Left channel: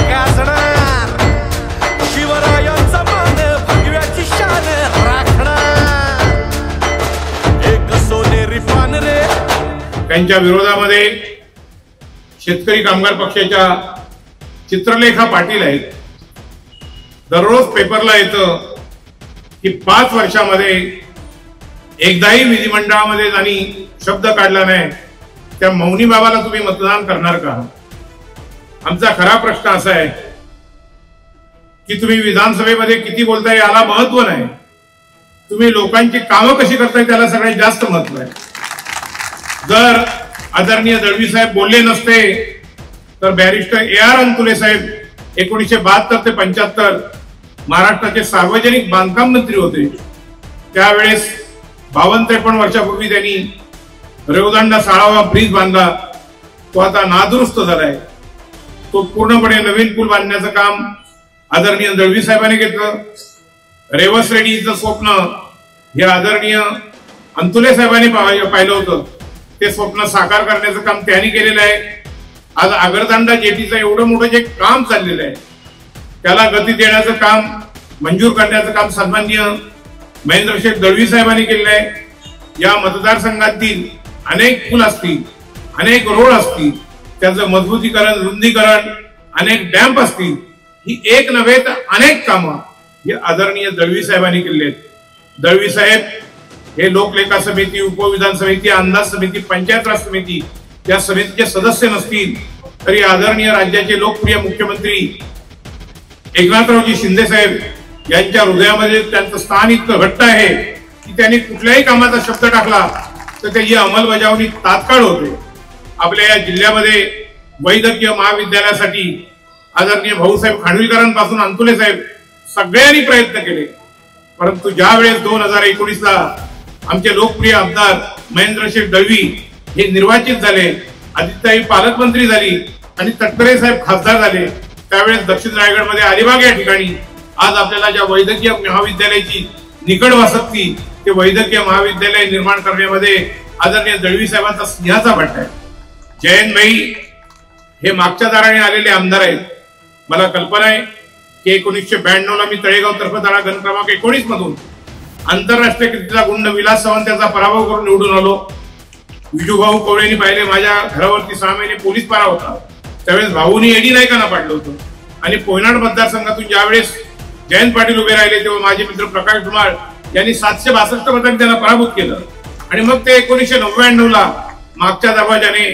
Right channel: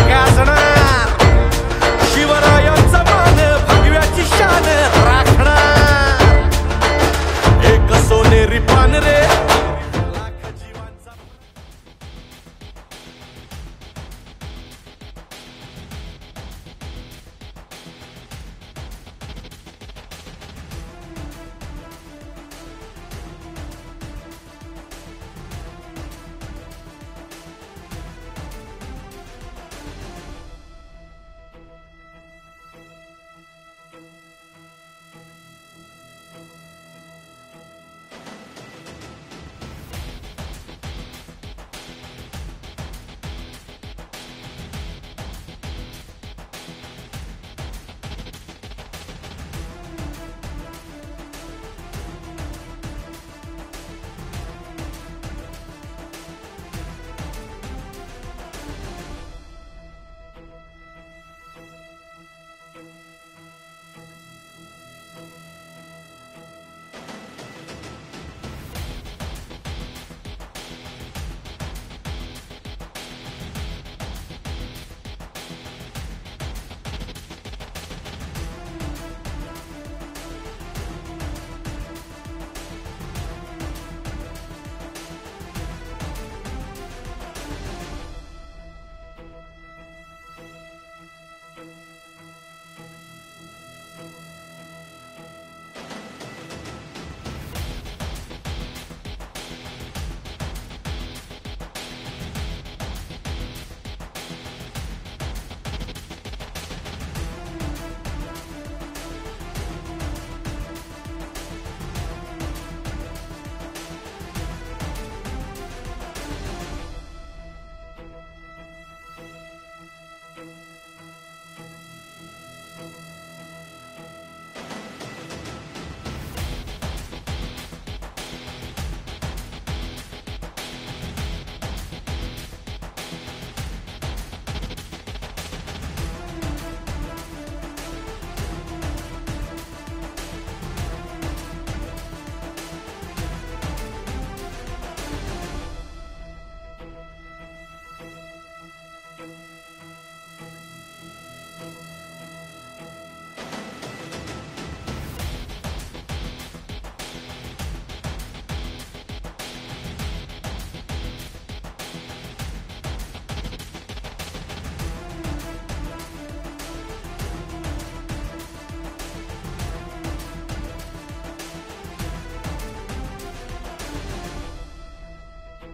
गाजणार, शिवरायांचा मान भगव्याची शान राखणार, एक सोनेरी पान रे। त्यांच्या विरोधामध्ये शेतकरी कामगार पक्षाच्या चित्रलेखा पाटील आहेत। दररोज पेपरला येतं की 5 वर्षामध्ये एकदाही विधिमंडळामध्ये त्यांनी शब्द काढला नाही, त्या मौनी बाबाला तुम्ही मतदान करणार का? आमचा खरा प्रश्न असा आहे की तुम्ही विधानसभेमध्ये किती बोलताय याला महत्व नाही, तुम्ही लोकांची कामं कशी करताय त्याला सगळ्यात जास्त महत्व आहे। जर आदरणीय दळवी साहेब बोलले नसते तर बॅरिस्टर AR अंतुले साहेब 1972 ते 75 महाराष्ट्राचे सार्वजनिक बांधकाम मंत्री होते। त्यावेळेस 52-53 वर्षापूर्वी त्यांनी रेवदंडा 16वा ब्रिज बांधला, तो आता नादुरुस्त झालाय। तो पूर्णपणे नवीन पूल बांधण्याचं काम आदरणीय दळवी साहेबांनी घेतलं। रेवस रेड्डीचं स्वप्न हे आदरणीय अंतुले साहेबांनी पाहिलं होतं, ते स्वप्न साकार करण्याचं काम त्यांनी केलेलं आहे। आज आगरदांडा जेटीचं एवढं मोठं जे काम चाललेलं आहे त्याला गती देण्याचं काम, मंजूर करण्याचं काम सन्माननीय महेंद्रशेठ दळवी साहेबांनी केलेलं आहे। या मतदारसंघातील अनेक पूल असतील, अनेक रोड असतील, त्याचं मजबूतीकरण, रुंदीकरण, अनेक डॅम्प असतील, ही एक नव्हे तर अनेक कामं ही आदरणीय दळवी साहेबांनी केलेली आहेत। दळवी साहेब हे लोकलेखा समिती, उपविधान समिती, अंदाज समिती, पंचायत राज समिती या समितीचे सदस्य नसतील तरी आदरणीय राज्याचे लोकप्रिय मुख्यमंत्री एकनाथरावजी शिंदे साहेब यांच्या हृदयामध्ये त्यांचं स्थान इतकं घट्ट आहे की त्यांनी कुठल्याही कामाचा शब्द टाकला तर त्याची अंमलबजावणी तात्काळ होते। आपल्या या जिल्ह्यामध्ये वैद्यकीय महाविद्यालयासाठी आदरणीय भाऊसाहेब खानविलकरांपासून अंतुले साहेब सगळ्यांनी प्रयत्न केले, परंतु ज्या वेळेस 2019ला आमचे लोकप्रिय आमदार महेंद्रशेठ दळवी हे निर्वाचित झाले, आदित्यताई पालकमंत्री झाली आणि तटकरे साहेब खासदार झाले, त्यावेळेस दक्षिण रायगडमध्ये अलिबाग या ठिकाणी आज आपल्याला ज्या वैद्यकीय महाविद्यालयाची निकड वासकती, ते वैद्यकीय महाविद्यालय निर्माण करण्यामध्ये आदरणीय दळवी साहेबांचा सिंहाचा वाटा आहे। जयंत भाई हे मागच्या दाराने आलेले आमदार आहेत। मला कल्पना आहे की 1992ला मी तळेगाव तर्फे गण क्रमांक 19 मधून आंतरराष्ट्रीय कीर्तीचा गुंड विलास सावंत यांचा पराभव करून निवडून आलो। विजूभाऊ कवळेंनी पाहिले माझ्या घरावरती 6 महिने पोलीस पारा होता, त्यावेळेस भाऊनी एडी नायकांना पाडलं होतं आणि पोयनाड मतदारसंघातून ज्यावेळेस जयंत पाटील उभे राहिले तेव्हा माझे मित्र प्रकाश धुमाळ यांनी 762 मतांनी त्यांना पराभूत केलं आणि मग ते 1999ला मागच्या दरवाजाने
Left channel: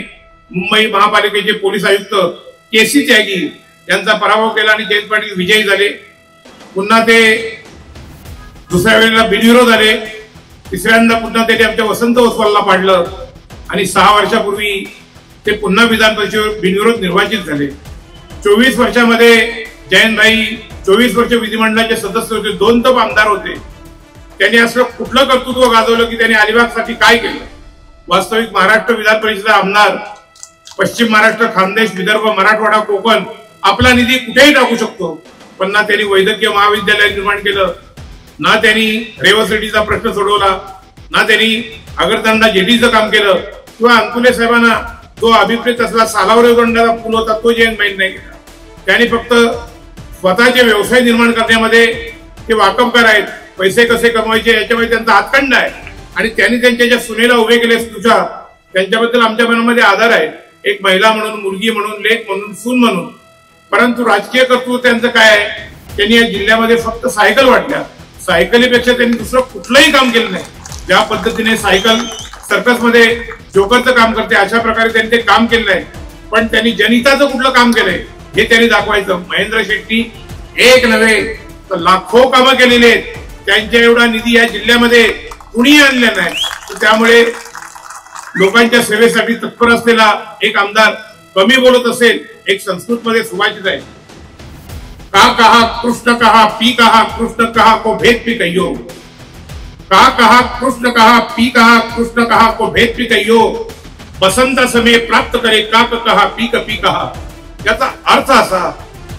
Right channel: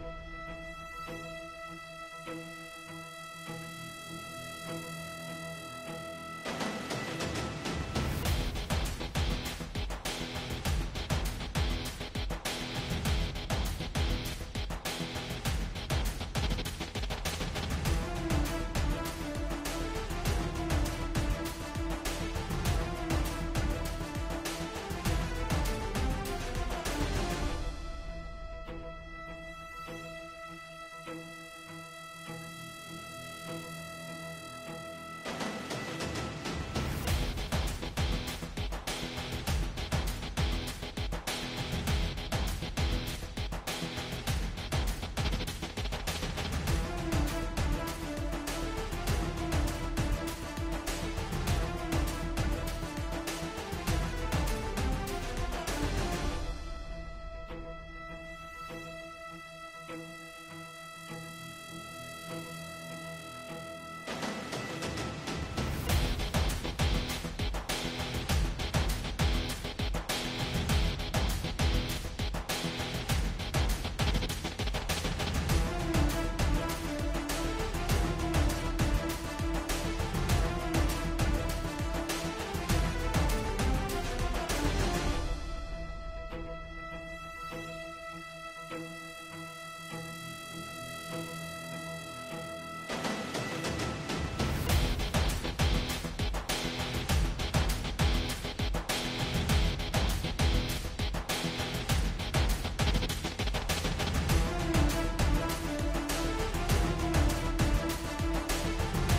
मुंबई महापालिकेचे पोलीस आयुक्त KC त्यागी यांचा पराभव केला आणि जयंत पाटील विजयी झाले। पुन्हा ते दुसऱ्या वेळेला बिनविरोध आले, तिसऱ्यांदा पुन्हा त्यांनी आमच्या वसंत ओसवालला पाडलं आणि 6 वर्षापूर्वी ते पुन्हा विधान परिषदेवर बिनविरोध निर्वाचित झाले। 24 वर्षामध्ये जयंतभाई 24 वर्ष विधिमंडळाचे सदस्य होते, 2 तप आमदार होते। त्यांनी असं कुठलं कर्तृत्व गाजवलं की त्यांनी अलिबागसाठी काय केलं? वास्तविक महाराष्ट्र विधान परिषद आमदार पश्चिम महाराष्ट्र, खानदेश, विदर्भ, मराठवाडा, कोकण आपला निधी कुठेही टाकू शकतो, पण ना त्यांनी वैद्यकीय महाविद्यालय निर्माण केलं, ना त्यांनी रेवस रेड्डीचा प्रश्न सोडवला, ना त्यांनी आगरदांडा जेटीचं काम केलं, किंवा अंतुले साहेबांना जो अभिप्रेत असला सालाव रेवदंडाचा पूल होता तो जयंतभाई नाही केला। त्यांनी फक्त स्वतःचे व्यवसाय निर्माण करण्यामध्ये ते वाकबगार आहेत, पैसे कसे कमवायचे याच्यामध्ये त्यांचा हातखंड आहे आणि त्यांनी त्यांच्या ज्या सुनेला उभे केले तुझ्या, त्यांच्याबद्दल आमच्या मनामध्ये आदर आहे, एक महिला म्हणून, मुलगी म्हणून, लेक म्हणून, सून म्हणून। परंतु राजकीय कर्तृत्व त्यांचं काय आहे? त्यांनी या जिल्ह्यामध्ये फक्त सायकल वाटल्या, सायकलीपेक्षा त्यांनी दुसरं कुठलंही काम केलं नाही। ज्या पद्धतीने सायकल सर्कस मध्ये जोकरचं काम करते अशा प्रकारे त्यांनी ते काम केलं आहे, पण त्यांनी जनहिताचं कुठलं काम केलंय हे त्यांनी दाखवायचं। महेंद्र शेट्टी एक नव्हे तर लाखो कामं केलेले आहेत, त्यांच्या एवढा निधी या जिल्ह्यामध्ये कुणी आणला नाही। त्यामुळे लोकांच्या सेवेसाठी तत्पर असलेला एक आमदार कमी बोलत असेल, एक संस्कृत मध्ये सुभाषित आहे, का कहा कृष्ण कहा पी कहा कृष्ण कहा को भेद भी कहियो, का कहा कृष्ण कहा पी कहा कृष्ण कहा को भेद भी कहियो, बसंत समय प्राप्त करे काक कहा पीक पी कहा। याचा अर्थ असा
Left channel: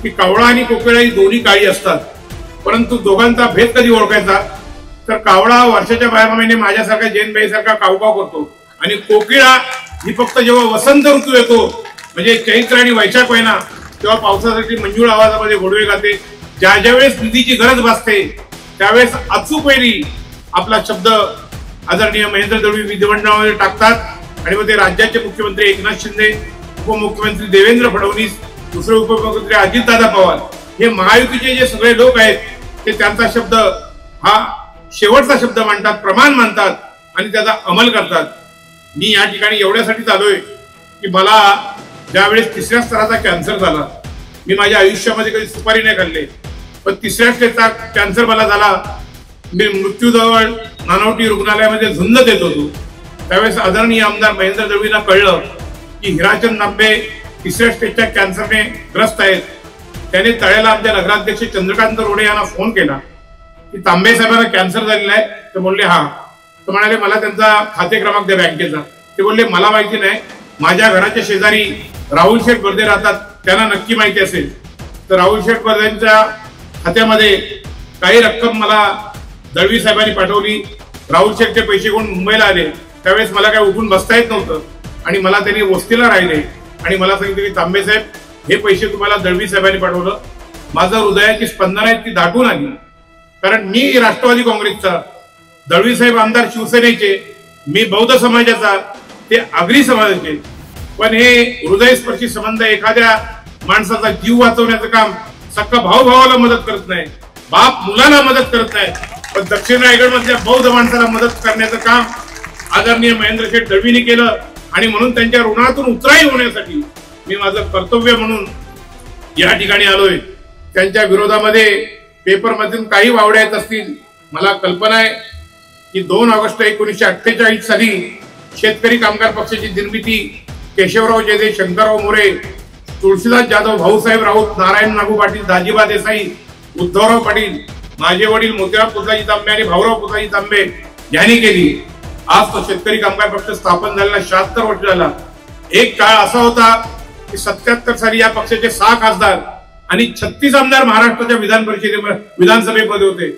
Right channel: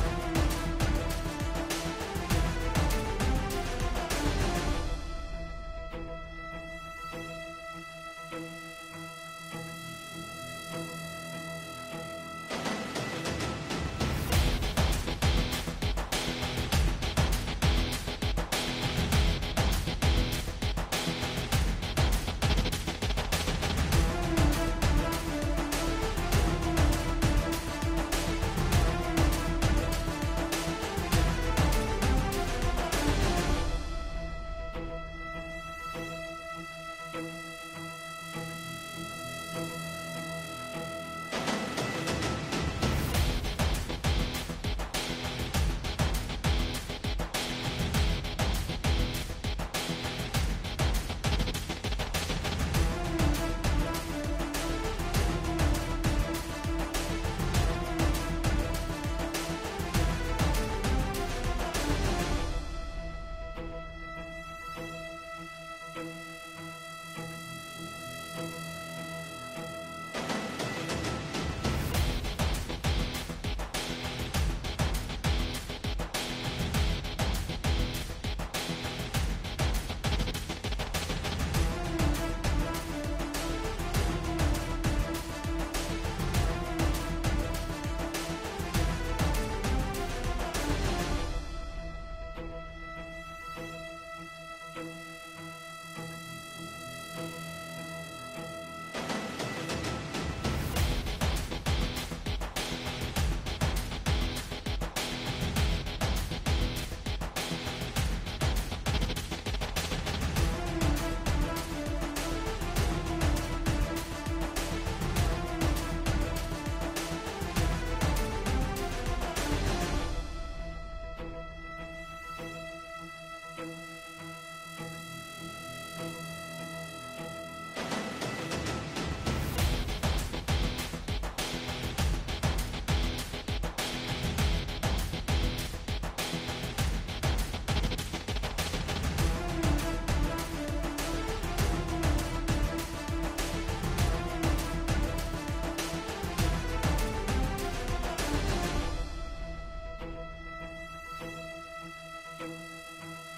की कावळा आणि कोकिळा ही दोन्ही काळी असतात, परंतु दोघांचा भेद कधी ओळखायचा? तर कावळा वर्षाच्या 12 महिने माझ्यासारखा जैनबाई सारखा कावकाव करतो आणि कोकिळा ही फक्त जेव्हा वसंत ऋतू येतो म्हणजे चैत्र आणि वैशाख महिना तेव्हा पावसासाठी मंजूळ आवाजामध्ये गोडवे गाते. ज्या ज्यावेळेस निधीची गरज भासते त्यावेळेस अचूक वेळी आपला शब्द आदरणीय महेंद्र दळवी विधिमंडळामध्ये टाकतात आणि मग ते राज्याचे मुख्यमंत्री एकनाथ शिंदे, उपमुख्यमंत्री देवेंद्र फडणवीस, दुसरे उपमुख्यमंत्री अजितदादा पवार, हे महायुतीचे जे सगळे लोक आहेत ते त्यांचा शब्द हा शेवटचा शब्द मानतात, प्रमाण मानतात आणि त्याचा अंमल करतात. मी या ठिकाणी एवढ्यासाठी आलोय की मला ज्यावेळेस 3ऱ्या स्तराचा कॅन्सर झाला, मी माझ्या आयुष्यामध्ये कधी सुपारी नाही खाल्ली, पण 3ऱ्या स्टेजचा कॅन्सर मला झाला. मी मृत्यूजवळ नानवटी रुग्णालयामध्ये झुंज देत होतो. त्यावेळेस आदरणीय आमदार महेंद्र दळवींना कळलं की हिराचंद तांबे 3ऱ्या स्टेजच्या कॅन्सरने ग्रस्त आहेत. त्याने तळ्याला आमच्या नगराध्यक्ष चंद्रकांत रोडे यांना फोन केला की तांबे साहेबांना कॅन्सर झालेला आहे. ते बोलले हा. ते म्हणाले मला त्यांचा खाते क्रमांक द्या बँकेचा. ते बोलले मला माहिती नाही, माझ्या घराच्या शेजारी राहुल शेठ बर्दे राहतात, त्यांना नक्की माहिती असेल. तर राहुल शेठ बर्देंच्या खात्यामध्ये काही रक्कम मला दळवी साहेबांनी पाठवली. राहुल शेठचे पैसे कोण मुंबईला आले त्यावेळेस मला काय उठून बसता येत नव्हतं आणि मला त्यांनी वस्तीला राहिले आणि मला सांगितलं की तांबे साहेब हे पैसे तुम्हाला दळवी साहेबांनी पाठवलं. माझं हृदयाची स्पंदन आहेत ती दाटून आली, कारण मी राष्ट्रवादी काँग्रेसचा, दळवी साहेब आमदार शिवसेनेचे, मी बौद्ध समाजाचा, ते आगरी समाजाचे. पण हे हृदयस्पर्शी संबंध, एखाद्या माणसाचा जीव वाचवण्याचं काम सक्का भाऊ भावाला मदत करत नाही, बाप मुलाला मदत करत नाही, पण दक्षिण रायगड मधल्या बौद्ध माणसाला मदत करण्याचं काम आदरणीय महेंद्र शेठ दळवींनी केलं. आणि म्हणून त्यांच्या ऋणातून उतराई होण्यासाठी मी माझं कर्तव्य म्हणून या ठिकाणी आलोय. त्यांच्या विरोधामध्ये पेपरमधून काही वावड्या येत असतील. मला कल्पना आहे की 2 ऑगस्ट 1948 साली शेतकरी कामगार पक्षाची निर्मिती केशवराव जयदेव, शंकरराव मोरे, तुळशीदास जाधव, भाऊसाहेब राऊत, नारायण नागू पाटील, दाजीबा देसाई, उद्धवराव पाटील, माझे वडील मोतीराम पुतलाजी तांबे आणि भाऊराव पुतलाजी तांबे यांनी केली. आज तो शेतकरी कामगार पक्ष स्थापन झालेला 76 वर्ष झाला. एक काळ असा होता की 77 साली या पक्षाचे 6 खासदार आणि 36 आमदार महाराष्ट्राच्या विधानसभेमध्ये होते.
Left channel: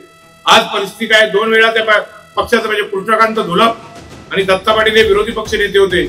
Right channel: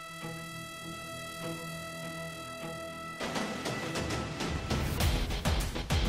आज परिस्थिती काय, 2 वेळा त्या पक्षाचं म्हणजे कृष्णकांत धुलप आणि दत्ता पाटील हे विरोधी पक्ष नेते होते.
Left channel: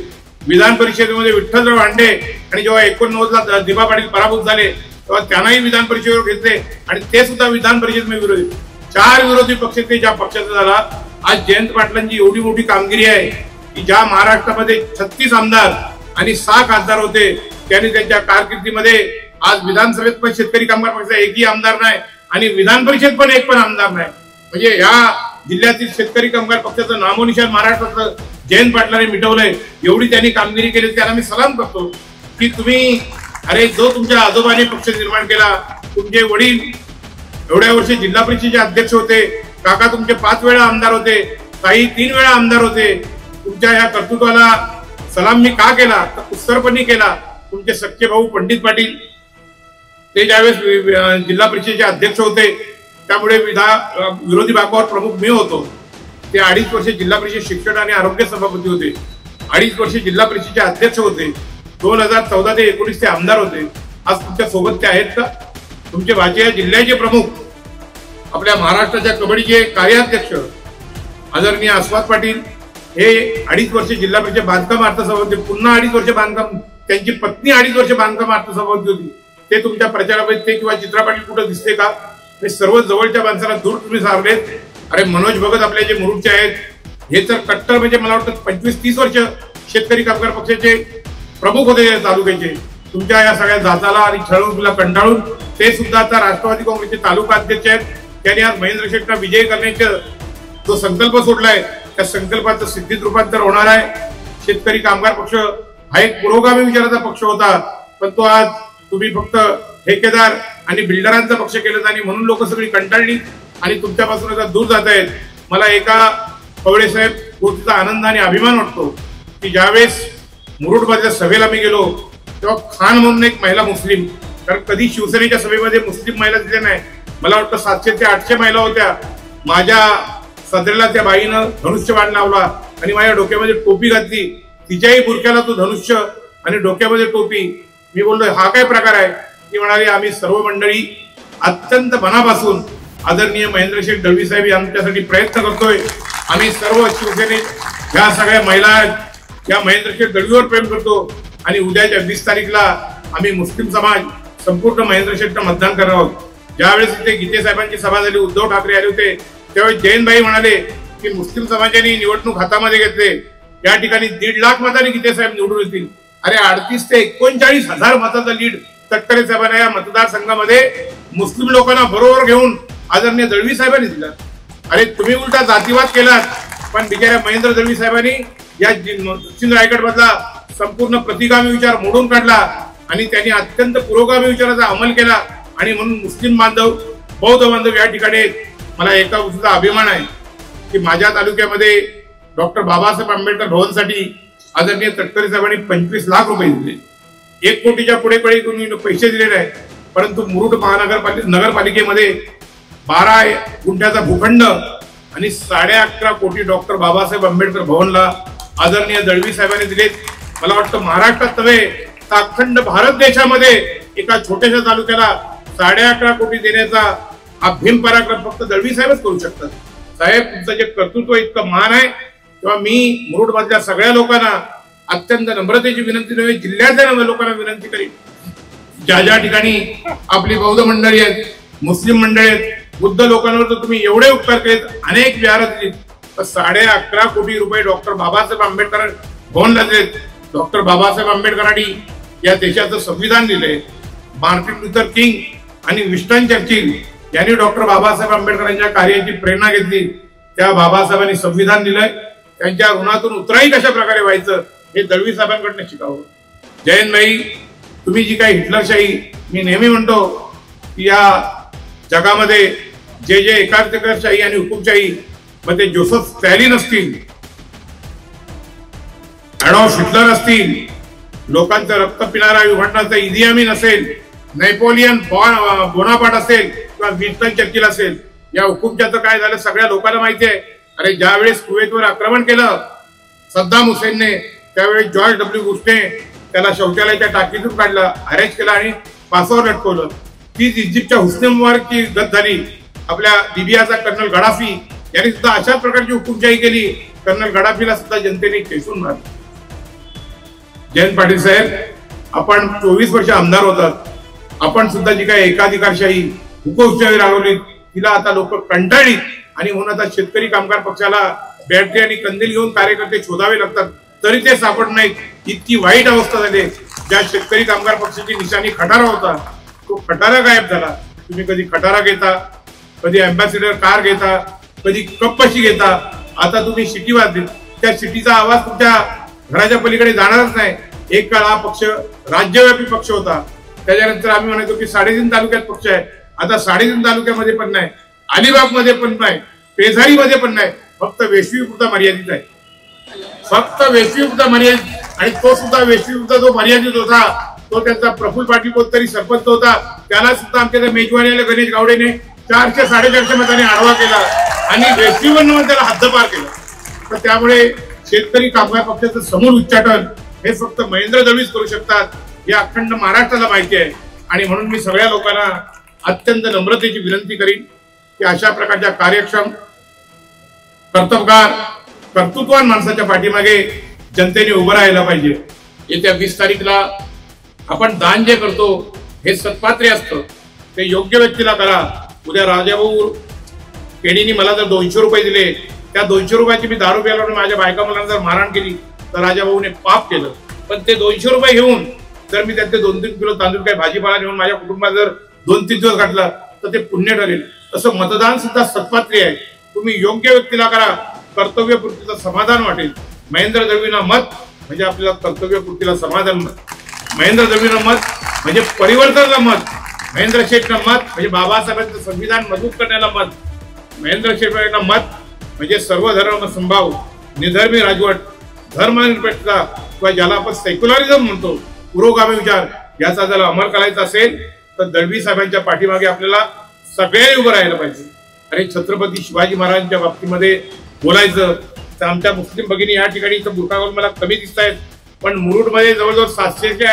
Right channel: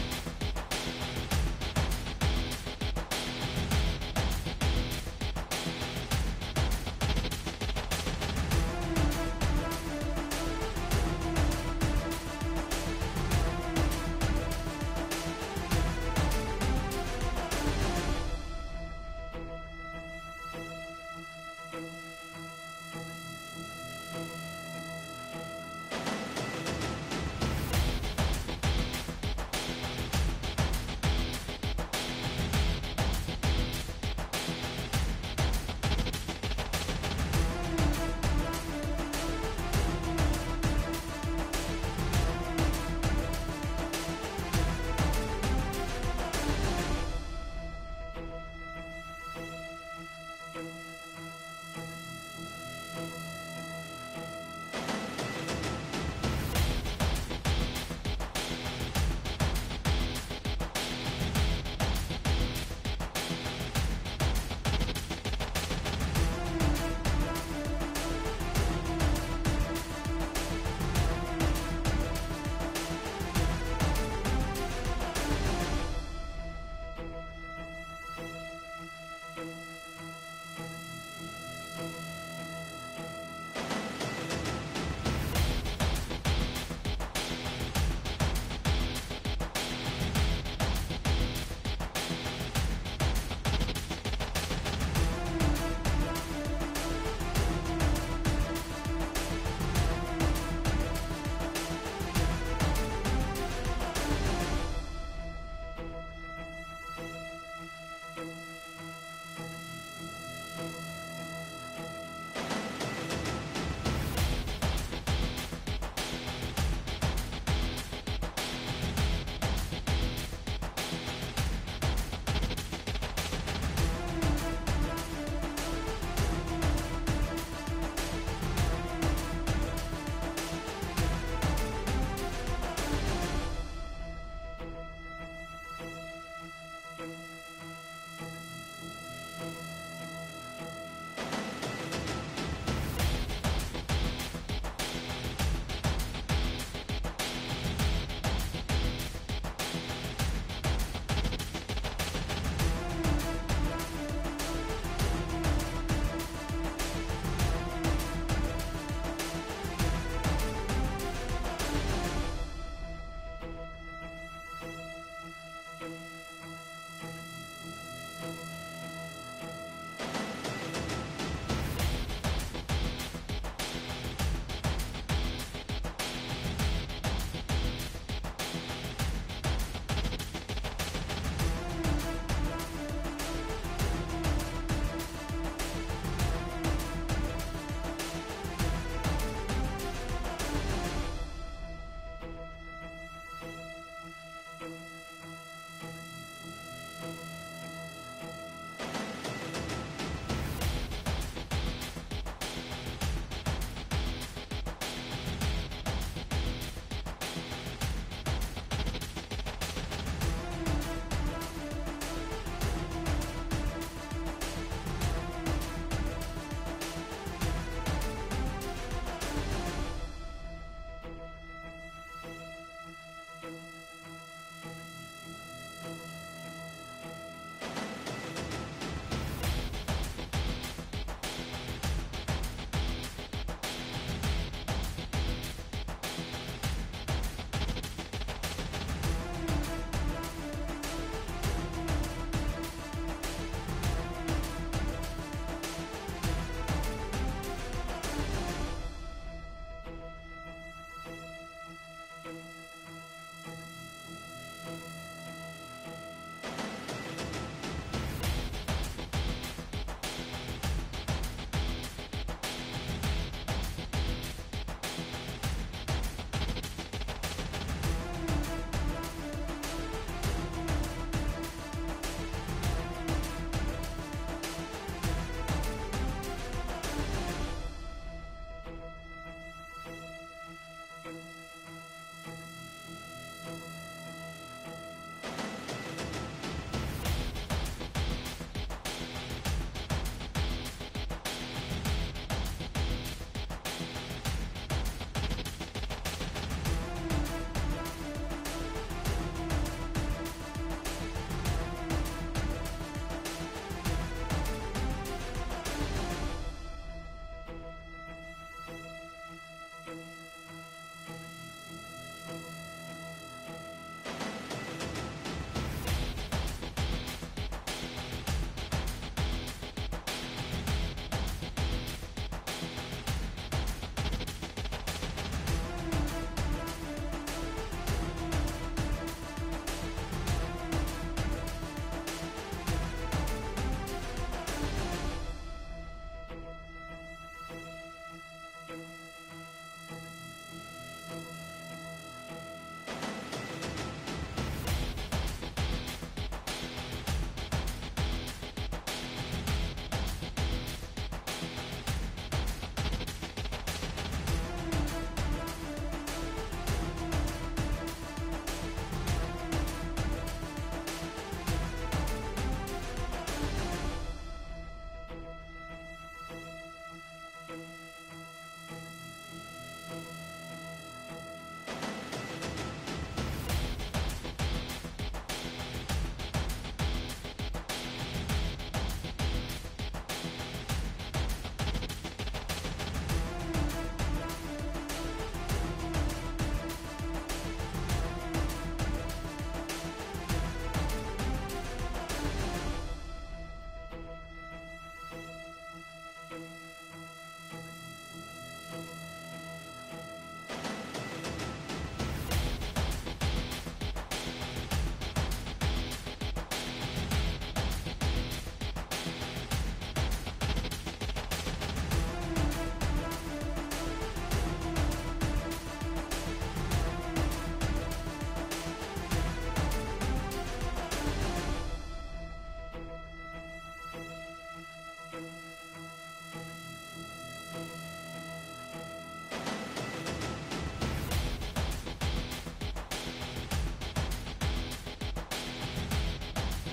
विधान परिषदेमध्ये विठ्ठलराव हांडे आणि जेव्हा 89 ला दिबा पाटील पराभूत झाले तेव्हा त्यांनाही विधान परिषदेवर घेतले आणि ते सुद्धा विधान परिषदेमध्ये विरोधी. 4 विरोधी पक्ष ते ज्या पक्षाचा झाला. आज जयंत पाटलांची एवढी मोठी कामगिरी आहे की ज्या महाराष्ट्रामध्ये 36 आमदार आणि 6 खासदार होते त्यांनी त्यांच्या कारकिर्दीमध्ये आज विधानसभेत पण शेतकरी कामगार पक्षाचा एकही आमदार नाही आणि विधान परिषद पण एक पण आमदार नाही. म्हणजे या जिल्ह्यातील शेतकरी कामगार पक्षाचं नामोनिशान महाराष्ट्राचं जयंत पाटलांनी मिटवलंय. एवढी त्यांनी कामगिरी केली, त्यांना मी सलाम करतो की तुम्ही, अरे जो तुमच्या आजोबाने पक्ष निर्माण केला, तुमचे वडील एवढ्या वर्षी जिल्हा परिषदेचे अध्यक्ष होते, काका तुमचे 5 वेळा आमदार होते, काही 3 वेळा आमदार होते. तुमच्या या कर्तृत्वाला सलाम मी का केला तर उत्तरपणी केला. तुमचे सख्खे भाऊ पंडित पाटील ते ज्यावेळेस जिल्हा परिषदेचे अध्यक्ष होते त्यामुळे विरोधी बाकावर प्रमुख मी होतो. ते 2.5 वर्ष जिल्हा परिषद शिक्षण आणि आरोग्य सभापती होते, 2.5 वर्ष जिल्हा परिषदेचे अध्यक्ष होते, 2014 ते 19 ते आमदार होते. आज तुमच्या सोबत ते आहेत का? तुमचे भाचे जिल्ह्याचे प्रमुख, आपल्या महाराष्ट्राच्या कबड्डीचे कार्याध्यक्ष आदरणीय अस्वाद पाटील हे 2.5 वर्ष जिल्हा परिषद बांधकाम अर्थसभापती, पुन्हा 2.5 वर्ष बांधकाम, त्यांची पत्नी 2.5 वर्ष बांधकाम अर्थसभापती होती. ते तुमच्या प्रचारामध्ये ते किंवा चित्रा पाटील कुठं दिसते का? हे सर्व जवळच्या माणसाला दूर तुम्ही सारलेत. अरे मनोज भगत आपले जे मुरुडचे आहेत हे तर कट्टर म्हणजे मला वाटतं 25-30 वर्ष शेतकरी कामगार पक्षाचे प्रमुख होते तालुक्याचे. तुमच्या या सगळ्या जाताला आणि छळवणुकीला कंटाळून ते सुद्धा आता राष्ट्रवादी काँग्रेसचे तालुका अध्यक्ष आहेत. त्यांनी आज महेंद्र शेठना विजय करण्याचा जो संकल्प सोडलाय त्या संकल्पाचं सिद्धीत रूपांतर होणार आहे. शेतकरी कामगार पक्ष हा एक पुरोगामी विचाराचा पक्ष होता, पण तो आज तुम्ही फक्त ठेकेदार आणि बिल्डरांचा पक्ष केलं आणि म्हणून लोक सगळी कंटाळली आणि तुमच्यापासून आता दूर जात आहेत. मला एका पवळे साहेब गोष्टीचा आनंद आणि अभिमान वाटतो की ज्यावेळेस मुरुडमधल्या सभेला मी गेलो तेव्हा खान म्हणून एक महिला मुस्लिम, कारण कधी शिवसेनेच्या सभेमध्ये मुस्लिम महिला तिथे नाही, मला वाटतं 700 ते 800 महिला होत्या. माझ्या सदरेला त्या बाईनं धनुष्यबाण लावला आणि माझ्या डोक्यामध्ये टोपी घातली. तिच्याही बुरक्याला तो धनुष्य आणि डोक्यामध्ये टोपी. मी बोललो हा काय प्रकार आहे? ती म्हणाली आम्ही सर्व मंडळी अत्यंत मनापासून आदरणीय महेंद्र शेठ दळवी साहेब आमच्यासाठी प्रयत्न करतोय. आम्ही सर्व शिवसेनेत ह्या सगळ्या महिला या महेंद्र शेठ दळवीवर प्रेम करतो आणि उद्याच्या 20 तारीखला आम्ही मुस्लिम समाज संपूर्ण महेंद्र शेठला मतदान करावं. ज्यावेळेस इथे गीते साहेबांची सभा झाली, उद्धव ठाकरे आले होते, त्यावेळेस जयंतभाई म्हणाले की मुस्लिम समाजाने निवडणूक हातामध्ये घेतले, या ठिकाणी 1.5 लाख मतांनी गीते साहेब निवडून येतील. अरे 38 ते 39,000 मताचा लीड तटकरे साहेबांना या मतदारसंघामध्ये मुस्लिम लोकांना बरोबर घेऊन आदरणीय दळवी साहेबांनी दिला. अरे तुम्ही उलटा जातीवाद केलात, पण बिचाऱ्या महेंद्र दळवी साहेबांनी या दक्षिण रायगड मधला संपूर्ण प्रतिगामी विचार मोडून काढला आणि त्यांनी अत्यंत पुरोगामी विचाराचा अंमल केला. आणि म्हणून मुस्लिम बांधव, बौद्ध बांधव या ठिकाणी मला एका गोष्टीचा अभिमान आहे की माझ्या तालुक्यामध्ये डॉक्टर बाबासाहेब आंबेडकर भवनसाठी आदरणीय तटकरे साहेबांनी 25 लाख रुपये दिले. 1 कोटीच्या पुढे कोणी पैसे दिलेले आहेत, परंतु मुरुड नगरपालिकेमध्ये 12 गुंठ्याचा भूखंड आणि 11.5 कोटी डॉक्टर बाबासाहेब आंबेडकर भवनला आदरणीय दळवी साहेबांनी दिलेत. मला वाटतं महाराष्ट्रात नव्हे तर अखंड भारत देशामध्ये एका छोट्याशा तालुक्याला 11.5 कोटी देण्याचा हा भीम पराक्रम फक्त दळवी साहेबच करू शकतात. साहेब, तुमचं जे कर्तृत्व इतकं महान आहे, तेव्हा मी मुरुड मधल्या सगळ्या लोकांना अत्यंत नम्रतेची विनंती नव्हे, जिल्ह्यातल्या लोकांना विनंती करीन, ज्या ठिकाणी आपली बौद्ध मंडळी आहेत, मुस्लिम मंडळी आहेत, बुद्ध लोकांवर तर तुम्ही एवढे उपकार केलेत, अनेक विहार दिलीत, तर 11.5 कोटी रुपये डॉक्टर बाबासाहेब आंबेडकर भवनला दिलेत. डॉक्टर बाबासाहेब आंबेडकरांनी या देशाचं संविधान दिलंय. मार्टिन लुथर किंग आणि विन्स्टन चर्चिल यांनी डॉक्टर बाबासाहेब आंबेडकरांच्या कार्याची प्रेरणा घेतली. त्या बाबासाहेबांनी संविधान दिलंय. त्यांच्या ऋणातून उतराई कशा प्रकारे व्हायचं हे दळवी साहेबांकडनं शिकावं. जयंतभाई, तुम्ही जी काही हिटलरशाही, मी नेहमी म्हणतो की या जगामध्ये जे एकाधिकारशाही आणि हुकुमशाही मध्ये जोसेफ स्टॅलिन असतील, ॲडॉल्फ हिटलर असतील, लोकांचं रक्त पिणारा युगांडाचा इदी अमीन असेल, नेपोलियन बोनापार्ट असेल किंवा विन्स्टन चर्चिल असेल, या हुकुमशाहीचं काय झालं सगळ्या लोकांना माहिती आहे. अरे ज्यावेळेस कुवेतवर आक्रमण केलं सद्दाम हुसेनने, त्यावेळेस जॉर्ज डब्ल्यू बुशने त्याला शौचालयाच्या टाकीतून काढलं, अरेस्ट केलं आणि फासावर लटकवलं. तीच इजिप्तच्या हुस्ने मुबारकची गत झाली. आपल्या लिबियाचा कर्नल गडाफी यांनी सुद्धा अशाच प्रकारची हुकुमशाही केली. कर्नल गडाफीला सुद्धा जनतेने ठेचून मारलं. जयंत पाटील साहेब, आपण 24 वर्ष आमदार होतात, आपण सुद्धा जी काही एकाधिकारशाही हुकुमशाही राबवली तिला आता लोक कंटाळली आणि म्हणून आता शेतकरी कामगार पक्षाला बॅटरी आणि कंदील घेऊन कार्यकर्ते शोधावे लागतात, तरी ते सापडत नाहीत. इतकी वाईट अवस्था झाली. ज्या शेतकरी कामगार पक्षाची निशाणी खटारा होता, तो खटारा गायब झाला. तुम्ही कधी खटारा घेता, कधी अँबॅसिडर कार घेता, कधी कप्पशी घेता, आता तुम्ही शिटी वाजली. त्या शिटीचा आवाज तुमच्या घराच्या पलीकडे जाणारच नाही. एक काळ हा पक्ष राज्यव्यापी पक्ष होता. त्याच्यानंतर आम्ही म्हणतो की 3.5 तालुक्यात पक्ष आहे. आता 3.5 तालुक्यामध्ये पण नाही, अलिबाग मध्ये पण नाही, पेझारी मध्ये पण नाही, फक्त वेशवीपुरता मर्यादित आहे. फक्त वेशवीपुरता मर्यादित. आणि तो सुद्धा वेशवीपुरता जो मर्यादित होता तो त्यांचा प्रफुल्ल पाटील कोणतरी सरपंच होता, त्याला सुद्धा आमच्या मेजवानीला गणेश गावडेने 400-450 मतांनी आडवा केला आणि वेशवीवर त्याला हद्दपार केला. तर त्यामुळे शेतकरी कामगार पक्षाचं समूळ उच्चाटन हे फक्त महेंद्र दळवीच करू शकतात, हे अखंड महाराष्ट्राला माहिती आहे. आणि म्हणून मी सगळ्या लोकांना अत्यंत नम्रतेची विनंती करीन की अशा प्रकारच्या कार्यक्षम, कर्तबगार, कर्तृत्ववान माणसाच्या पाठीमागे जनतेने उभं राहायला पाहिजे. येत्या 20 तारीखला आपण दान जे करतो हे सत्पात्रे असतं, ते योग्य व्यक्तीला करा. उद्या राजाभाऊ केणीने मला जर 200 रुपये दिले, त्या 200 रुपयाची मी दारू प्यायला माझ्या बायका मुलांना जर मारहाण केली तर राजाभाऊने पाप केलं. पण ते 200 रुपये घेऊन जर मी त्याचे 2-3 किलो तांदूळ काही भाजीपाला घेऊन माझ्या कुटुंबात जर 2-3 दिवस घातला तर ते पुण्य ठरेल. तसं मतदान सुद्धा सत्पात्रे आहे. तुम्ही योग्य व्यक्तीला करा, कर्तव्यपूर्तीचं समाधान वाटेल. महेंद्र दळवींना मत म्हणजे आपल्याला कर्तव्यपूर्तीला समाधान. महेंद्र दळवींना मत म्हणजे परिवर्तनाला मत. महेंद्र शेठना मत म्हणजे बाबासाहेबांचं संविधान मजबूत करण्याला मत. महेंद्र शेठना मत म्हणजे सर्व धर्म संभाव, निधर्मी राजवट, धर्मनिरपेक्षता किंवा ज्याला आपण सेक्युलरिझम म्हणतो, पुरोगामी विचार, याचा जर अंमल करायचा असेल तर दळवी साहेबांच्या पाठीमागे आपल्याला सगळ्यांनी उभं राहायला पाहिजे. अरे छत्रपती शिवाजी महाराजांच्या बाबतीमध्ये बोलायचं तर आमच्या मुस्लिम भगिनी या ठिकाणी बुरखा घालून मला कमी दिसत आहेत, पण मुरुडमध्ये जवळजवळ 700 ते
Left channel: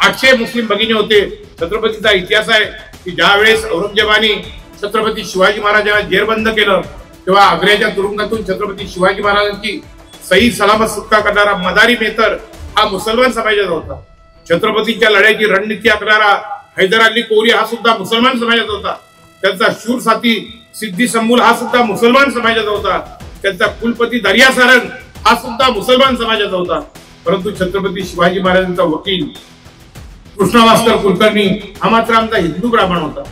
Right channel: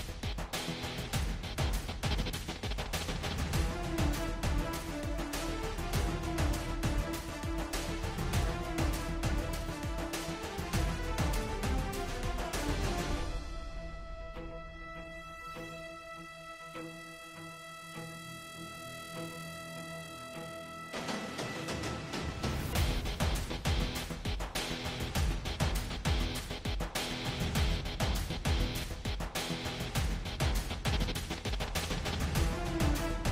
800 मुस्लिम भगिनी होते. छत्रपतीचा इतिहास आहे की ज्या वेळेस औरंगजेबाने छत्रपती शिवाजी महाराजांना जेरबंद केलं तेव्हा आग्र्याच्या तुरुंगातून छत्रपती शिवाजी महाराजांची सही सलामत सुटका करणारा मदारी मेहतर हा मुसलमान समाजाचा होता. छत्रपतीच्या लढ्याची रणनीती आखणारा हैदर अली कोरी हा सुद्धा मुसलमान समाजाचा होता, त्यांचा शूर साथी सिद्धी संबुल हा सुद्धा मुसलमान समाजाचा होता, त्यांचा कुलपती दर्या सारंग हा सुद्धा मुसलमान समाजाचा होता. परंतु छत्रपती शिवाजी महाराजांचा वकील कृष्णा मास्तर कुलकर्णी हा मात्र आमचा हिंदू ब्राह्मण होता.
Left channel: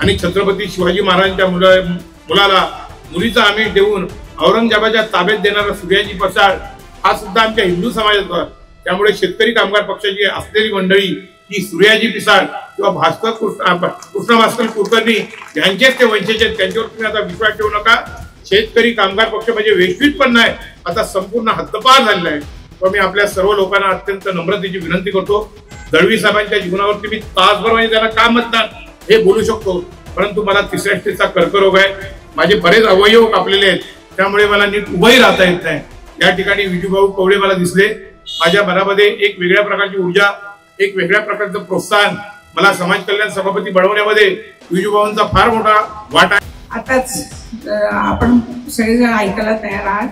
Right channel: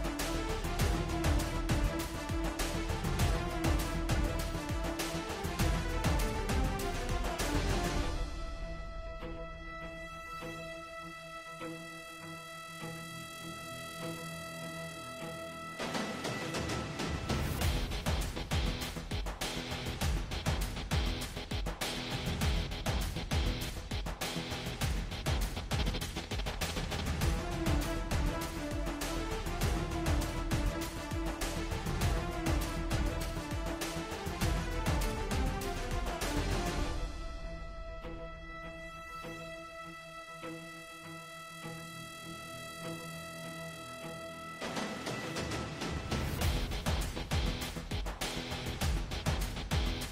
आणि छत्रपती शिवाजी महाराजांच्या मुलाला मुलीचा आमिष देऊन औरंगजेबाच्या ताब्यात देणारा सूर्याजी प्रसाद हा सुद्धा आमच्या हिंदू समाजाचा होता. त्यामुळे शेतकरी कामगार पक्षाची असलेली मंडळी ही सूर्याजी पिसाळ किंवा भास्कर कृष्णा भास्कर कुलकर्णी यांचेच ते वंशज आहेत. त्यांच्यावर तुम्ही आता विश्वास ठेवू नका. शेतकरी कामगार पक्ष म्हणजे वैश्विक पण नाही, आता संपूर्ण हद्दपार झालेला आहे. पण मी आपल्या सर्व लोकांना अत्यंत नम्रतेची विनंती करतो, दळवी साहेबांच्या जीवनावरती मी तासभर म्हणजे त्यांना का मतदान हे बोलू शकतो, परंतु मला तिसऱ्या स्टेजचा कर्करोग आहे, माझे बरेच अवयव कापलेले आहेत, त्यामुळे मला नीट उभंही राहता येत नाही. या ठिकाणी विजूभाऊ कवडे मला दिसले. माझ्या मनामध्ये एक वेगळ्या प्रकारची ऊर्जा, एक वेगळ्या प्रकारचं प्रोत्साहन, मला समाज कल्याण सभापती बनवण्यामध्ये विजूभाऊंचा फार मोठा वाटा आहे. आताच आपण सगळेजण ऐकायला तयार आहात.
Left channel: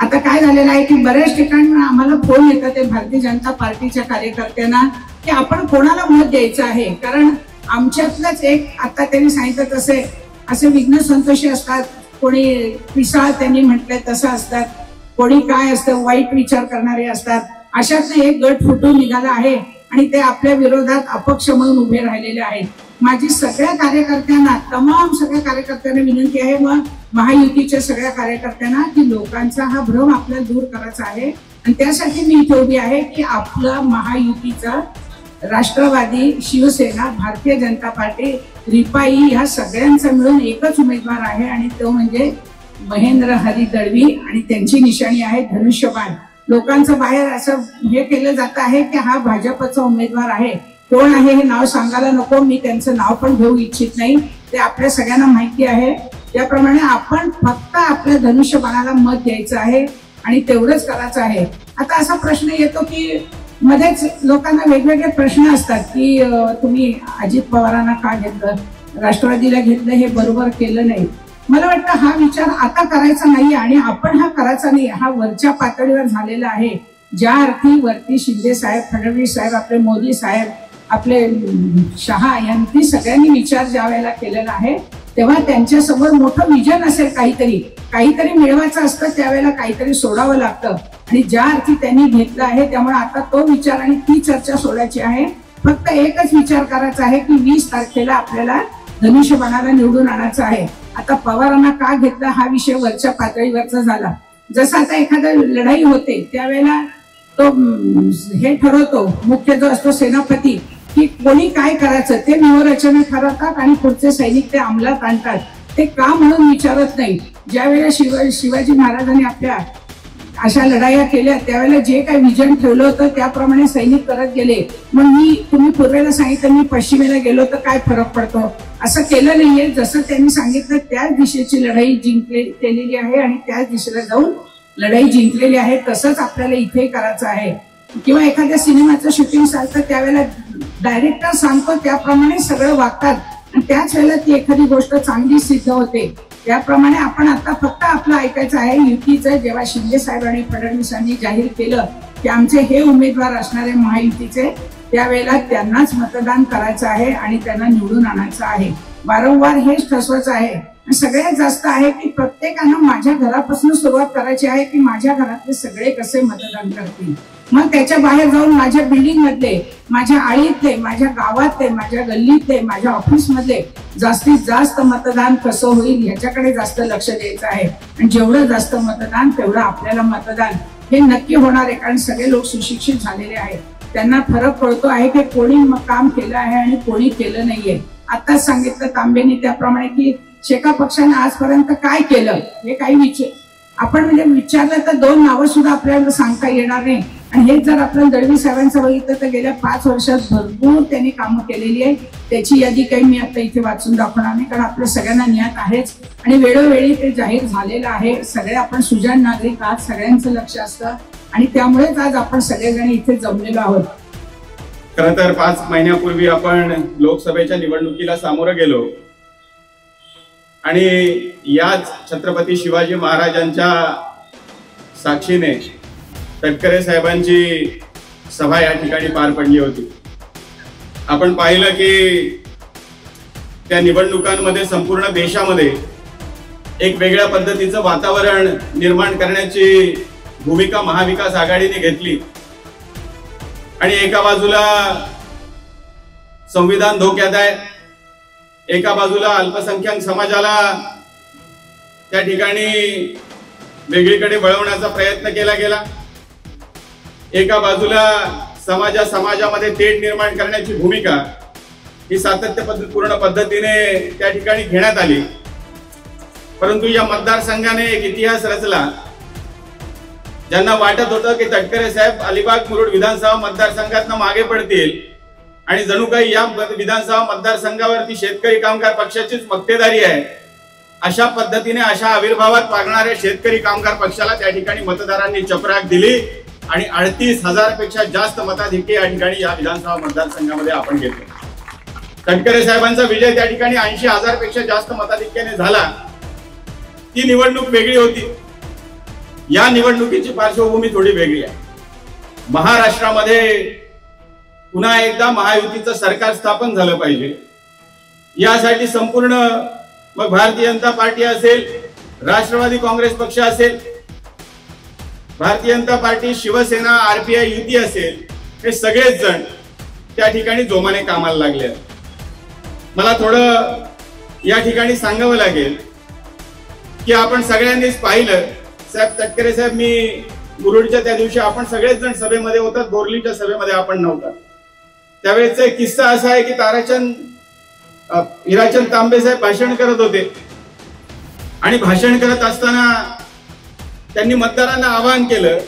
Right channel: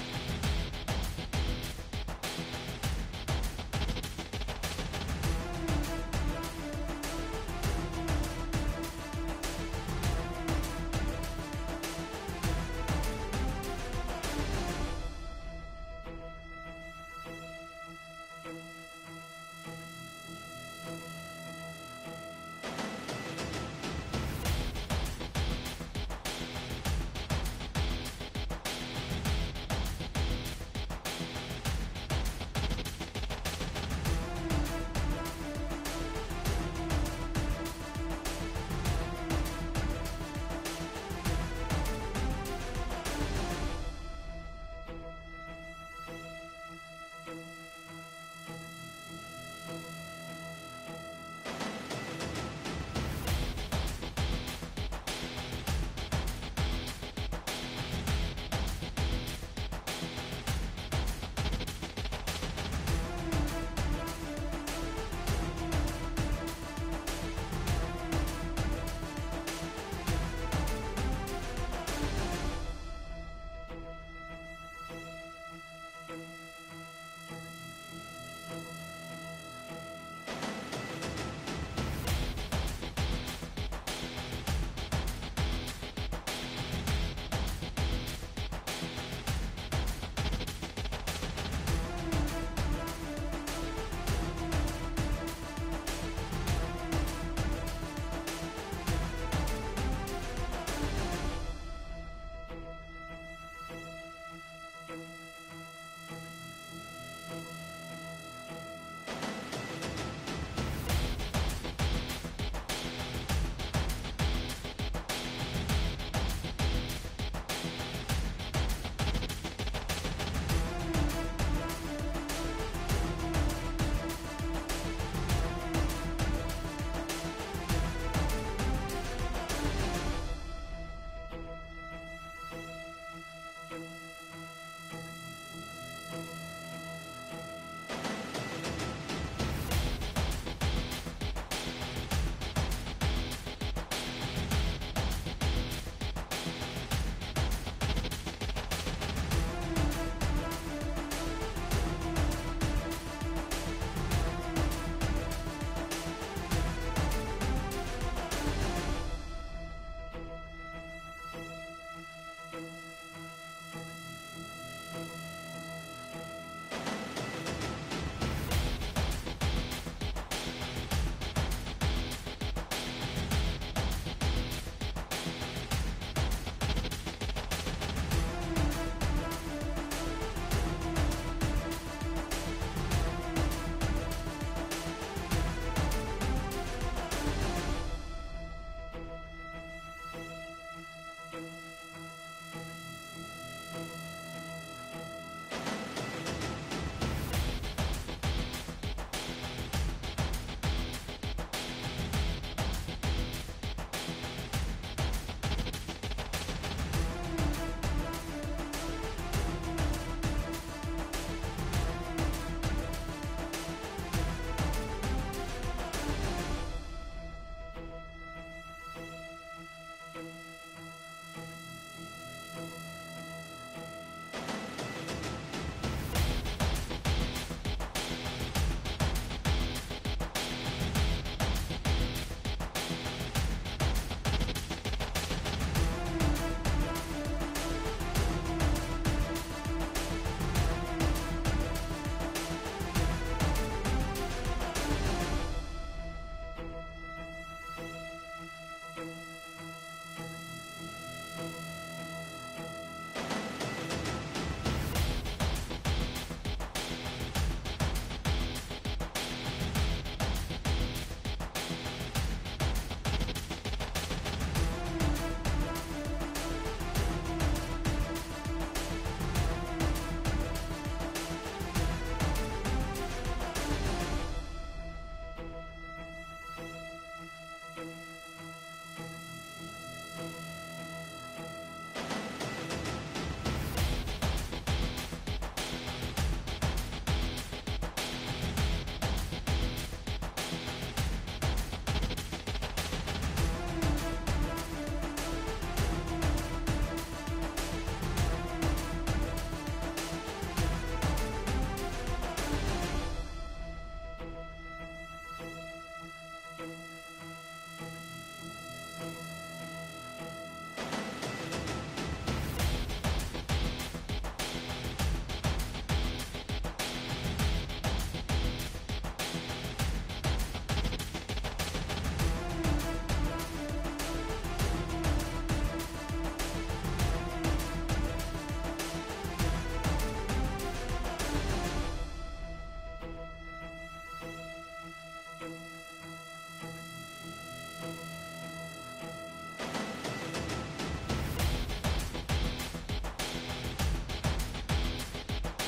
आता काय झालेलं आहे की बऱ्याच ठिकाणी आम्हाला फोन येतात ते भारतीय जनता पार्टीच्या कार्यकर्त्यांना की आपण कोणाला मत द्यायचं आहे. कारण आमच्यातलंच एक, आता त्यांनी सांगितलं तसे असे विघ्न संतोषी असतात, कोणी पिसाळ त्यांनी म्हटलंय तसं असतात, कोणी काय असतं वाईट विचार करणारे असतात. अशातनं एक गट फुटून निघाला आहे आणि ते आपल्या विरोधात अपक्ष म्हणून उभे राहिलेले आहेत. माझी सगळ्या कार्यकर्त्यांना, तमाम सगळ्या कार्यकर्त्यांना विनंती आहे, मग महायुतीच्या सगळ्या कार्यकर्त्यांना, की लोकांचा हा भ्रम आपल्याला दूर करायचा आहे. आणि त्यासाठी मी इथे उभी आहे की आपला महायुतीचा राष्ट्रवादी, शिवसेना, भारतीय जनता पार्टी, रिपाई ह्या सगळ्यांचा मिळून एकच उमेदवार आहे आणि तो म्हणजे महेंद्र हरी दळवी आणि त्यांची निशाणी आहे धनुष्यबाण. लोकांचं बाहेर असं हे केलं जात आहे की हा भाजपचा उमेदवार आहे. कोण आहे हे नाव सांगायला नको, मी त्यांचं नाव पण घेऊ इच्छित नाही, ते आपल्या सगळ्यांना माहिती आहे. त्याप्रमाणे आपण फक्त आपल्या धनुष्यबाणाला मत द्यायचं आहे आणि तेवढंच करायचं आहे. आता असा प्रश्न येतो की मध्येच लोकांना वेगवेगळे प्रश्न असतात की तुम्ही अजित पवारांना का घेतलं, राष्ट्रवादीला घेतलं, हे बरोबर केलं नाही. मला वाटतं हा विचार आता करायचा नाही आणि आपण हा करायचा नाही, हा वरच्या पातळीवर झालेला आहे. ज्या अर्थी वरती शिंदे साहेब, फडणवीस साहेब, आपले मोदी साहेब, आपले शहा यांनी सगळ्यांनी विचार ज्या वेळेला केलेला आहे तेव्हा त्यांच्यासमोर मोठं विजन असेल, काहीतरी मिळवायचं असतं, त्यावेळेला काहीतरी सोडावं लागतं. आणि ज्या अर्थी त्यांनी घेतलं आहे त्यामुळे आता तो विचार आणि ती चर्चा सोडायची आहे. फक्त एकच विचार करायचा आहे की 20 तारखेला आपल्याला धनुष्यबाणाला निवडून आणायचं आहे. आता पवारांना का घेतलं हा विषय वरच्या पातळीवरचा झाला. जसं आता एखादा लढाई होते त्यावेळेला तो हे ठरवतो, मुख्य जो असतो सेनापती, की कोणी काय करायचं ते व्यूहरचना ठरवतात आणि पुढचे सैनिक ते अंमलात आणतात. ते का म्हणून विचारत नाही. ज्यावेळेला शिवाजी महाराजांनी आपल्या अशा लढाया केल्या त्यावेळेला जे काही विजन ठेवलं होतं त्याप्रमाणे सैनिक करत गेले. मग तुम्ही पूर्वेला सांगितलं, मी पश्चिमेला गेलो तर काय फरक पडतो, असं केलं नाहीये. जसं त्यांनी सांगितलं त्याच दिशेची लढाई केलेली आहे आणि त्याच दिशेला जाऊन लढाई जिंकलेली आहे. तसंच आपल्याला इथे करायचं आहे. किंवा एखाद्या सिनेमाचं शूटिंग चालतं त्यावेळेला डायरेक्टर सांगतो त्याप्रमाणे सगळं वागतात आणि त्याच वेळेला ती एखादी गोष्ट चांगली सिद्ध होते. त्याप्रमाणे आपण आता फक्त आपलं ऐकायचं आहे. युतीचं जेव्हा शिंदे साहेब आणि फडणवीसांनी जाहीर केलं की आमचे हे उमेदवार असणारे महायुतीचे, त्यावेळेला त्यांनाच मतदान करायचं आहे आणि त्यांना निवडून आणायचं आहे. वारंवार हेच ठसवायचं आहे. सगळ्यात जास्त आहे की प्रत्येकानं माझ्या घरापासून सुरुवात करायची आहे की माझ्या घरातले सगळे कसे मतदान करतील. मग त्याच्या बाहेर जाऊन माझ्या बिल्डिंग मधले, माझ्या आळीतले, माझ्या गावातले, माझ्या गल्लीतले, माझ्या ऑफिस मधले जास्तीत जास्त मतदान कसं होईल याच्याकडे जास्त लक्ष द्यायचं आहे. आणि जेवढं जास्त मतदान तेवढं आपल्याला मतदान हे नक्की होणार आहे. कारण सगळे लोक सुशिक्षित झालेले आहेत, त्यांना फरक पडतो आहे की कोणी काम केलं आहे आणि कोणी केलं नाहीये. आताच सांगितलं तांबेनी त्याप्रमाणे की शेका पक्षाने आजपर्यंत काय केलं हे काही आपण म्हणजे विचारलं तर 2 नावं सुद्धा आपल्याला सांगता येणार नाही. आणि हे जर आपण दळवी साहेबांचं बघितलं तर गेल्या 5 वर्षात भरपूर त्यांनी कामं केलेली आहे. त्याची यादी काही मी आता इथे वाचून दाखवणार नाही कारण आपल्या सगळ्यांना ज्ञात आहेच आणि वेळोवेळी ते जाहीर झालेलं आहे. सगळे आपण सुजाण नागरिक आहात, सगळ्यांचं लक्ष असतं आणि त्यामुळेच आज आपण सगळेजण इथे जमलेलो आहोत. खरं तर 5 महिन्यापूर्वी आपण लोकसभेच्या निवडणुकीला सामोरं गेलो आणि याच छत्रपती शिवाजी महाराजांच्या साक्षीने तटकरे साहेबांची सभा या ठिकाणी पार पडली होती. आपण पाहिलं की त्या निवडणुकांमध्ये संपूर्ण देशामध्ये एक वेगळ्या पद्धतीचं वातावरण निर्माण करण्याची भूमिका महाविकास आघाडीने घेतली आणि एका बाजूला संविधान धोक्यात आहे, एका बाजूला अल्पसंख्याक समाजाला त्या ठिकाणी वेगळीकडे वळवण्याचा प्रयत्न केला गेला, एका बाजूला समाजामध्ये तेढ निर्माण करण्याची भूमिका ही सातत्यपूर्ण पद्धतीने त्या ठिकाणी घेण्यात आली। परंतु या मतदारसंघाने एक इतिहास रचला। ज्यांना वाटत होतं की तटकरे साहेब अलिबाग मुरुड विधानसभा मतदारसंघातून मागे पडतील आणि जणू काही या विधानसभा मतदारसंघावरती शेतकरी कामगार पक्षाचीच मक्तेदारी आहे, अशा पद्धतीने अशा आविर्भावात वागणाऱ्या शेतकरी कामगार पक्षाला त्या ठिकाणी मतदारांनी चपराक दिली आणि 38,000 पेक्षा जास्त मताधिक्य या ठिकाणी या विधानसभा मतदारसंघामध्ये आपण घेतले। तटकरे साहेबांचा विजय त्या ठिकाणी 80,000 पेक्षा जास्त मताधिक्याने झाला। ती निवडणूक वेगळी होती। या निवडणुकीची पार्श्वभूमी थोडी वेगळी आहे। महाराष्ट्रामध्ये पुन्हा एकदा महायुतीचं सरकार स्थापन झालं पाहिजे, यासाठी संपूर्ण मग भारतीय जनता पार्टी असेल, राष्ट्रवादी काँग्रेस पक्ष असेल, भारतीय जनता पार्टी, शिवसेना, आरपीआय युती असेल, हे सगळेच जण त्या ठिकाणी जोमाने कामाला लागले। मला थोडं या ठिकाणी सांगावं लागेल की आपण सगळ्यांनीच पाहिलं, साहेब तटकरे साहेब, मी मुरुडच्या त्या दिवशी आपण सगळेच जण सभेमध्ये होतात, बोरलीच्या सभेमध्ये आपण नव्हता। त्यावेळेचा एक किस्सा असा आहे की हिराचंद तांबे साहेब भाषण करत होते आणि भाषण करत असताना त्यांनी मतदारांना आवाहन केलं।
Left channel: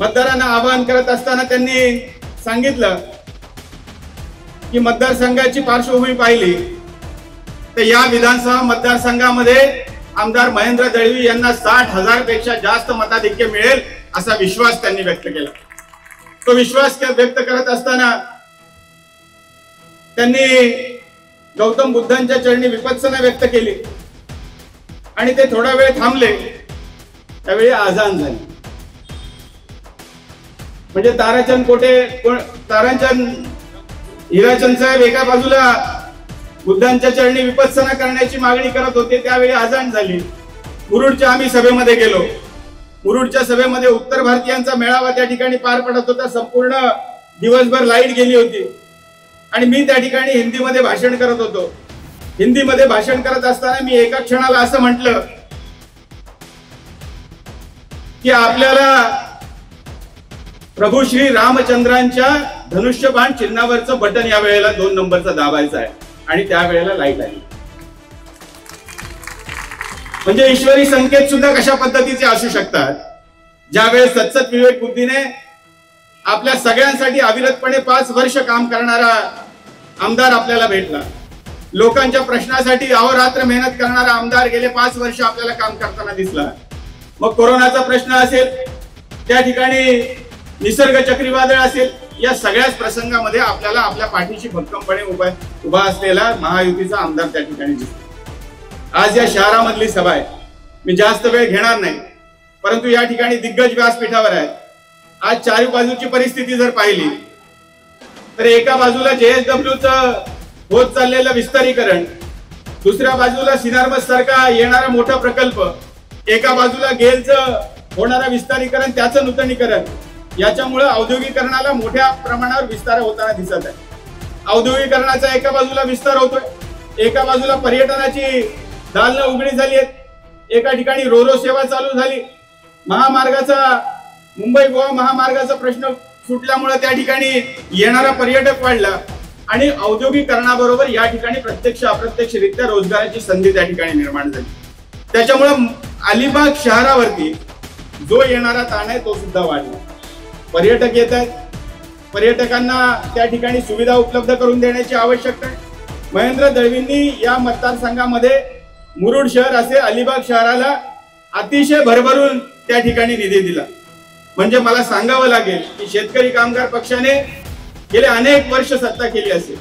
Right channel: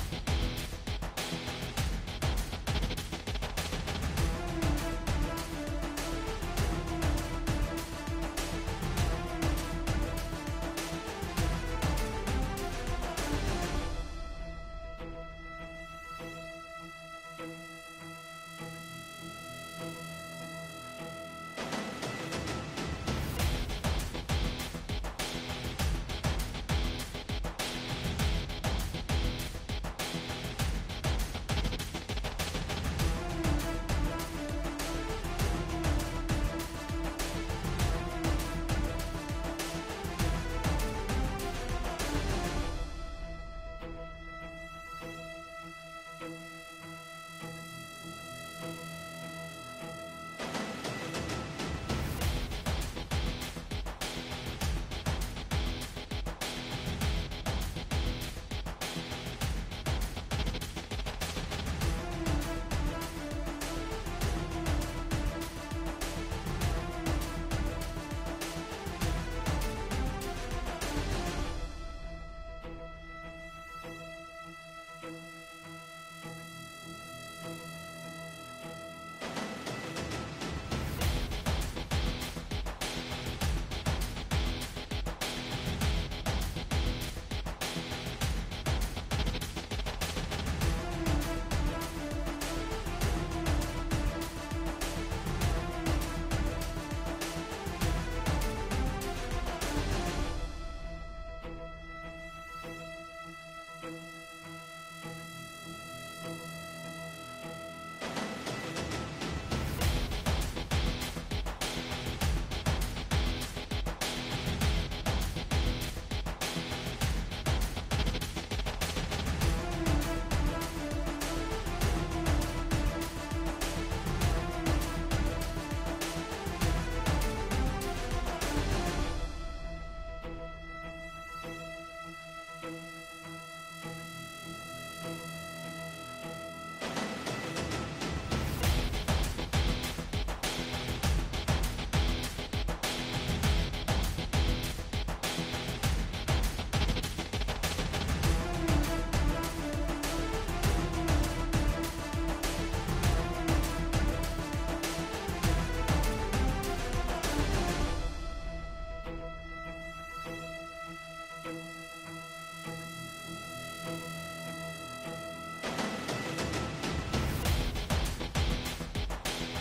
मतदारांना आवाहन करत असताना त्यांनी सांगितलं की मतदारसंघाची पार्श्वभूमी पाहिली तर या विधानसभा मतदारसंघामध्ये आमदार महेंद्र दळवी यांना 60,000 पेक्षा जास्त मताधिक्य मिळेल असा विश्वास त्यांनी व्यक्त केला। तो विश्वास व्यक्त करत असताना त्यांनी गौतम बुद्धांच्या चरणी विपत्सना व्यक्त केली आणि ते थोडा वेळ थांबले। त्यावेळी आजान झाली। म्हणजे हिराचंद साहेब एका बाजूला बुद्धांच्या चरणी विपत्सना करण्याची मागणी करत होते, त्यावेळी आजान झाली। मुरुडच्या आम्ही सभेमध्ये गेलो। मुरुडच्या सभेमध्ये उत्तर भारतीयांचा मेळावा त्या ठिकाणी पार पडत होता। संपूर्ण दिवसभर लाईट गेली होती आणि मी त्या ठिकाणी हिंदीमध्ये भाषण करत होतो। हिंदीमध्ये भाषण करत असताना मी एका क्षणाला असं म्हटलं की आपल्याला प्रभू श्री रामचंद्रांच्या धनुष्यबाण चिन्हावरचं बटन या वेळेला 2 नंबरचं दाबायचं आहे आणि त्यावेळेला लाईट आली। म्हणजे ईश्वरी संकेत सुद्धा कशा पद्धतीचे असू शकतात। ज्यावेळेस सतसत विवेक बुद्धीने आपल्या सगळ्यांसाठी अविरतपणे 5 वर्ष काम करणारा आमदार आपल्याला भेटला, लोकांच्या प्रश्नासाठी अहोरात्र मेहनत करणारा आमदार गेले 5 वर्ष आपल्याला काम करताना दिसला। मग कोरोनाचा प्रश्न असेल, त्या ठिकाणी निसर्ग चक्रीवादळ असेल, या सगळ्याच प्रसंगामध्ये आपल्याला आपल्या पाठीशी भक्कमपणे उभा असलेला महायुतीचा आमदार त्या ठिकाणी दिसतो। आज या शहरामधली सभा आहे, मी जास्त वेळ घेणार नाही, परंतु या ठिकाणी दिग्गज व्यासपीठावर आहे। आज चारी बाजूची परिस्थिती जर पाहिली तर एका बाजूला JSWचं होत चाललेलं विस्तारीकरण, दुसऱ्या बाजूला सिनारमस सारखा येणारा मोठा प्रकल्प, एका बाजूला गेलचं होणारा विस्तारीकरण, त्याचं नूतनीकरण, याच्यामुळे औद्योगिकरणाला मोठ्या प्रमाणावर विस्तार होताना दिसत आहे। औद्योगिकरणाचा एका बाजूला विस्तार होतोय, एका बाजूला पर्यटनाची दालनं उघडी झाली आहेत, एका ठिकाणी रोरो सेवा चालू झाली, महामार्गाचा मुंबई गोवा महामार्गाचा प्रश्न सुटल्यामुळे त्या ठिकाणी येणारा पर्यटक वाढला आणि औद्योगिकरणाबरोबर या ठिकाणी प्रत्यक्ष अप्रत्यक्षरित्या रोजगाराची संधी त्या ठिकाणी निर्माण झाली। त्याच्यामुळे अलिबाग शहरावरती जो येणारा ताण आहे तो सुद्धा वाढला। पर्यटक येत आहेत, पर्यटकांना त्या ठिकाणी सुविधा उपलब्ध करून देण्याची आवश्यकता आहे। महेंद्र दळवींनी या मतदारसंघामध्ये मुरुड शहर असे अलिबाग शहराला अतिशय भरभरून त्या ठिकाणी निधी दिला। म्हणजे मला सांगावं लागेल की शेतकरी कामगार पक्षाने गेले अनेक वर्ष सत्ता केली असेल,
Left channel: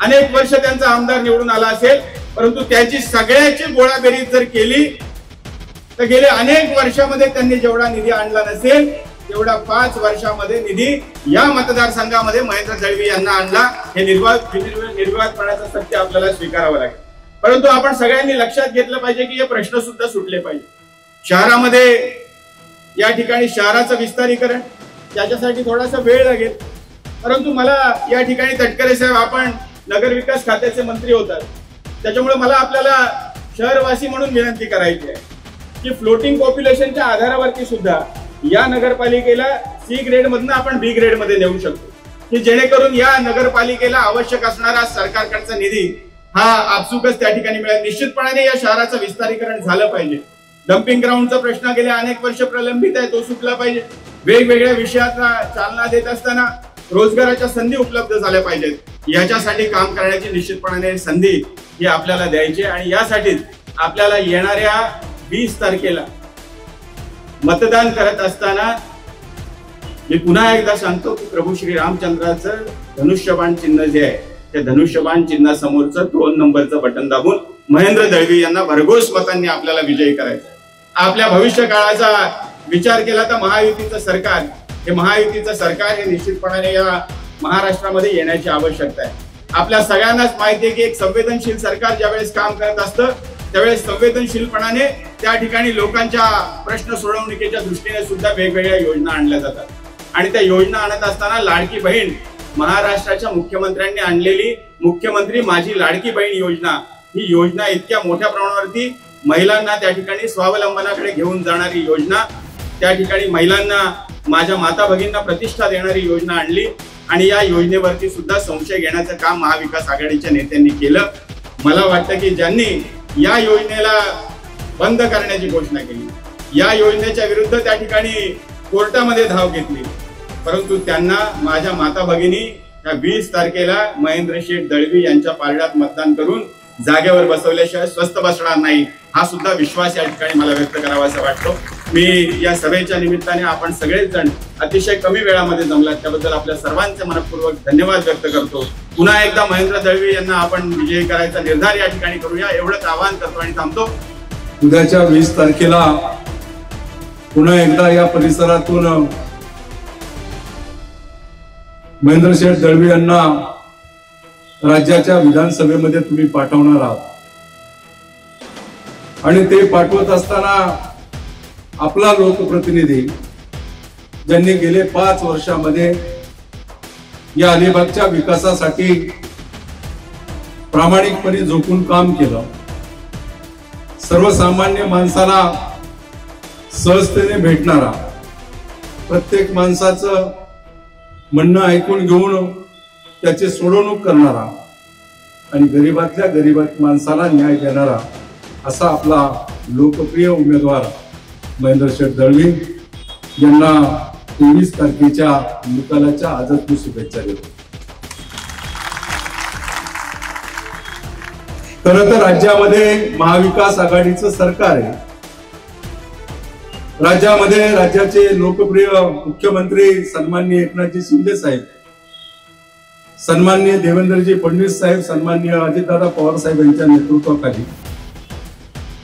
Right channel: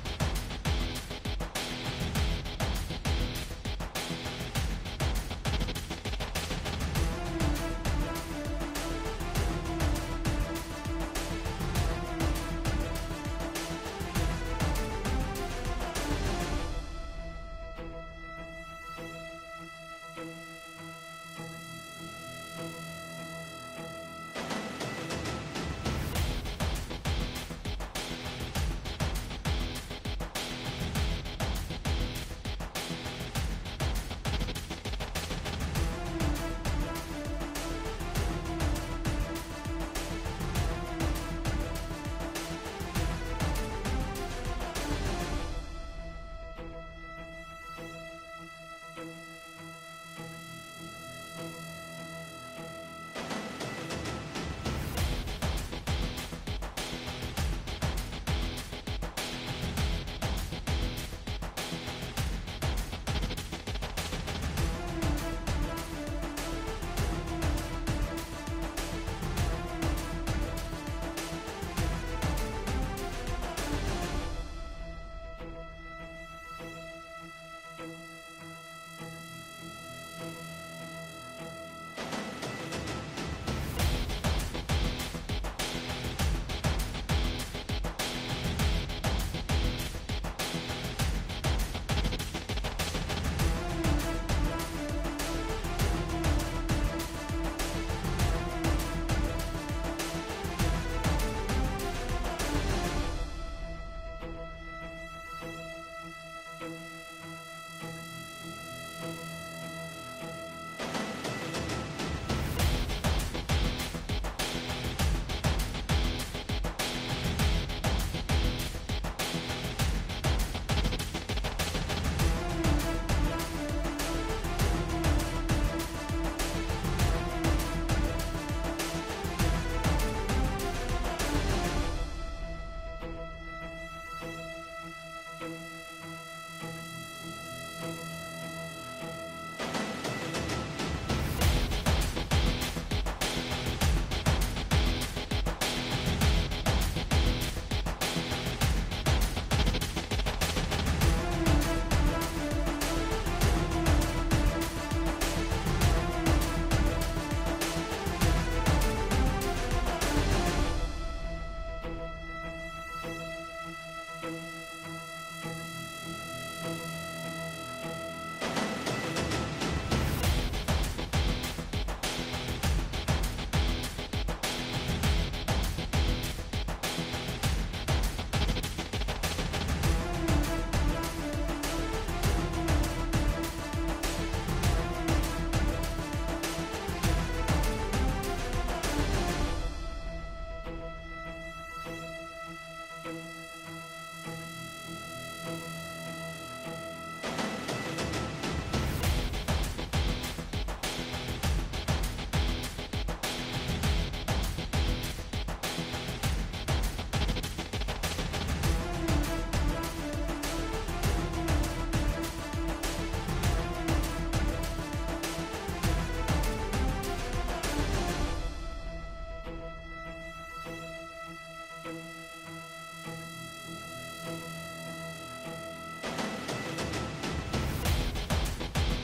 अनेक वर्ष त्यांचा आमदार निवडून आला असेल, परंतु त्याची सगळ्याची गोळाबेरीज जर केली तर गेले अनेक वर्षामध्ये त्यांनी जेवढा निधी आणला नसेल तेवढा 5 वर्षामध्ये निधी या मतदारसंघामध्ये महेंद्र दळवी यांना आणला. हे निर्वादपणाचं सत्य आपल्याला स्वीकारावं लागेल. परंतु आपण सगळ्यांनी लक्षात घेतलं पाहिजे की हे प्रश्न सुद्धा सुटले पाहिजे. शहरामध्ये या ठिकाणी शहराचं विस्तारीकरण त्याच्यासाठी थोडासा वेळ लागेल. परंतु मला या ठिकाणी तटकरे साहेब, आपण नगरविकास खात्याचे मंत्री होतात, त्याच्यामुळे मला आपल्याला शहरवासी म्हणून विनंती करायची आहे की फ्लोटिंग पॉप्युलेशनच्या आधारावरती सुद्धा या नगरपालिकेला C ग्रेड मधून आपण B ग्रेड मध्ये नेऊ शकतो, की जेणेकरून या नगरपालिकेला आवश्यक असणारा सरकारकडचा निधी हा आपसुकच त्या ठिकाणी मिळेल. निश्चितपणाने या शहराचं विस्तारीकरण झालं पाहिजे. डम्पिंग ग्राउंडचा प्रश्न गेल्या अनेक वर्ष प्रलंबित आहे, तो सुटला पाहिजे. वेगवेगळ्या विषयाला चालना देत असताना रोजगाराच्या संधी उपलब्ध झाल्या पाहिजेत. याच्यासाठी काम करण्याची निश्चितपणाने संधी ही आपल्याला द्यायची आणि यासाठीच आपल्याला येणाऱ्या 20 तारखेला मतदान करत असताना मी पुन्हा एकदा सांगतो की प्रभू श्री रामचंद्राचं धनुष्यबाण चिन्ह जे आहे त्या धनुष्यबाण चिन्हासमोरचं 2 नंबरचं बटन दाबून महेंद्र दळवी यांना भरघोस मतांनी आपल्याला विजयी करायचं. आपल्या भविष्य काळाचा विचार केला तर महायुतीचं सरकार हे निश्चितपणाने या महाराष्ट्रामध्ये येण्याची आवश्यकता आहे. आपल्या सगळ्यांनाच माहिती आहे की एक संवेदनशील सरकार ज्यावेळेस काम करत असतं त्यावेळेस संवेदनशीलपणाने त्या ठिकाणी लोकांच्या प्रश्न सोडवणुकीच्या दृष्टीने सुद्धा वेगवेगळ्या योजना आणल्या जातात आणि त्या योजना आणत असताना लाडकी बहीण, महाराष्ट्राच्या मुख्यमंत्र्यांनी आणलेली मुख्यमंत्री माझी लाडकी बहीण योजना, ही योजना इतक्या मोठ्या प्रमाणावरती महिलांना त्या ठिकाणी स्वावलंबनाकडे घेऊन जाणारी योजना, त्या ठिकाणी महिलांना, माझ्या माता भगिनींना प्रतिष्ठा देणारी योजना आणली आणि या योजनेवरती सुद्धा संशय घेण्याचं काम महाविकास आघाडीच्या नेत्यांनी केलं. मला वाटतं की ज्यांनी या योजनेला बंद करण्याची घोषणा केली, या योजनेच्या विरुद्ध त्या ठिकाणी कोर्टामध्ये धाव घेतली, परंतु त्यांना माझ्या माता भगिनी या 20 तारखेला महेंद्र शेठ दळवी यांच्या पारड्यात मतदान करून जागेवर बसवल्याशिवाय स्वस्थ बसणार नाही, हा सुद्धा विश्वास या ठिकाणी मला व्यक्त करावासा वाटतो. मी या सभेच्या निमित्ताने आपण सगळेच जण अतिशय कमी वेळामध्ये जमलात त्याबद्दल आपल्या सर्वांचे मनपूर्वक धन्यवाद व्यक्त करतो. पुन्हा एकदा महेंद्र दळवी यांना आपण विजयी करायचा निर्धार या ठिकाणी करूया एवढंच आवाहन करतो आणि थांबतो. उद्याच्या 20 तारखेला पुन्हा एकदा या परिसरातून महेंद्र शेठ दळवी यांना राज्याच्या विधानसभेमध्ये तुम्ही पाठवणार आहात आणि ते पाठवत असताना आपला लोकप्रतिनिधी ज्यांनी गेले 5 वर्षामध्ये या अलिबागच्या विकासासाठी प्रामाणिकपणे झोकून काम केलं, सर्वसामान्य माणसाला सहजतेने भेटणारा, प्रत्येक माणसाचं म्हणणं ऐकून घेऊन त्याची सोडवणूक करणारा आणि गरीबातल्या गरीब माणसाला न्याय देणारा असा आपला लोकप्रिय उमेदवार महेंद्र शेठ दळवी यांना 23 तारखेच्या निकालाच्या आजच मी शुभेच्छा देतो. खरं तर राज्यामध्ये महाविकास आघाडीचं सरकार आहे. राज्यामध्ये राज्याचे लोकप्रिय मुख्यमंत्री सन्माननीय एकनाथजी शिंदे साहेब, सन्माननीय देवेंद्रजी फडणवीस साहेब, सन्माननीय अजितदादा पवार साहेब यांच्या नेतृत्वाखाली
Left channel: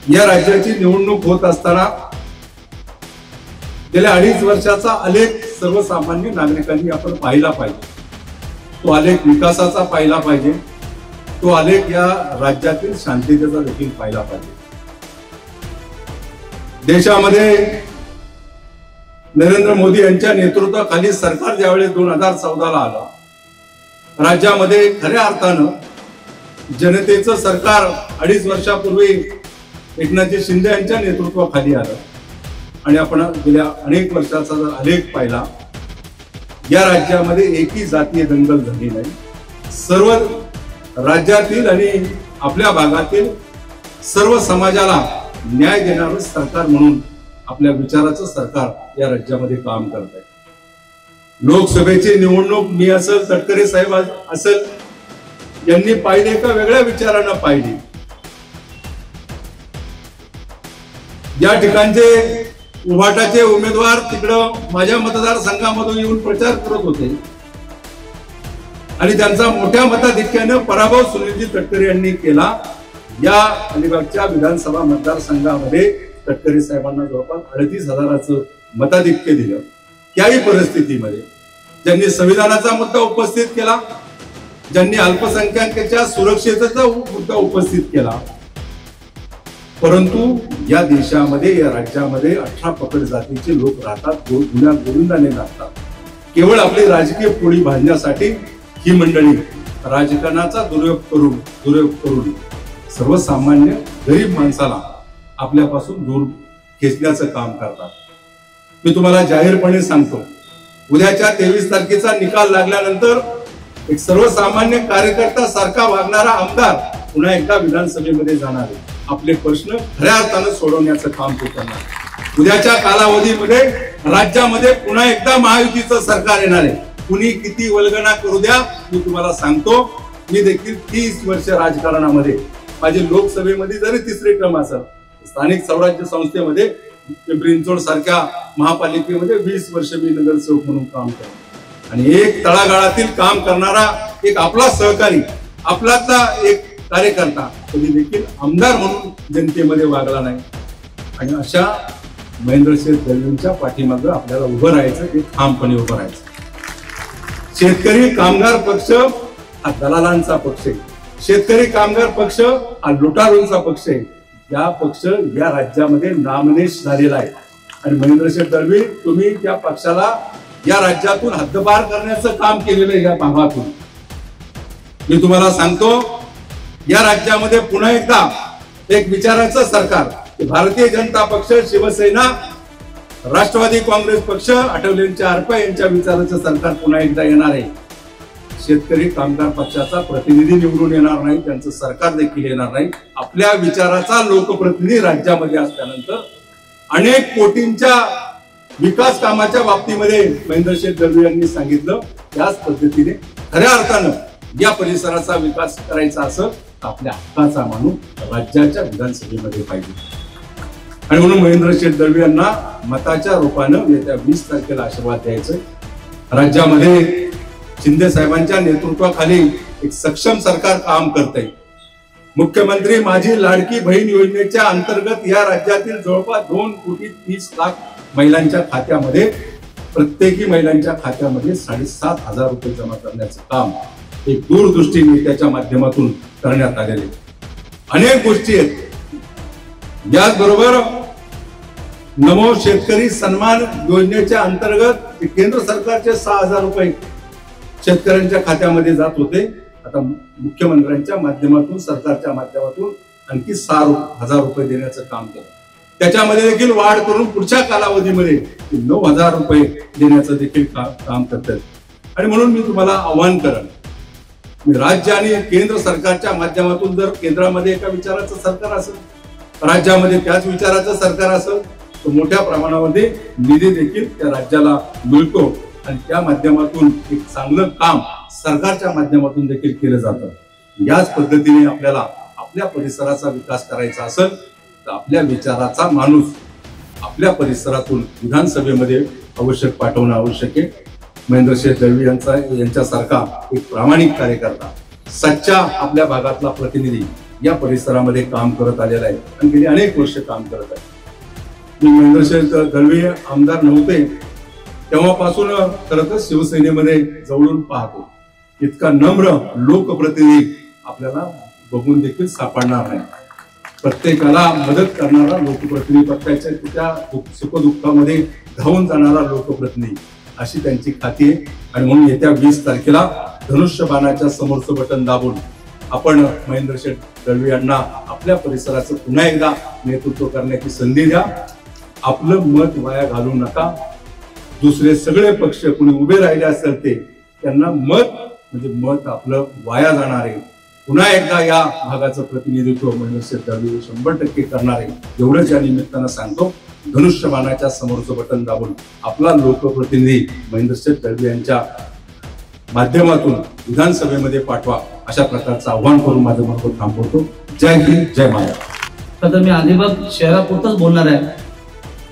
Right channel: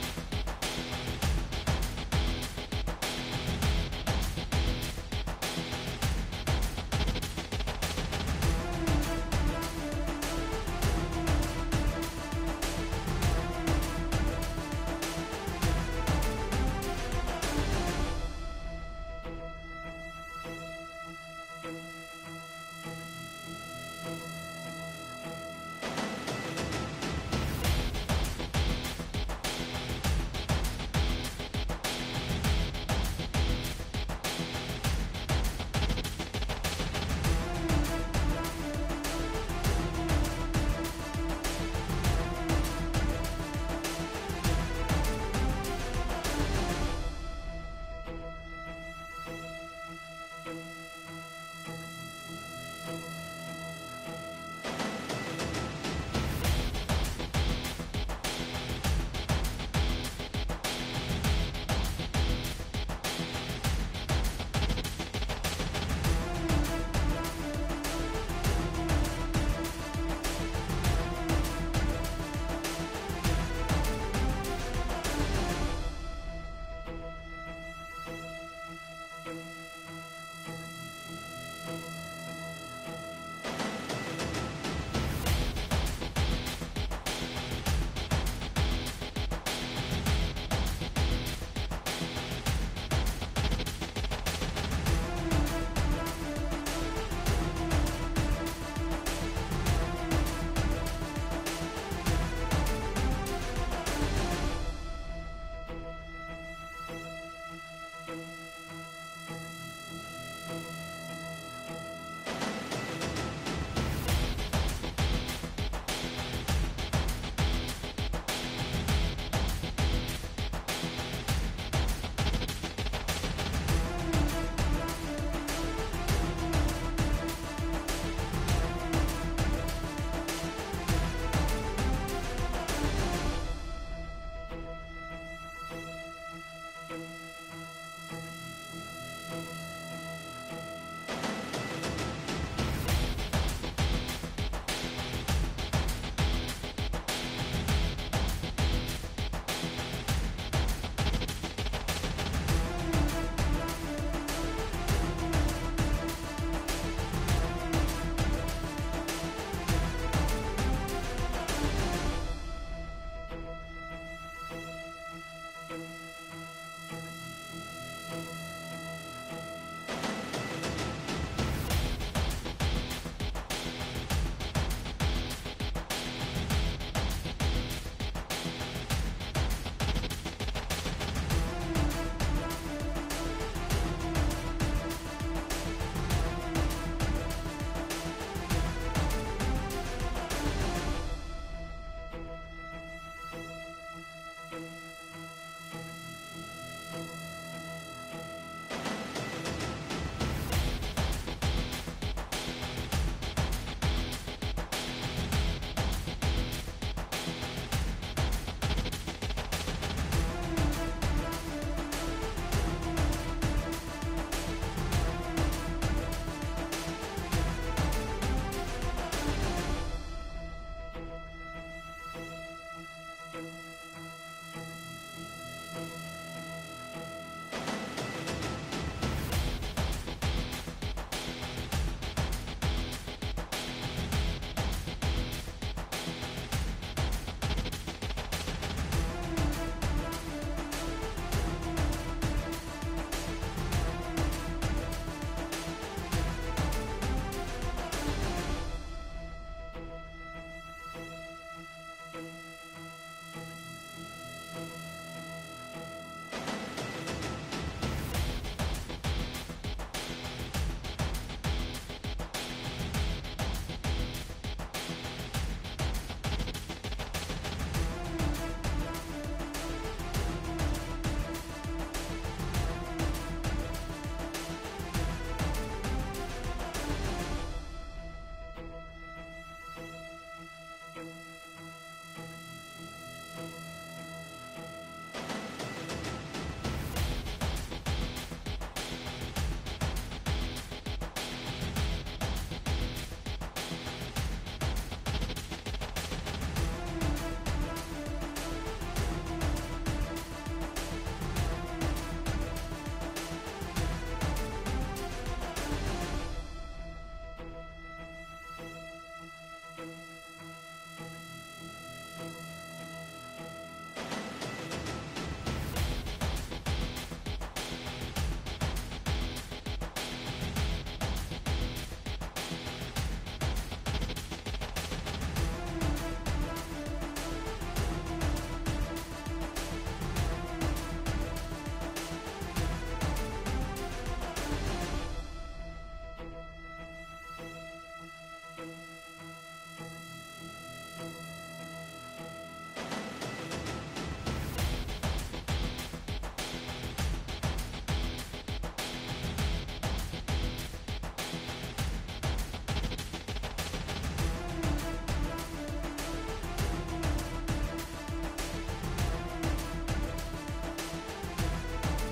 या राज्याची निवडणूक होत असताना गेल्या 2.5 वर्षाचा आलेख सर्वसामान्य नागरिकांनी आपण पाहिला पाहिजे. तो आलेख विकासाचा पाहिला पाहिजे, तो आलेख या राज्यातील शांततेचा देखील पाहिला पाहिजे. देशामध्ये नरेंद्र मोदी यांच्या नेतृत्वाखाली सरकार ज्यावेळेस 2014ला आलं, राज्यामध्ये खऱ्या अर्थानं जनतेचं सरकार 2.5 वर्षापूर्वी एकनाथजी शिंदे यांच्या नेतृत्वाखाली आलं आणि आपण गेल्या अनेक वर्षाचा जर आलेख पाहिला, या राज्यामध्ये एकही जातीय दंगल झाली नाही. सर्व राज्यातील आणि आपल्या भागातील सर्व समाजाला न्याय देणारं सरकार म्हणून आपल्या विचाराचं सरकार या राज्यामध्ये काम करत आहे. लोकसभेची निवडणूक मी असेल, तटकरे साहेब असेल, यांनी पाहिली एका वेगळ्या विचारानं पाहिली. या ठिकाणचे उभाटाचे उमेदवार तिकडं माझ्या मतदारसंघामधून येऊन प्रचार करत होते आणि त्यांचा मोठ्या मताधिक्यानं पराभव सुनीलजी तटकरे यांनी केला. या अलिबागच्या विधानसभा मतदारसंघामध्ये तटकरे साहेबांना जवळपास 38,000चं मताधिक्य दिलं त्याही परिस्थितीमध्ये ज्यांनी संविधानाचा मुद्दा उपस्थित केला, ज्यांनी अल्पसंख्याकांच्या सुरक्षेचा मुद्दा उपस्थित केला, परंतु या देशामध्ये, या राज्यामध्ये 18 पकड जातीचे लोक राहतात, गुन्ह्या गोविंदाने लागतात. केवळ आपली राजकीय पोळी भाजण्यासाठी ही मंडळी राजकारणाचा दुरुपयोग करून सर्वसामान्य गरीब माणसाला आपल्यापासून दूर खेचण्याचं काम करतात. मी तुम्हाला जाहीरपणे सांगतो, उद्याच्या 23 तारखेचा निकाल लागल्यानंतर एक सर्वसामान्य कार्यकर्ता सारखा वागणारा आमदार पुन्हा एकदा विधानसभेमध्ये जाणार आहे. आपले प्रश्न खऱ्या अर्थानं सोडवण्याचं काम तो करणार. उद्याच्या कालावधीमध्ये राज्यामध्ये पुन्हा एकदा महायुतीचं सरकार येणार आहे. कुणी किती वल्गना करू द्या, मी तुम्हाला सांगतो, मी देखील 30 वर्ष राजकारणामध्ये, माझी लोकसभेमध्ये जरी 3री टर्म असेल, स्थानिक स्वराज्य संस्थेमध्ये पिंपरी चिंचवड सारख्या महापालिकेमध्ये 20 वर्ष मी नगरसेवक म्हणून काम करतो. आणि एक तळागाळातील काम करणारा एक आपला सहकारी, आपलातला एक कार्यकर्ता कधी देखील आमदार म्हणून जनतेमध्ये वागला नाही. आणि अशा महेंद्रसिंह दळवींच्या पाठीमागे आपल्याला उभं राहायचं, ते ठामपणे उभं राहायचं. शेतकरी कामगार पक्ष हा दलालांचा पक्ष आहे. शेतकरी कामगार पक्ष हा लुटारूंचा पक्ष आहे. या पक्ष या राज्यामध्ये नामनेश झालेला आहे. आणि महेंद्रसिंह दळवी, तुम्ही त्या पक्षाला या राज्यातून हद्दपार करण्याचं काम केलेलं आहे. या भागातून मी तुम्हाला सांगतो, या राज्यामध्ये पुन्हा एकदा एक विचाराचं सरकार, भारतीय जनता पक्ष, शिवसेना, राष्ट्रवादी काँग्रेस पक्ष, अटलजींच्या आरपा यांच्या विचाराचं सरकार पुन्हा एकदा येणार आहे. शेतकरी कामगार पक्षाचा प्रतिनिधी निवडून येणार नाही, त्यांचं सरकार देखील येणार नाही. आपल्या विचाराचा लोकप्रतिनिधी राज्यामध्ये असल्यानंतर अनेक कोटींच्या विकास कामाच्या बाबतीमध्ये महेंद्रसिंह दळवी यांनी सांगितलं, त्याच पद्धतीने खऱ्या अर्थानं या परिसराचा विकास करायचा असं आपल्या हक्काचा माणूस राज्याच्या विधानसभेमध्ये पाहिजे. आणि म्हणून महेंद्रसिंह दळवी यांना मताच्या रूपानं येत्या 20 तारखेला आशीर्वाद द्यायचं. राज्यामध्ये शिंदे साहेबांच्या नेतृत्वाखाली एक सक्षम सरकार काम करते. मुख्यमंत्री माझी लाडकी बहीण योजनेच्या अंतर्गत या राज्यातील जवळपास 2,30,00,000 महिलांच्या खात्यामध्ये, प्रत्येकी महिलांच्या खात्यामध्ये 7,500 रुपये जमा करण्याचं काम एक दूरदृष्टी नेत्याच्या माध्यमातून करण्यात आलेले अनेक गोष्टी आहेत. याचबरोबर नमो शेतकरी सन्मान योजनेच्या अंतर्गत केंद्र सरकारचे 6,000 रुपये शेतकऱ्यांच्या खात्यामध्ये जात होते. आता मुख्यमंत्र्यांच्या माध्यमातून, सरकारच्या माध्यमातून आणखी 6,000 रुपये देण्याचं काम केलं. त्याच्यामध्ये देखील वाढ करून पुढच्या कालावधीमध्ये 9,000 रुपये देण्याचं देखील काम करतात. आणि म्हणून मी तुम्हाला आव्हान करेन, राज्य आणि केंद्र सरकारच्या माध्यमातून जर केंद्रामध्ये एका विचाराचं सरकार असेल, राज्यामध्ये त्याच विचाराचं सरकार असेल, तर मोठ्या प्रमाणामध्ये निधी देखील त्या राज्याला मिळतो आणि त्या माध्यमातून एक चांगलं काम सरकारच्या माध्यमातून देखील केलं जातं. याच पद्धतीने आपल्याला आपल्या परिसराचा विकास करायचा असेल तर आपल्या विचाराचा माणूस आपल्या परिसरातून विधानसभेमध्ये आवश्यक पाठवणं आवश्यक आहे. महेंद्रसिंह दळवी यांच्यासारखा एक प्रामाणिक कार्यकर्ता, सच्चा आपल्या भागातला प्रतिनिधी या परिसरामध्ये काम करत आलेला आहे आणि गेली अनेक वर्ष काम करत आहे. महेंद्रसिंह दळवी आमदार नव्हते तेव्हापासून खरं तर शिवसेनेमध्ये जवळून पाहतो. इतका नम्र लोकप्रतिनिधी आपल्याला बघून देखील सापडणार नाही. प्रत्येकाला मदत करणारा लोकप्रतिनिधी, पक्षाच्या सुखदुःखामध्ये धावून जाणारा लोकप्रतिनिधी, अशी त्यांची खाती आहे. आणि म्हणून येत्या 20 तारखेला धनुष्यबाणाच्या समोरचं बटन दाबून आपण महेंद्रसिंह दळवी यांना आपल्या परिसराचं पुन्हा एकदा नेतृत्व करण्याची संधी द्या. आपलं मत वाया घालू नका. दुसरे सगळे पक्ष कुणी उभे राहिले असेल ते, त्यांना मत म्हणजे मत आपलं वाया जाणार आहे. पुन्हा एकदा या भागाचं प्रतिनिधित्व महेंद्रसिंह दळवी 100% करणार आहे. एवढंच या निमित्तानं सांगतो. धनुष्यबाणाच्या समोरचं बटन दाबून आपला लोकप्रतिनिधी महेंद्रसिंह दळवी यांच्या माध्यमातून विधानसभेमध्ये पाठवा, अशा प्रकारचं आव्हान करून माझं मत थांबवतो. जय हिंद, जय महाराष्ट्र. तर मी अलिबाग शहरापुरतच बोलणार आहे.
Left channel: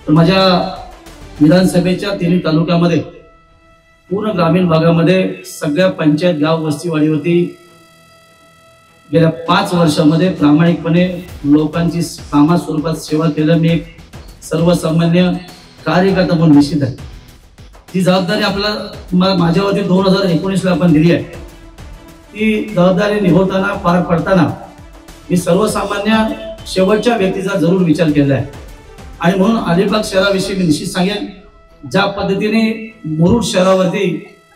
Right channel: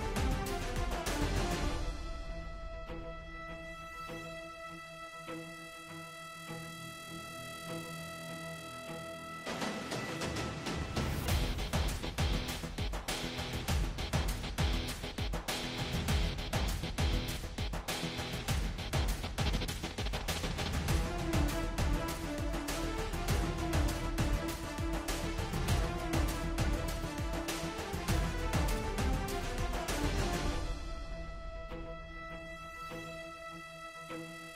तर माझ्या विधानसभेच्या 3 तालुक्यामध्ये पूर्ण ग्रामीण भागामध्ये सगळ्या पंचायत, गाव, वस्तीवाडीवरती गेल्या 5 वर्षामध्ये प्रामाणिकपणे लोकांची कामा स्वरूपात सेवा केलं. मी एक सर्वसामान्य कार्यकर्ता म्हणून निश्चित आहे. ही जबाबदारी आपल्याला माझ्यावरती 2019ला आपण दिली आहे. ती जबाबदारी निभवताना पार पडताना मी सर्वसामान्य शेवटच्या व्यक्तीचा जरूर विचार केला आहे. आणि म्हणून अलिबाग शहराविषयी मी निश्चित सांगेन, ज्या पद्धतीने मुरुड शहरावरती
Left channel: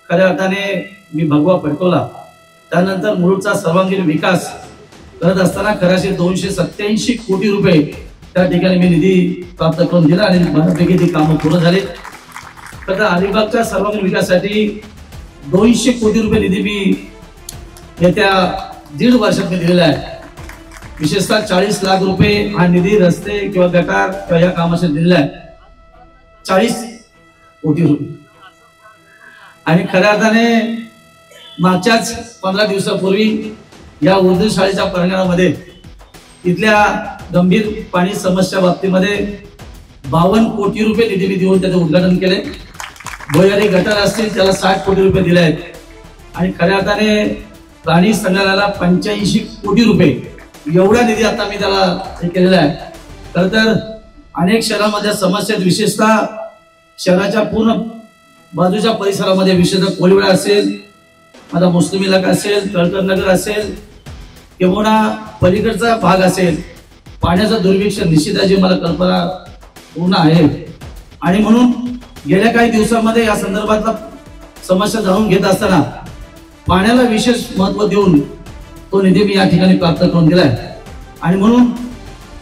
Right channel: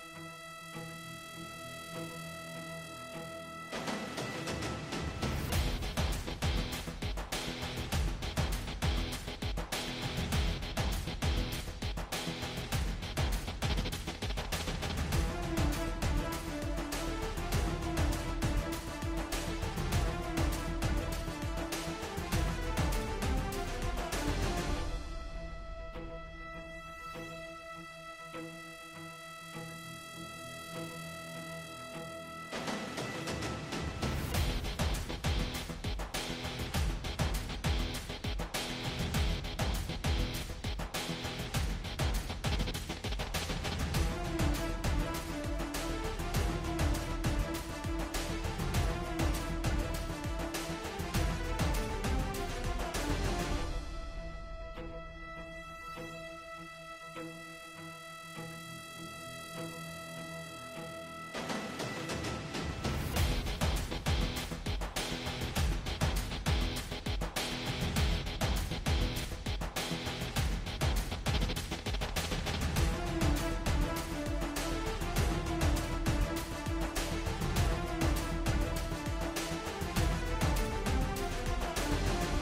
खऱ्या अर्थाने मी भगवा फडकवला, त्यानंतर मुरुडचा सर्वांगीण विकास करत असताना खऱ्याशी 287 कोटी रुपये त्या ठिकाणी मी निधी प्राप्त करून दिला आणि बऱ्यापैकी ती कामं पूर्ण झाली. तर अलिबागच्या सर्वांगीण विकासासाठी 200 कोटी रुपये निधी मी येत्या 1.5 वर्षात मी दिलेला आहे. विशेषतः 40 लाख रुपये हा निधी रस्ते किंवा गटार किंवा या कामासाठी दिलेला आहे. 40 कोटी रुपये. आणि खऱ्या अर्थाने मागच्याच 15 दिवसापूर्वी या उर्दू शाळेच्या प्रांगणामध्ये इथल्या गंभीर पाणी समस्या बाबतीमध्ये 52 कोटी रुपये निधी देऊन त्याचे उद्घाटन केले. भोयारी गटार असतील त्याला 60 कोटी रुपये दिले आहेत. आणि खऱ्या अर्थाने प्राणी संग्रहालयाला 85 कोटी रुपये एवढा निधी आता मी त्याला हे केलेला आहे. खरं तर अनेक शहरांमध्ये समस्या, विशेषतः शहराच्या पूर्ण बाजूच्या परिसरामध्ये, विशेषतः कोळीवाडा असेल, माझा मुस्लिम इलाका असेल, तळकर नगर असेल किंवा पलीकडचा भाग असेल, पाण्याचं दुर्भिक्ष निश्चितची मला कल्पना पूर्ण आहे. आणि म्हणून गेल्या काही दिवसांमध्ये या संदर्भातला समस्या जाणून घेत असताना पाण्याला विशेष महत्त्व देऊन तो निधी मी या ठिकाणी प्राप्त करून दिलाय. आणि म्हणून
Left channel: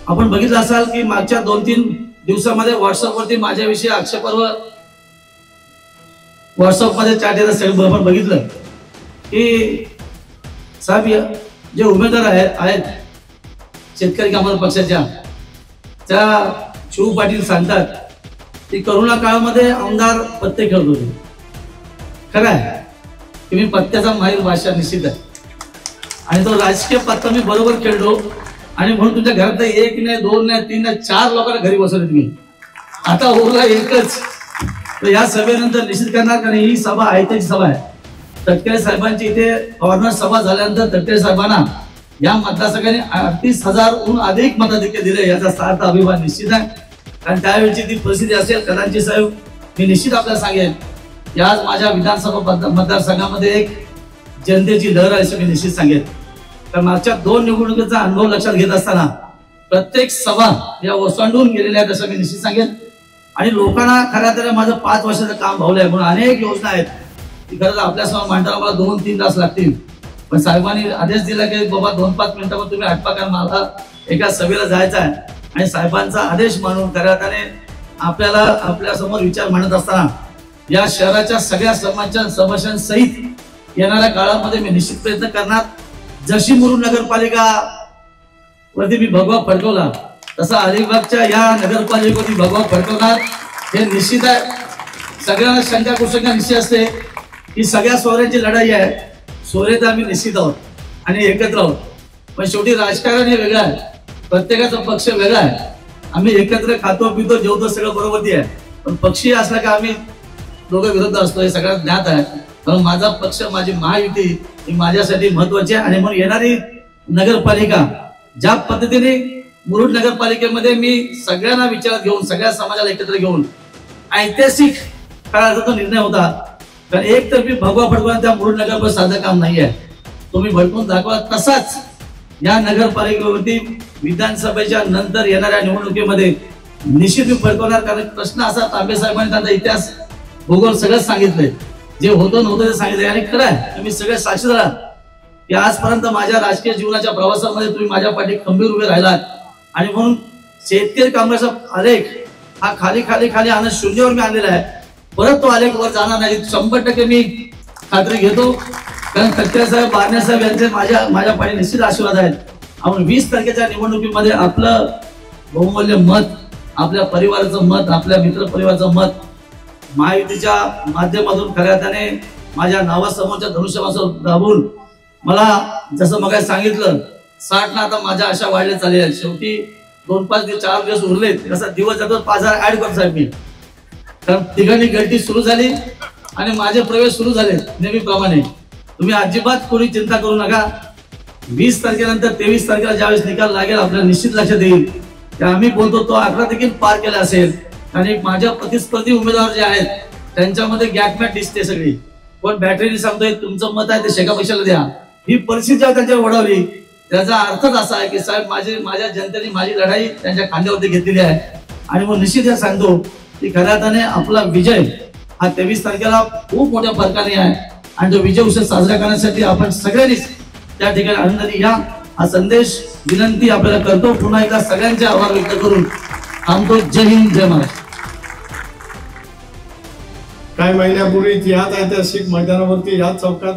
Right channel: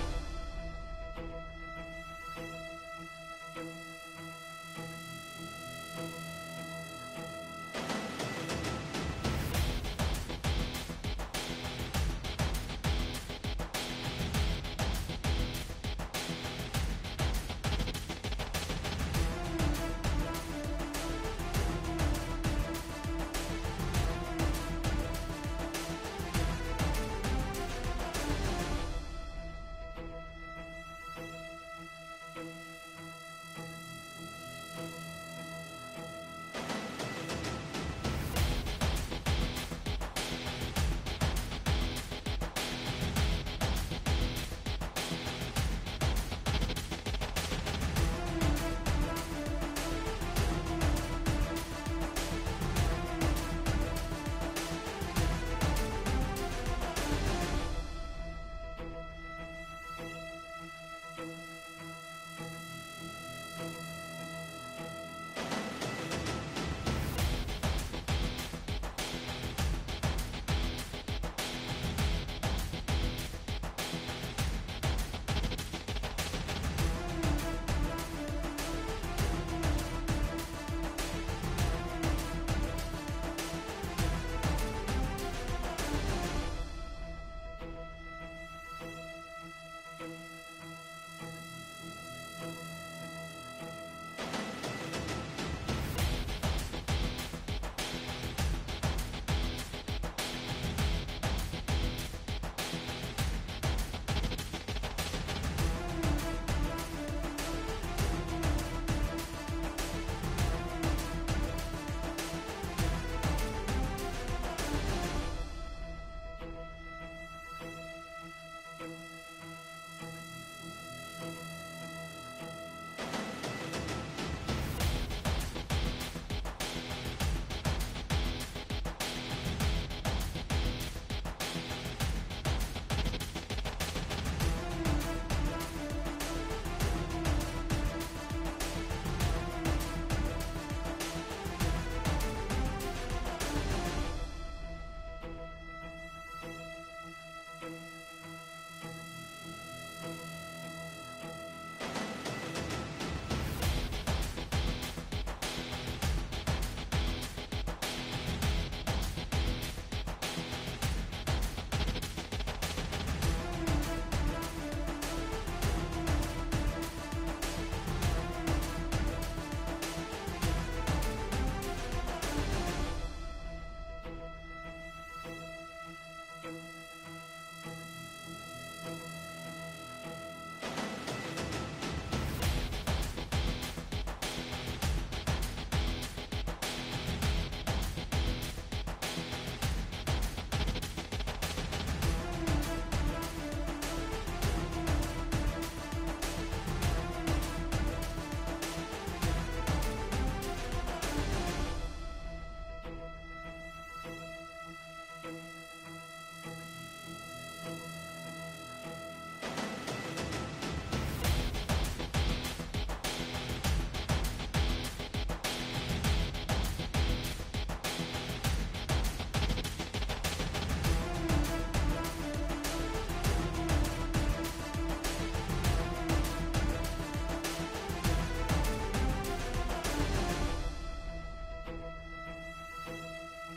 आपण बघितलं असाल की मागच्या 2-3 दिवसामध्ये व्हॉट्सअपवरती माझ्याविषयी आक्षेपार्ह व्हॉट्सअपमध्ये चॅट येत असेल. आपण बघितलं की साहेब जे उमेदवार आहेत शेतकरी कामगार पक्षाच्या, त्या शिव पाटील सांगतात की करोना काळामध्ये आमदार पत्ते खेळत होते. खरं आहे की मी पत्त्याचा माहीर भाषा निश्चित आहे आणि तो राजकीय पत्ता मी बरोबर खेळलो. आणि म्हणून तुमच्या घरात 1 नाही 2 नाही 3 नाही 4 लोकांना घरी बसवले तुम्ही. आता उरला एकच. तर या सभेनंतर निश्चित करणार, कारण ही सभा ऐतिहासिक सभा आहे. तटकरे साहेबांची इथे गव्हर्नर सभा झाल्यानंतर तटकरे साहेबांना या मतदारसंघाने 38,000हून अधिक मताधिक्य दिले, याचा सार्थ अभिमान निश्चित आहे. कारण त्यावेळची ती परिस्थिती असेल कदाचित. साहेब मी निश्चित आपल्याला सांगेन की आज माझ्या विधानसभा मतदारसंघामध्ये एक जनतेची लहर आहे असं मी निश्चित सांगेन. कारण मागच्या 2 निवडणुकीचा अनुभव लक्षात घेत असताना प्रत्येक सभा या ओसंडून गेलेल्या आहेत असं मी निश्चित सांगेन. आणि लोकांना खऱ्या तर माझं 5 वर्षाचं काम भावलं आहे. म्हणून अनेक योजना आहेत की खरं आपल्यासमोर मांडायला मला 2-3 तास लागतील. पण साहेबांनी आदेश दिला की बाबा 2-5 मिनिटांमध्ये तुम्ही आटपा, कारण मला एका सभेला जायचं आहे. आणि साहेबांचा आदेश मानून खऱ्या अर्थाने आपल्याला आपल्यासमोर विचार मांडत असताना या शहराच्या सगळ्या समस्यांसहित येणाऱ्या काळामध्ये मी निश्चित प्रयत्न करणार. जशी मुरुड नगरपालिका वरती मी भगवा फडकवला तसा अलिबागच्या या नगरपालिकेवरती भगवा फडकवणार हे निश्चित आहे. सगळ्यांना शंका कुशंका निश्चित असते की सगळ्या सोहऱ्यांची लढाई आहे. सोहरे तर आम्ही निश्चित आहोत आणि एकत्र आहोत, पण शेवटी राजकारण हे वेगळं आहे. प्रत्येकाचा पक्ष वेगळा आहे. आम्ही एकत्र खातो पितो जेवतो सगळं बरोबर आहे. पण पक्षी असला का आम्ही दोघं विरुद्ध असतो हे सगळ्यात ज्ञात आहे. म्हणून माझा पक्ष, माझी महायुती ही माझ्यासाठी महत्वाची आहे. आणि म्हणून येणारी नगरपालिका ज्या पद्धतीने मुरुड नगरपालिकेमध्ये मी सगळ्यांना विचारात घेऊन, सगळ्या समाजाला एकत्र घेऊन ऐतिहासिक काळाचा तो निर्णय होता. कारण एकतर्फी भगवा फडकवणं त्या मुरुड नगरपालिका साधं काम नाही आहे. तुम्ही भडकून दाखवा. तसाच या नगरपालिकेवरती विधानसभेच्या नंतर येणाऱ्या निवडणुकीमध्ये निश्चित मी फडकवणार. कारण प्रश्न असा, तांबे साहेबांनी त्यांचा इतिहास भूगोल सगळं सांगितलंय, जे होतं नव्हतं ते सांगितलंय. आणि खरं आहे तुम्ही सगळे साक्षीदार आहात की आजपर्यंत माझ्या राजकीय जीवनाच्या प्रवासामध्ये तुम्ही माझ्या पाठी खंबीर उभे राहिलात. आणि म्हणून शेतकरी कामगाराचा आलेख हा खाली खाली खाली आणत शून्यावर मी आणलेला आहे. परत तो आलेख वर जाणार नाही 100% मी खात्री घेतो. कारण तटकरे साहेब, बारणे साहेब यांचे माझ्या पाठी निश्चित आशीर्वाद आहेत. आपण 20 तारखेच्या निवडणुकीमध्ये आपलं बहुमूल्य मत, आपल्या परिवाराचं मत, आपल्या मित्र परिवाराचं मत महायुतीच्या माध्यमातून खऱ्या अर्थाने माझ्या नावासमोरच्या धनुष्यबाणासमोर दाबून मला जसं मग सांगितलं 60 ना आता माझ्या आशा वाढल्या चालल्या आहेत. शेवटी 2-4 दिवस उरलेत. कसा दिवस जातो 5000 ऍड करतो साहेब मी. कारण तिघांनी गळती सुरू झाली आणि माझे प्रवेश सुरू झाले नेहमीप्रमाणे. तुम्ही अजिबात कोणी चिंता करू नका. 20 तारखेनंतर 23 तारखेला ज्यावेळेस निकाल लागेल आपल्याला निश्चित लक्षात येईल की आम्ही बोलतो तो 11 देखील पार केला असेल. आणि माझ्या प्रतिस्पर्धी उमेदवार जे आहेत त्यांच्यामध्ये गॅपमॅट दिसते सगळी. कोण बॅटरीने सांगतोय तुमचं मत आहे ते शेका पैशाला द्या. ही परिस्थिती जेव्हा त्यांच्यावर ओढवली त्याचा अर्थच असा आहे की साहेब माझ्या जनतेने माझी लढाई त्यांच्या खांद्यावरती घेतलेली आहे. आणि मग निश्चित हे सांगतो की खऱ्या अर्थाने आपला विजय हा 23 तारखेला खूप मोठ्या फरकाने आहे. आणि तो विजय उत्सव साजरा करण्यासाठी आपण सगळ्यांनीच त्या ठिकाणी आनंदाने या हा संदेश विनंती आपल्याला करतो. पुन्हा एकदा सगळ्यांचे आभार व्यक्त करून थांबतो. जय हिंद, जय महाराष्ट्र. काही महिन्यापूर्वीच याच ऐतिहासिक मैदानावरती याच चौकात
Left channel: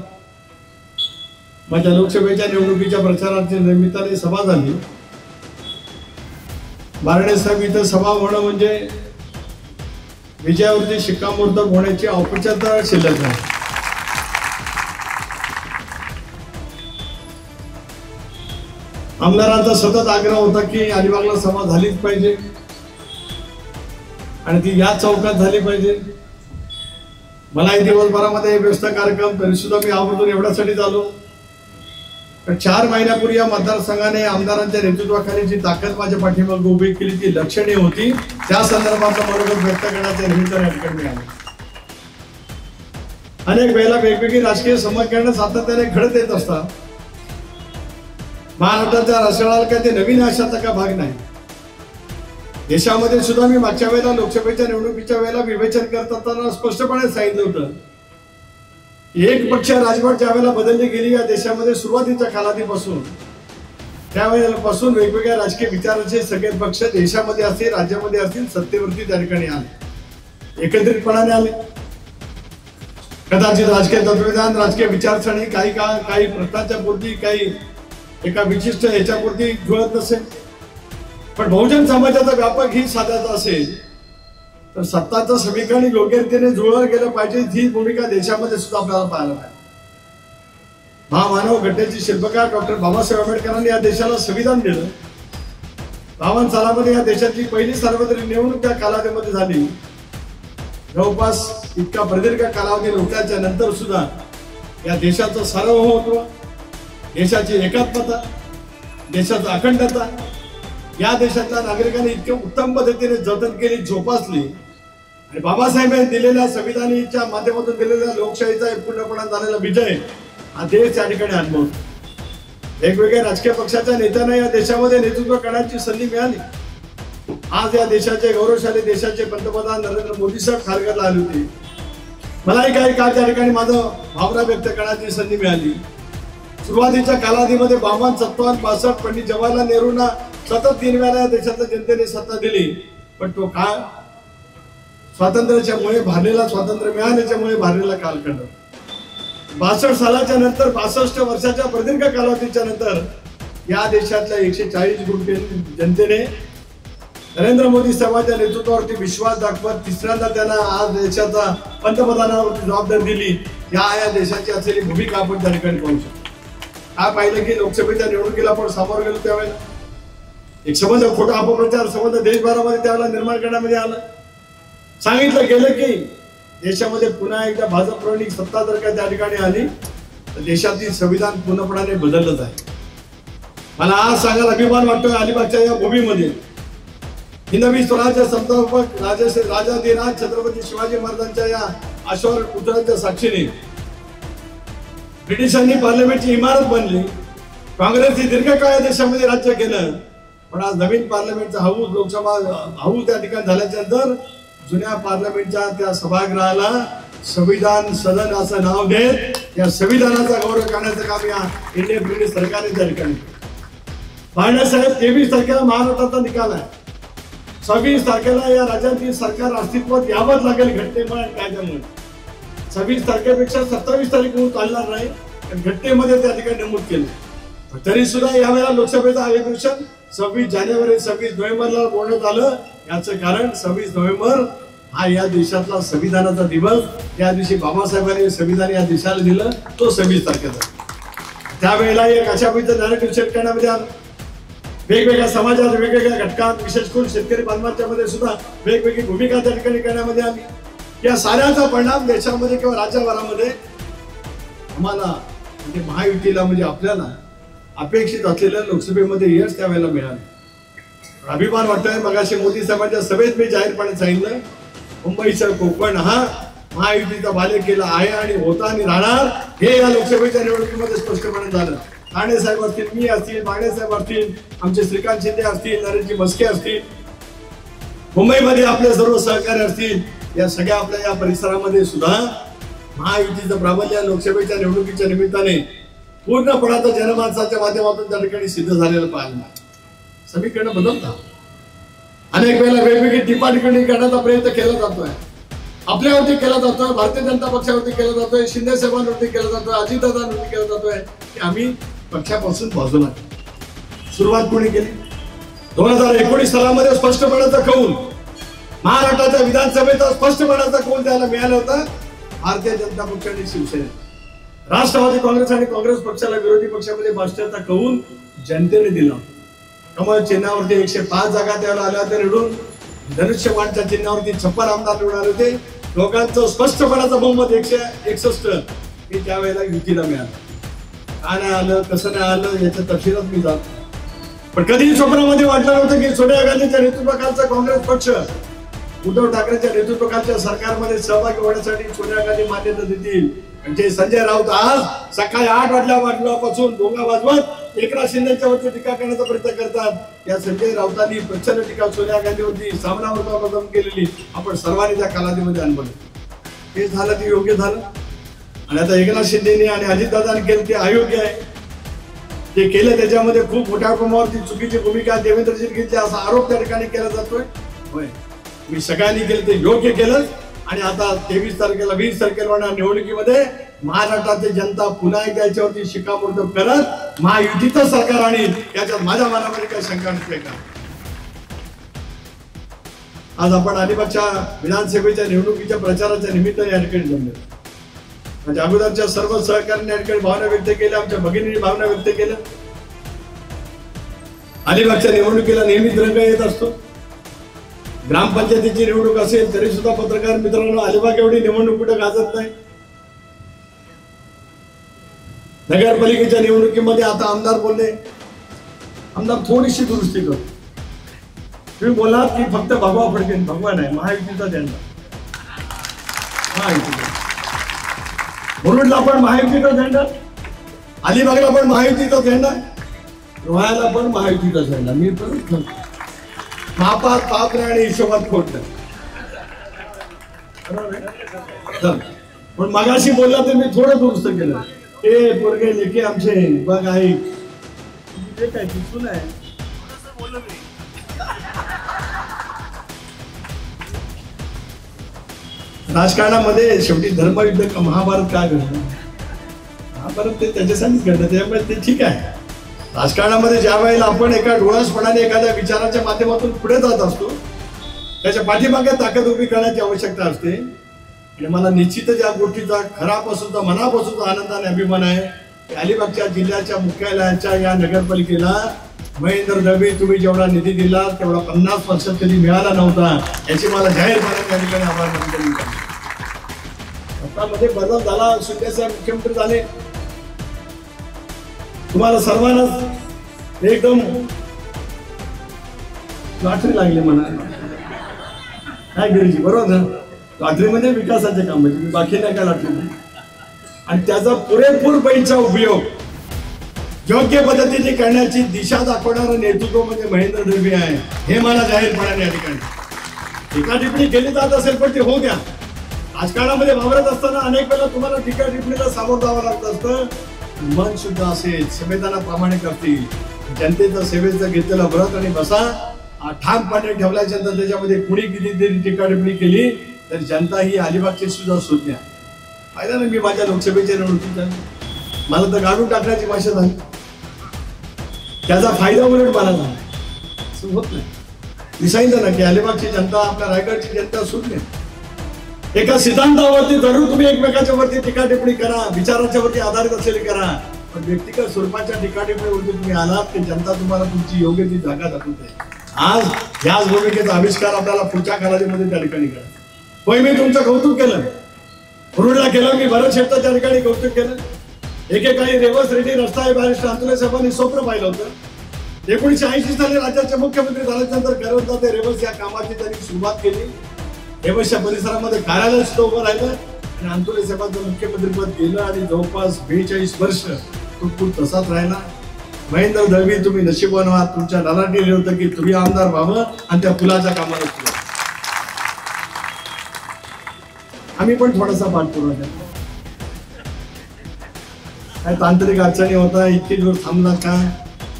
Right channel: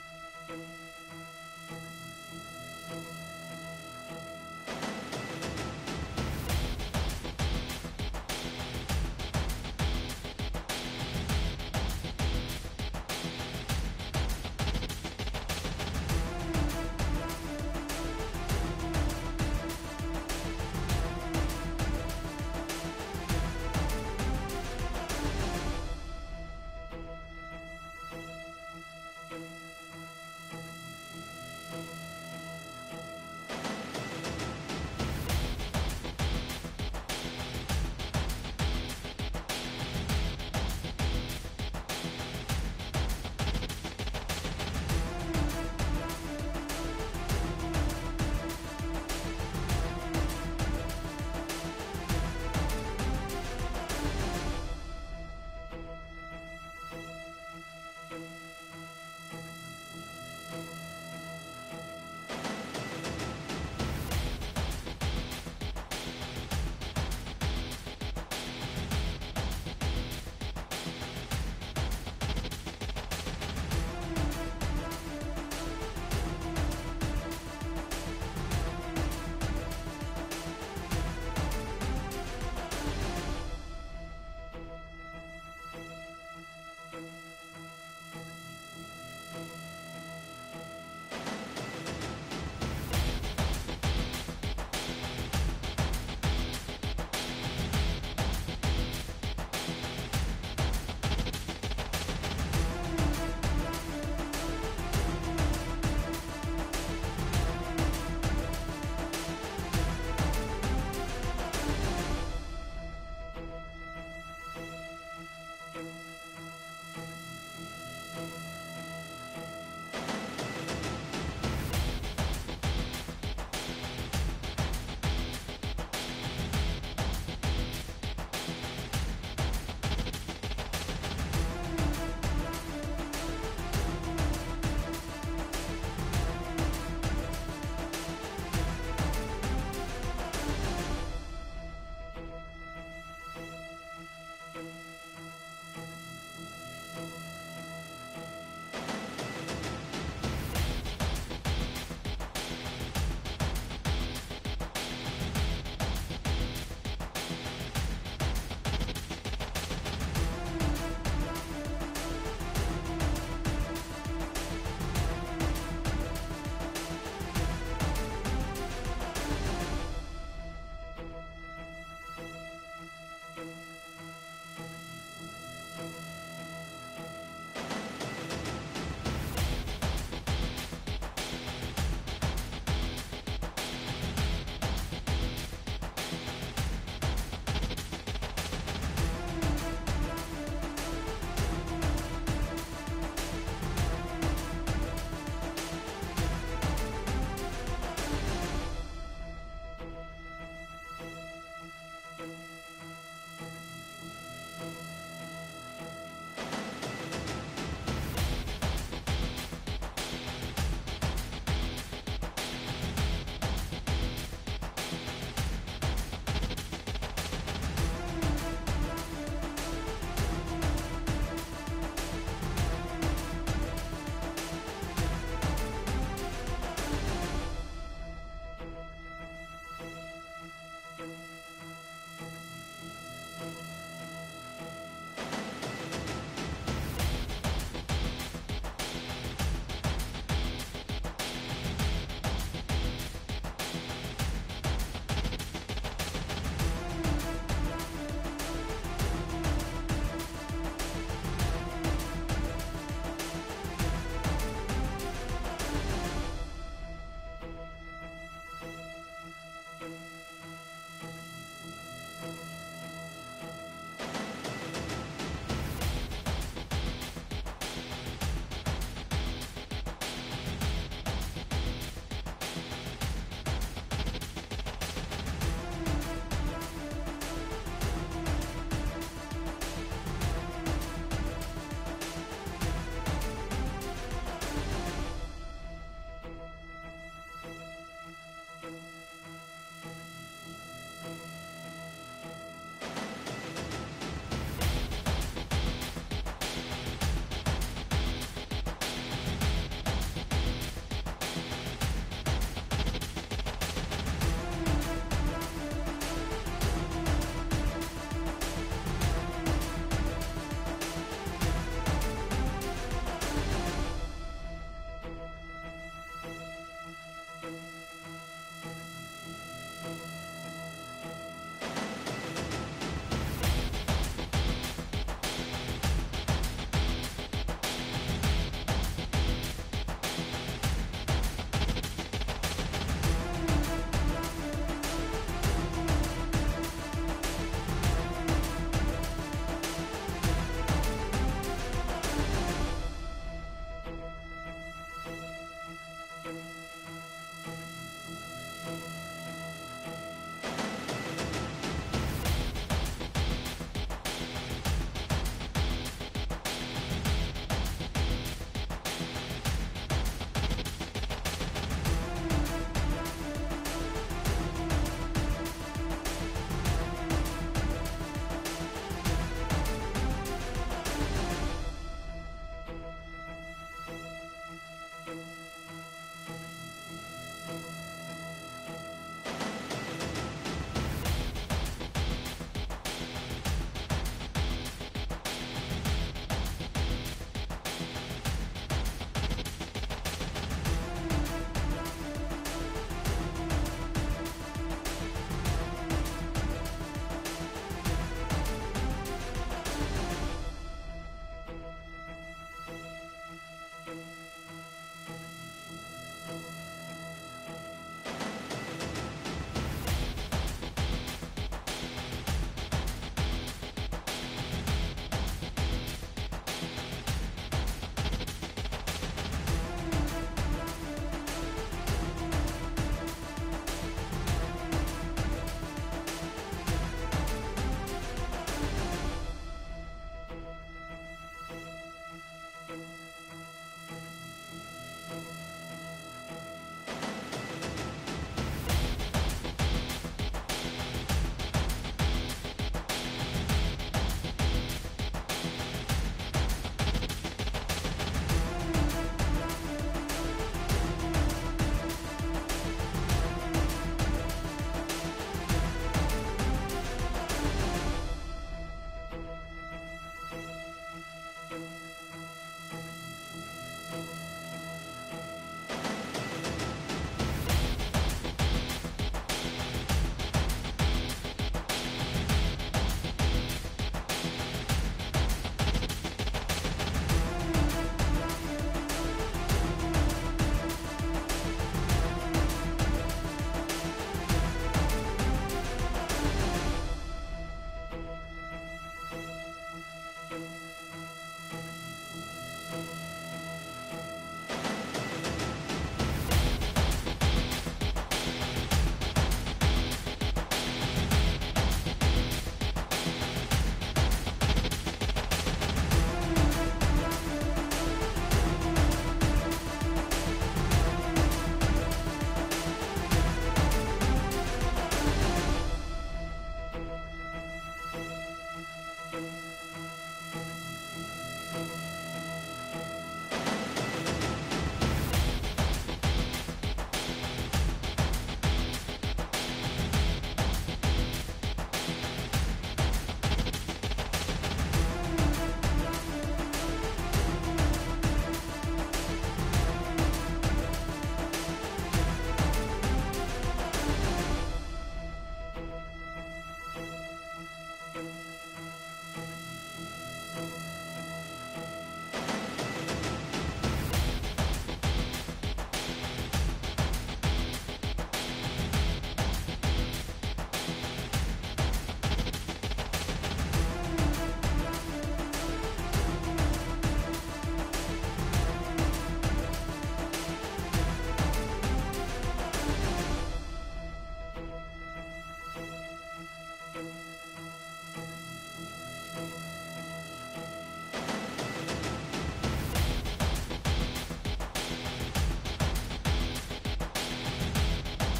माझ्या लोकसभेच्या निवडणुकीच्या प्रचाराच्या निमित्ताने सभा झाली. बारणे साहेब इथं सभा होणं म्हणजे विजयावरती शिक्कामोर्तब होण्याची औपचारिकता शिल्लक आहे. आमदारांचा सतत आग्रह होता की अलिबागला सभा झालीच पाहिजे आणि ती याच चौकात झाली पाहिजे. मलाही दिवसभरामध्ये व्यस्त कार्यक्रम तरी सुद्धा मी आवर्जून एवढ्यासाठी झालो. 4 महिन्यापूर्वी या मतदारसंघाने आमदारांच्या नेतृत्वाखाली जी ताकद माझ्या पाठीमागे उभी केली ती लक्षणीय होती. त्या संदर्भातलं मनोगत व्यक्त करण्याच्या निमित्ताने ठिकाणी आले. अनेक वेळेला वेगवेगळी राजकीय समीकरणं सातत्याने घडत येत असतात. महाराष्ट्राच्या राजकारणाला काय ते नवीन आशाचा का भाग नाही. देशामध्ये सुद्धा मी मागच्या वेळेला लोकसभेच्या निवडणुकीच्या वेळेला विवेचन करत असताना स्पष्टपणे सांगितलं होतं एक पक्ष राजवट ज्या वेळेला बदलली गेली या देशामध्ये सुरुवातीच्या कालावधीपासून त्यावेळेपासून वेगवेगळ्या राजकीय विचारांचे सगळे पक्ष देशामध्ये असतील राज्यामध्ये असतील सत्तेवरती त्या ठिकाणी आले, एकत्रितपणाने आले. कदाचित राजकीय तत्वज्ञान राजकीय विचारसरणी काही प्रश्नांच्या पुरती काही एका विशिष्ट ह्याच्यापुरती जुळत नसेल. पण बहुजन समाजाचा व्यापक हित साधायचा असेल तर सत्ताचं समीकरण योग्य रीतीने जुळवलं गेलं पाहिजे. ही भूमिका देशामध्ये सुद्धा आपल्याला पाहायला मिळाली. महामानव घटनेचे शिल्पकार डॉक्टर बाबासाहेब आंबेडकरांनी या देशाला संविधान दिलं. 52 सालामध्ये या देशाची पहिली सार्वत्रिक निवडणूक त्या कालावधीमध्ये झाली. जवळपास इतका प्रदीर्घ कालावधी लोकांच्या नंतर सुद्धा या देशाचं सार्वभौमत्व, देशाची एकात्मता, देशाची अखंडता या देशातल्या नागरिकांनी इतक्या उत्तम पद्धतीने जतन केली, जोपासली. आणि बाबासाहेबांनी दिलेल्या संविधानाच्या माध्यमातून दिलेल्या लोकशाहीचा पूर्णपणे झालेला विजय हा देश या ठिकाणी अनुभवतो. वेगवेगळ्या राजकीय पक्षाच्या नेत्यांना या देशामध्ये नेतृत्व करण्याची संधी मिळाली. आज या देशाचे गौरवशाली देशाचे पंतप्रधान नरेंद्र मोदी साहेब खारघरला आले होते. मलाही काही काळ त्या ठिकाणी माझं भावना व्यक्त करण्याची संधी मिळाली. सुरुवातीच्या कालावधीमध्ये 52, 57, 65 पंडित जवाहरलाल नेहरूंना सतत 3 वेळा देशाच्या जनतेने सत्ता दिली. पण तो काळ स्वातंत्र्याच्यामुळे भारलेला, स्वातंत्र्य मिळाल्याच्यामुळे भारलेला कालखंड. 62 सालाच्या नंतर 62 वर्षाच्या प्रदीर्घ कालावधीच्या नंतर या देशातल्या 140 कोटी जनतेने नरेंद्र मोदी साहेबांच्या नेतृत्वावरती विश्वास दाखवत तिसऱ्यांदा त्यांना आज देशाचा पंतप्रधानावरती जबाबदारी दिली. या देशाची असलेली भूमिका आपण त्या ठिकाणी पाहू शकतो. काय पाहिलं की लोकसभेच्या निवडणुकीला आपण सामोरं गेलो त्यावेळेला एक संबंध खोटा अपप्रचार संबंध देशभरामध्ये त्यावेळेला निर्माण करण्यामध्ये आलं. सांगितलं गेलं की देशामध्ये पुन्हा एकदा भाजपप्रणित सत्ता जर का त्या ठिकाणी आली तर देशातील संविधान पूर्णपणाने बदललं आहे. मला आज सांगायला अभिमान वाटतोय अलिबागच्या या भूमीमध्ये हिंदवी स्वराज्य संस्थापक राजाधिराज छत्रपती शिवाजी महाराजांच्या या अश्वर पुत्रांच्या साक्षीने ब्रिटिशांनी पार्लमेंटची इमारत बनली. काँग्रेसने दीर्घकाळ या देशामध्ये राज्य केलं. पण आज नवीन पार्लमेंटचा हाऊस लोकसभा हाऊस त्या ठिकाणी झाल्याच्या नंतर जुन्या पार्लमेंटच्या त्या सभागृहाला संविधान सदन असं नाव देत या संविधानाचा गौरव करण्याचं काम या इंडियन ब्रिटिश सरकारने त्या ठिकाणी. बाळासाहेब 23 तारखेला महाराष्ट्राचा निकाल आहे. 26 तारखेला या राज्यातील सरकार अस्तित्वात यावंच लागेल घटनेमुळे कायद्यामुळे. 26 तारखेपेक्षा 27 तारीख होऊन चालणार नाही घटनेमध्ये त्या ठिकाणी नमूद केलं. तरी सुद्धा यावेळेला लोकसभेचं अधिवेशन 26 जानेवारी 26 नोव्हेंबरला बोलण्यात आलं. याचं कारण 26 नोव्हेंबर हा या देशातला संविधानाचा दिवस. त्या दिवशी बाबासाहेबांनी संविधान या देशाला दिलं तो 26 तारखेचा. त्यावेळेला एक अशा पद्धतीचं नॅरेटिव्ह सेट करण्यामध्ये आलं. वेगवेगळ्या समाजात वेगवेगळ्या घटकात विशेष करून शेतकरी बांधवांच्या मध्ये सुद्धा वेगवेगळी भूमिका त्या ठिकाणी करण्यामध्ये आली. या साऱ्याचा परिणाम देशामध्ये किंवा राज्यभरामध्ये आम्हाला म्हणजे महायुतीला म्हणजे आपल्याला अपेक्षित असलेलं लोकसभेमध्ये यश त्यावेळेला मिळालं. अभिमान वाटतोय. मगाशी मोदी साहेबांच्या सभेत मी जाहीरपणे सांगितलं मुंबईचा कोकण हा महायुतीचा बाले केला आहे आणि होता आणि राहणार हे या लोकसभेच्या निवडणुकीमध्ये स्पष्टपणे झालं. ठाणे साहेब असतील, मी असतील, माने साहेब असतील, आमचे श्रीकांत शिंदे असतील, नरेशजी मस्के असतील, मुंबईमध्ये आपले सर्व सहकारी असतील, या सगळ्या आपल्या या परिसरामध्ये सुद्धा महायुतीचं प्राबल्य लोकसभेच्या निवडणुकीच्या निमित्ताने पूर्णपणाचं जनमानसाच्या माध्यमातून त्या ठिकाणी सिद्ध झालेलं पाहिलं. समीकरण बदलतात. अनेक वेळेला वेगवेगळी टिप्पणी करण्याचा प्रयत्न केला जातोय. आपल्यावरती केला जातोय, भारतीय जनता पक्षावरती केला जातोय, शिंदे साहेबांवरती केला जातोय, अजितदादांवरती केला जातोय की आम्ही पक्षापासून बाजूला. सुरुवात कोणी केली? 2019 सालामध्ये स्पष्टपणाचा कौल महाराष्ट्राच्या विधानसभेचा स्पष्टपणाचा कौल त्याला मिळाला होता भारतीय जनता पक्ष आणि शिवसेना. राष्ट्रवादी काँग्रेस आणि काँग्रेस पक्षाला विरोधी पक्षामध्ये बसण्याचा कौल जनतेने दिला. कमळ चिन्हावरती 105 जागा त्याला आल्या होत्या निवडून. धनुष्यबाणच्या चिन्हावरती 56 आमदार निवडून आले होते. लोकांचं स्पष्टपणाचं बहुमत 161 हे त्यावेळेला युतीला मिळालं. का नाही आलं, कसं नाही आलं याच्या तपशिलात मी जातो. पण कधीही स्वप्नामध्ये वाटलं नव्हतं की सोनिया गांधीच्या नेतृत्वाखालचा काँग्रेस पक्ष उद्धव ठाकरेच्या नेतृत्वाखालच्या सरकारमध्ये सहभागी होण्यासाठी सोनिया गांधी मान्यता देतील. म्हणजे संजय राऊत आज सकाळी 8 वाजल्यापासून डोंगा वाजवत एकनाथ शिंदेच्या वरती टीका करण्याचा प्रयत्न करतात. या संजय राऊतांनी प्रचंड टीका सोनिया गांधीवरती सामनावर केलेली आपण सर्वांनी त्या कालावधीमध्ये अनुभवली. हे झालं ते योग्य झालं. आणि आता एकनाथ शिंदेने आणि अजितदादांनी केलं ते अयोग्य आहे. ते केलं त्याच्यामध्ये खूप मोठ्या प्रमाणावरती चुकीची भूमिका देवेंद्रजी घेतली असा आरोप त्या ठिकाणी केला जातोय. होय, मी सगळ्यांनी केलं ते योग्य केलं. आणि आता 23 तारखेला 20 तारखेला होणार निवडणुकीमध्ये महाराष्ट्राची जनता पुन्हा एकदा याच्यावरती शिक्कामोर्तब करत महायुतीचं सरकार आणि याच्यात माझ्या मनामध्ये काही शंका नसते का. आज आपण अलिबागच्या विधानसभेच्या निवडणुकीच्या प्रचाराच्या निमित्ताने या ठिकाणी जमलो. म्हणजे अगोदरच्या सर्व सहकार्यांनी या ठिकाणी भावना व्यक्त केल्या, आमच्या भगिनींनी भावना व्यक्त केल्या. अलिबागच्या निवडणुकीला नेहमीच रंग येत असतो. ग्रामपंचायतीची निवडणूक असेल तरी सुद्धा पत्रकार मित्रांनो अलिबाग एवढी निवडणूक कुठे गाजत नाही. नगरपालिकेच्या निवडणुकीमध्ये आता आमदार बोलले, आमदार थोडीशी दुरुस्ती करतो. तुम्ही बोलात की फक्त भगवा फडके, भगवा नाही, महायुतीचा झेंडा. महायुतीचा मुरुडला पण महायुतीचा झेंडा, अलिबागला पण महायुतीचा झेंडा, रोह्याला पण महायुतीचा झेंडा. मी पण मापात पाप नाही आणि हिशोबात खोट नाही. पण मगाशी बोलला तर मी थोडं दुरुस्त केलं. ते पोरगे लेके आमचे बघ आहे ते काय दिसून आहे. राजकारणामध्ये शेवटी धर्मयुद्ध महाभारत काय घडलं, महाभारत ते त्याच्यासाठीच घडलं. त्यामुळे ते ठीक आहे. राजकारणामध्ये ज्या वेळेला आपण एका डोळसपणाने एखाद्या विचाराच्या माध्यमातून पुढे जात असतो त्याच्या पाठीमागे ताकद उभी करण्याची आवश्यकता असते. आणि मला निश्चितच या गोष्टीचा खरापासूनचा मनापासूनचा आनंद आणि अभिमान आहे. अलिबागच्या जिल्ह्याच्या मुख्यालयाच्या या नगरपालिकेला महेंद्र दळवी तुम्ही जेवढा निधी दिला तेवढा 50% कधी मिळाला नव्हता याची मला जाहीरपणे त्या ठिकाणी आभार मानतो. मध्ये बदल झाला, शिंदे साहेब मुख्यमंत्री झाले. तुम्हाला सर्वांनाच एकदम लॉटरी लागली म्हणा काय गिरीजी, बरोबर ना. लॉटरीमध्ये विकासाचे काम म्हणजे बाकी नाही काय लॉटरी. आणि त्याचा पुरेपूर पैसा उपयोग योग्य पद्धतीने करण्याची दिशा दाखवणारं नेतृत्व म्हणजे महेंद्र दळवी आहे. हे मला जाहीरपणाने या ठिकाणी टीका टिप्पणी केली जात असेल पण ते होऊ द्या. राजकारणामध्ये वावरत असताना अनेक वेळा तुम्हाला टीका टिप्पणीला सामोरं जावं लागत असतं. मन शुद्ध असेल, संवेदना प्रामाणिक असतील, जनतेचं सेवेचं घेतलेलं व्रत आणि बसा ठामपणे ठेवल्याच्या नंतर त्याच्यामध्ये कुणी कितीतरी टीका टिप्पणी केली तर जनता ही अलिबागची सुद्धा सुज्ञ फायदा नाही. मी माझ्या लोकसभेच्या निवडणुकीत मला तर गाडून टाकण्याची भाषा झाली, त्याचा फायदा उलट मला झाला होत नाही. मी सांगितलं ना की अलिबागची जनता आपल्या रायगडची जनता सुज्ञ. एका सिद्धांतावरती जरूर तुम्ही एकमेकाच्या वरती टीका टिप्पणी करा, विचाराच्या वरती आधारित असलेली करा, पण व्यक्तिगत स्वरूपाच्या टीका टिप्पणीवरती तुम्ही आलात की जनता तुम्हाला तुमची योग्य ती जागा दाखवते. आज याच भूमिकेचा आविष्कार आपल्याला पुढच्या कालावधीमध्ये त्या ठिकाणी करा. होय, मी तुमचं कौतुक केलं, मुरुडला केलं, मी भरत शेठचं त्या ठिकाणी कौतुक केलं. एकेकाळी रेवस रेड्डी रस्ता बॅरिस्टर अंतुले साहेबांनी स्वप्न पाहिलं होतं. 1980 साली राज्याचे मुख्यमंत्री झाल्यानंतर करत ते रेवस या कामाची त्यांनी सुरुवात केली. हेमशा परिसरामध्ये कार्यालय सुद्धा उभं राहिलं आणि अंतुरे साहेबांचं मुख्यमंत्रीपद गेलं आणि जवळपास 42 वर्ष तो तसाच राहिला. महेंद्र दळवी, तुम्ही नशीबवान आहात, तुमच्या लालाटी होतं की तुम्ही आमदार व्हावं आणि त्या पुलाच्या कामाला सुरू. आम्ही पण थोडासा पाठपुरावा, काय तांत्रिक अडचणी होता, इतके दिवस थांबला का.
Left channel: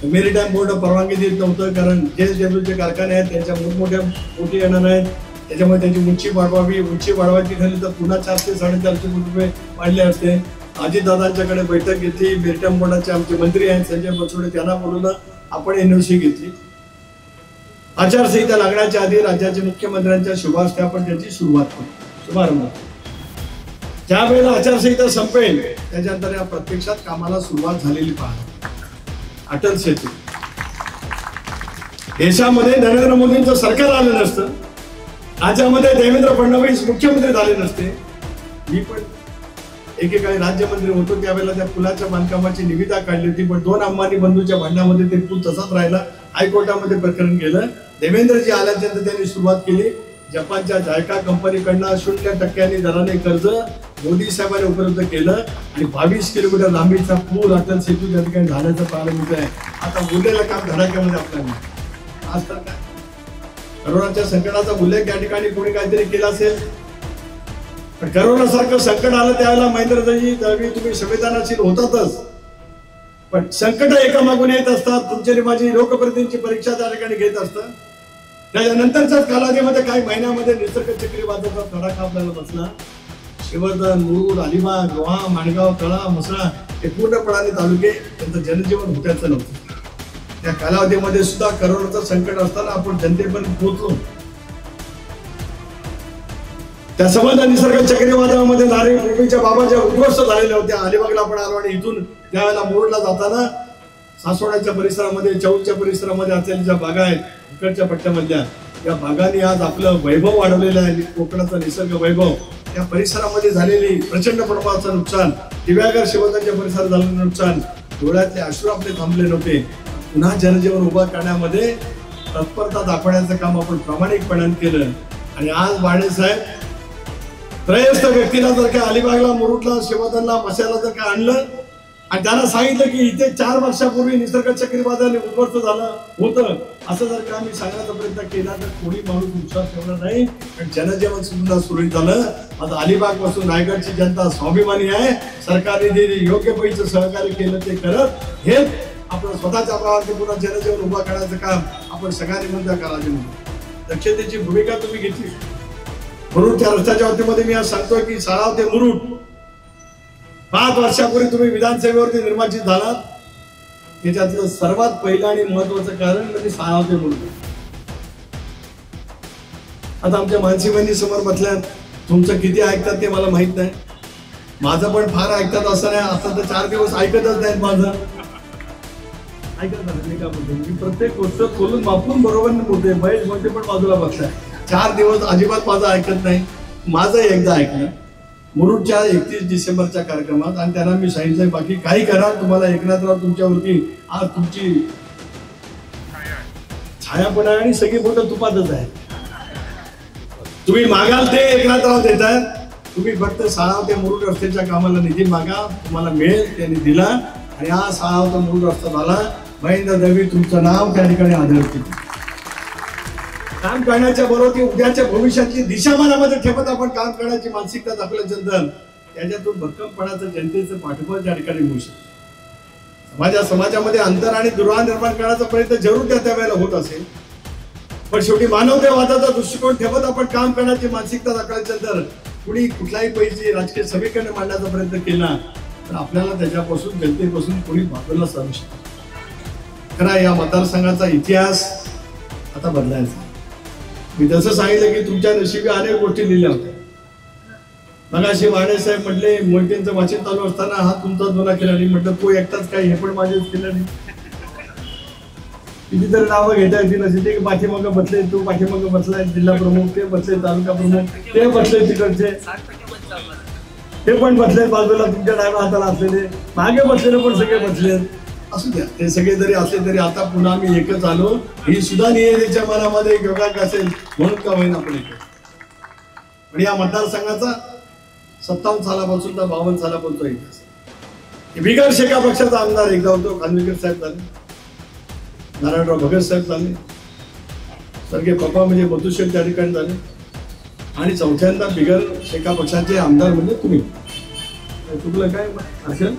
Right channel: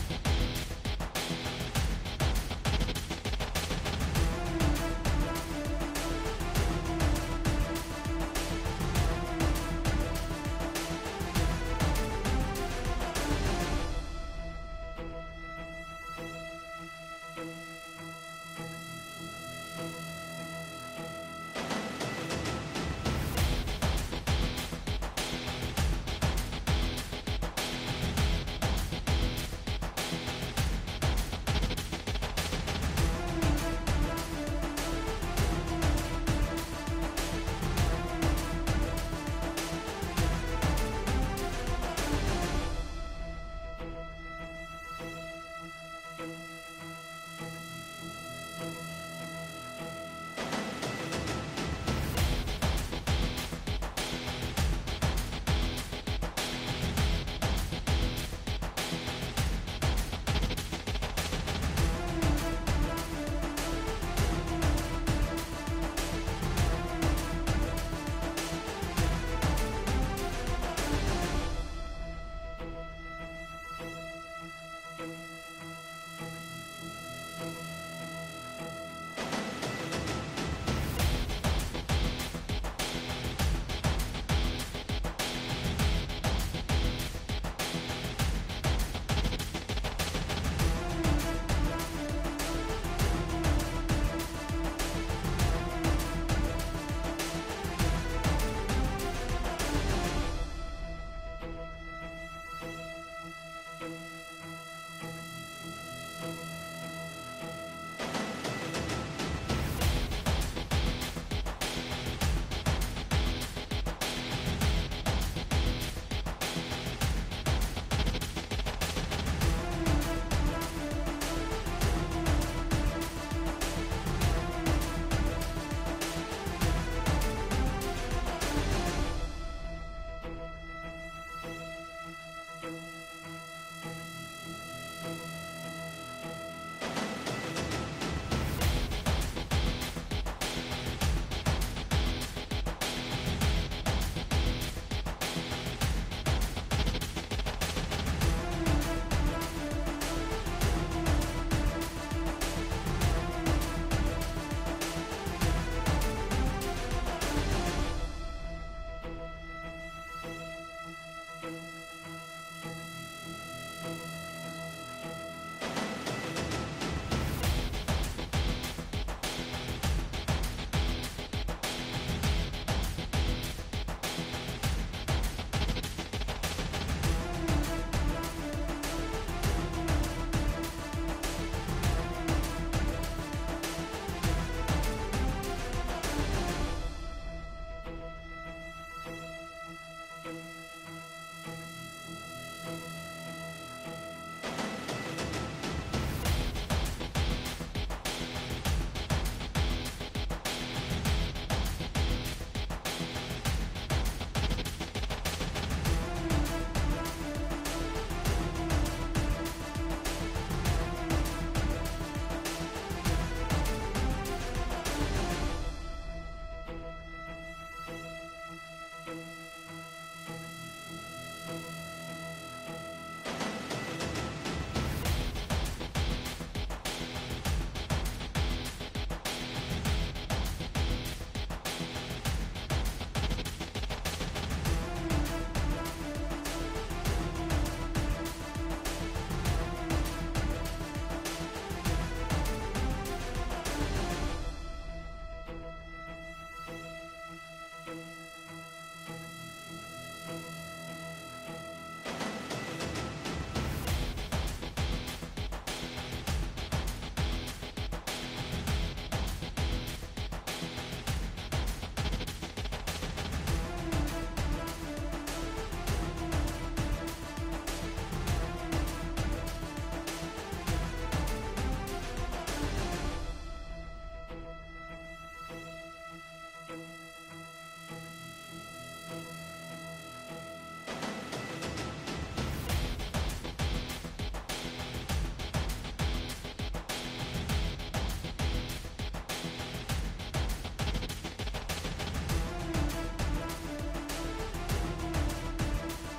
मेरीटाईम बोर्ड परवानगी देत नव्हतं कारण JSWचे कारखाने आहेत, त्यांच्या मोठमोठ्या पोटी येणार आहेत, त्याच्यामुळे त्यांची उंची वाढवावी. उंची वाढवायची झाली तर पुन्हा 400 ते 450 कोटी रुपये वाढले असते. अजितदादांच्याकडे बैठक घेतली, मेरीटाईम बोर्डाचे आमचे मंत्री आहेत संजय बनसोडे, त्यांना बोलवलं, आपण NOC घेतली. आचारसंहिता लागण्याच्या आधी राज्याचे मुख्यमंत्र्यांच्या शुभारंभाने आपण त्याची सुरुवात केली. शुभारंभ ज्या वेळेला आचारसंहिता संपेल त्याच्यानंतर या प्रत्यक्षात कामाला सुरुवात झालेली पहा. अटल सेतू देशामध्ये नरेंद्र मोदींचं सरकार आलं नसतं, राज्यामध्ये देवेंद्र फडणवीस मुख्यमंत्री झाले नसते, मी पण एकेकाळी राज्यमंत्री होतो त्यावेळेला त्या पुलाच्या बांधकामाची निविदा काढली होती, पण 2 अंबानी बंधूच्या भांडणामध्ये ते पूल तसाच राहिला. हायकोर्टामध्ये प्रकरण गेलं. देवेंद्रजी आल्यानंतर त्यांनी सुरुवात केली. जपानच्या जायका कंपनीकडनं 0% दराने कर्ज मोदी साहेबांनी उपलब्ध केलं आणि 22 किलोमीटर लांबीचा पूल अटल सेतू त्या ठिकाणी झाल्याचं प्रारंभ आहे. आता उरलेलं काम धडाक्यामध्ये आपल्याला आज तर करोनाच्या संकटाचा उल्लेख त्या ठिकाणी कोणी काहीतरी केला असेल, पण करोनासारखं संकट आलं त्यावेळेला महेंद्रजी दळवी तुम्ही संवेदनशील होतातच, पण संकट एकामागून येत असतात. तुमची माझी लोकप्रतिनिधींची परीक्षा त्या ठिकाणी घेत असतात. त्याच्यानंतरच्या कालावधीमध्ये काही महिन्यामध्ये निसर्ग चक्रीवादळाचा तडाखा आपल्याला बसला. शिवर्धन, मुरुड, अलिबाग, रोहा, माणगाव, तळा, म्हसळा हे पूर्णपणाने तालुके त्यांचं जनजीवन होत्याचं नव्हतं. त्या कालावधीमध्ये सुद्धा करोनाचं संकट असताना आपण जनतेपर्यंत पोहोचलो. त्या समजा निसर्ग चक्रीवादळामध्ये नारळी पृथ्वीच्या बाबाच्या उद्ध्वस्त झालेल्या होत्या. अलिबागला पण आलो आणि इथून त्यावेळेला मुरुडला जाताना सासवड्याच्या परिसरामध्ये, चौकच्या परिसरामध्ये असलेल्या ज्या बागा आहेत इकडच्या पट्ट्यामधल्या, या बागांनी आज आपलं वैभव वाढवलेलं आहे. कोकणाचा निसर्ग वैभव, या परिसरामध्ये झालेली प्रचंड प्रमाणाचं नुकसान, दिव्यागर शिवतांच्या परिसरात झालेलं नुकसान, डोळ्यातले अश्रू आपले थांबले नव्हते. पुन्हा जनजीवन उभा करण्यामध्ये तत्परता दाखवण्याचं काम आपण प्रामाणिकपणाने केलं. आणि आज बाळेसाहेब त्रयस्थ व्यक्तीला जर का अलिबागला, मुरुडला, शिवधनला, मशाला जर का आणलं आणि त्यांना सांगितलं की इथे 4 वर्षापूर्वी निसर्ग चक्रीवादळाने उद्ध्वस्त झालं होतं, असं जर का आम्ही सांगण्याचा प्रयत्न केला तर कोणी माणूस विश्वास ठेवणार नाही. कारण जनजीवन सुद्धा सुरळीत झालं. आता अलिबाग पासून रायगडची जनता स्वाभिमानी आहे. सरकारने जे योग्य पैसे सहकार्य केलं ते करत हे आपलं स्वतःच्या भावात पुन्हा जनजीवन उभा करण्याचं काम आपण सगळ्यांनी मिळून करायला. दक्षतेची भूमिका तुम्ही घेतली. मुरुडच्या रस्त्याच्या वतीमध्ये मी आज सांगतोय की साळाव ते मुरुड 5 वर्षापूर्वी तुम्ही विधानसभेवरती निर्वाचित झालात. त्याच्यातलं सर्वात पहिलं आणि महत्वाचं कारण म्हणजे साळाव ते मुरुड. आता आमच्या मानसी बहिणी समोर बसल्या, तुमचं किती ऐकतात ते मला माहित नाही, माझं पण फार ऐकतात असं नाही. आता तर 4 दिवस ऐकतच नाहीत माझं. ऐकत नाही मी प्रत्येक गोष्ट खोलून मापून बरोबर बोलते. महेश म्हणते पण बाजूला बसलाय. 4 दिवस अजिबात माझं ऐकत नाही. माझं एकदा ऐकलं मुरुडच्या 31 डिसेंबरच्या कार्यक्रमात, आणि त्यांना मी सांगितलं बाकी काही करा, तुम्हाला एकनाथराव तुमच्यावरती आज तुमची छाया पण आहे आणि सगळी बोटं तुपातच आहे. तुम्ही मागाल ते एकनाथराव देत आहेत. तुम्ही फक्त साळाव ते मुरुड रस्त्याच्या कामाला निधी मागा, तुम्हाला मिळेल. त्यांनी दिला आणि हा साळाव ते मुरुड रस्ता झाला. महेंद्र दळवी तुमचं नाव त्या ठिकाणी आढळते. काम करण्याच्या बरोबर उद्याच्या भविष्याची दिशा मनामध्ये ठेवत आपण काम करण्याची मानसिकता दाखवल्यानंतर त्याच्यातून भक्कमपणाचं जनतेचं पाठबळ त्या ठिकाणी मिळू शकतं. समाजामध्ये अंतर आणि दुरावा निर्माण करण्याचा प्रयत्न जरूर त्या वेळेला होत असेल, पण शेवटी मानवतेवादाचा दृष्टिकोन ठेवत आपण काम करण्याची मानसिकता दाखवल्यानंतर कुणी कुठलाही पैसे राजकीय समीकरण मांडण्याचा प्रयत्न केला तर आपल्याला त्याच्यापासून, जनतेपासून कोणी बाजूला सारू शकतो. खरा या मतदारसंघाचा इतिहास आता बदलायचा. मी जसं सांगितलं की तुमच्या नशिबी अनेक गोष्टी लिहिल्या होत्या. मगाशी वाडेसाहेब म्हटले मोहितेंचं वाचन चालू असताना हा तुमचा जुना केला नाही. म्हटलं तो एकटाच काय, हे पण माझेच केलं नाही. कितीतरी नावं घेता येतील असे. ते पाठीमागं बसले, तो पाठीमागं बसलाय जिल्हा प्रमुख, ते बसले तालुका प्रमुख, ते बसले तिकडचे, ते पण बसले बाजूला तुमच्या डाव्या हाताला असलेले, मागे बसलेले पण सगळे बसले. असू द्या, ते सगळे जरी असले तरी आता पुन्हा आम्ही एकच आलो. ही सुद्धा नियतीच्या मनामध्ये योगाक असेल म्हणून का होईना आपण पण या मतदारसंघाचा 57 सालापासून तर 52 सालापासून इतिहास. बिगर शेका पक्षाचा आमदार एकदा होतो, खानविलकर साहेब झाले, नारायणराव भगत साहेब झाले, सारखे पप्पा म्हणजे मधुशेठ त्या ठिकाणी झाले, आणि चौथ्यांदा बिगर शेका पक्षाचे आमदार म्हणजे तुम्ही. तुमलं काय असेल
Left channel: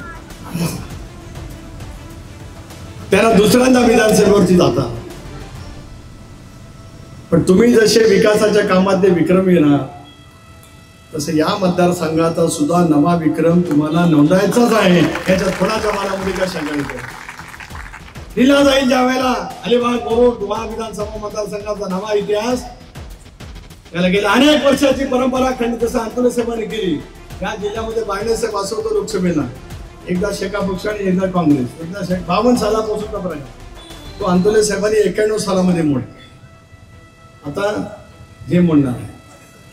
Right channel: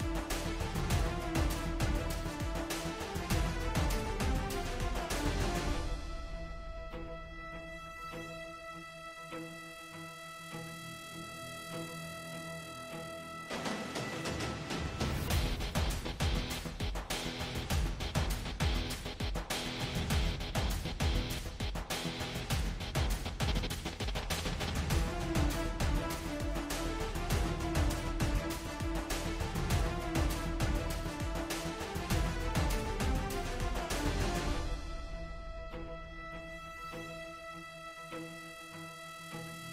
त्याला दुसऱ्यांदा विधानसभेवरती जाता. पण तुम्ही जसे विकासाच्या कामात ते विक्रमी ना, तसं या मतदारसंघाचा सुद्धा नवा विक्रम तुम्हाला नोंदवायचाच आहे. याच्यात कोणाच्या मनामध्ये काय शंका नाही. दिला जाईल ज्या वेळेला अलिबाग मुरुड विधानसभा मतदारसंघाचा नवा इतिहास. त्याला गेल्या अनेक वर्षाची परंपरा खंडित जसं आंदोलन साहेबांनी केली. या जिल्ह्यामध्ये बायनेसाहेब असं होतं लोकसभेला, एकदा शेका पक्ष आणि एकदा काँग्रेस, एकदा 52 सालापासून तो आंदोलन साहेबांनी 91 सालामध्ये मोड. आता हे म्हणणार आहे,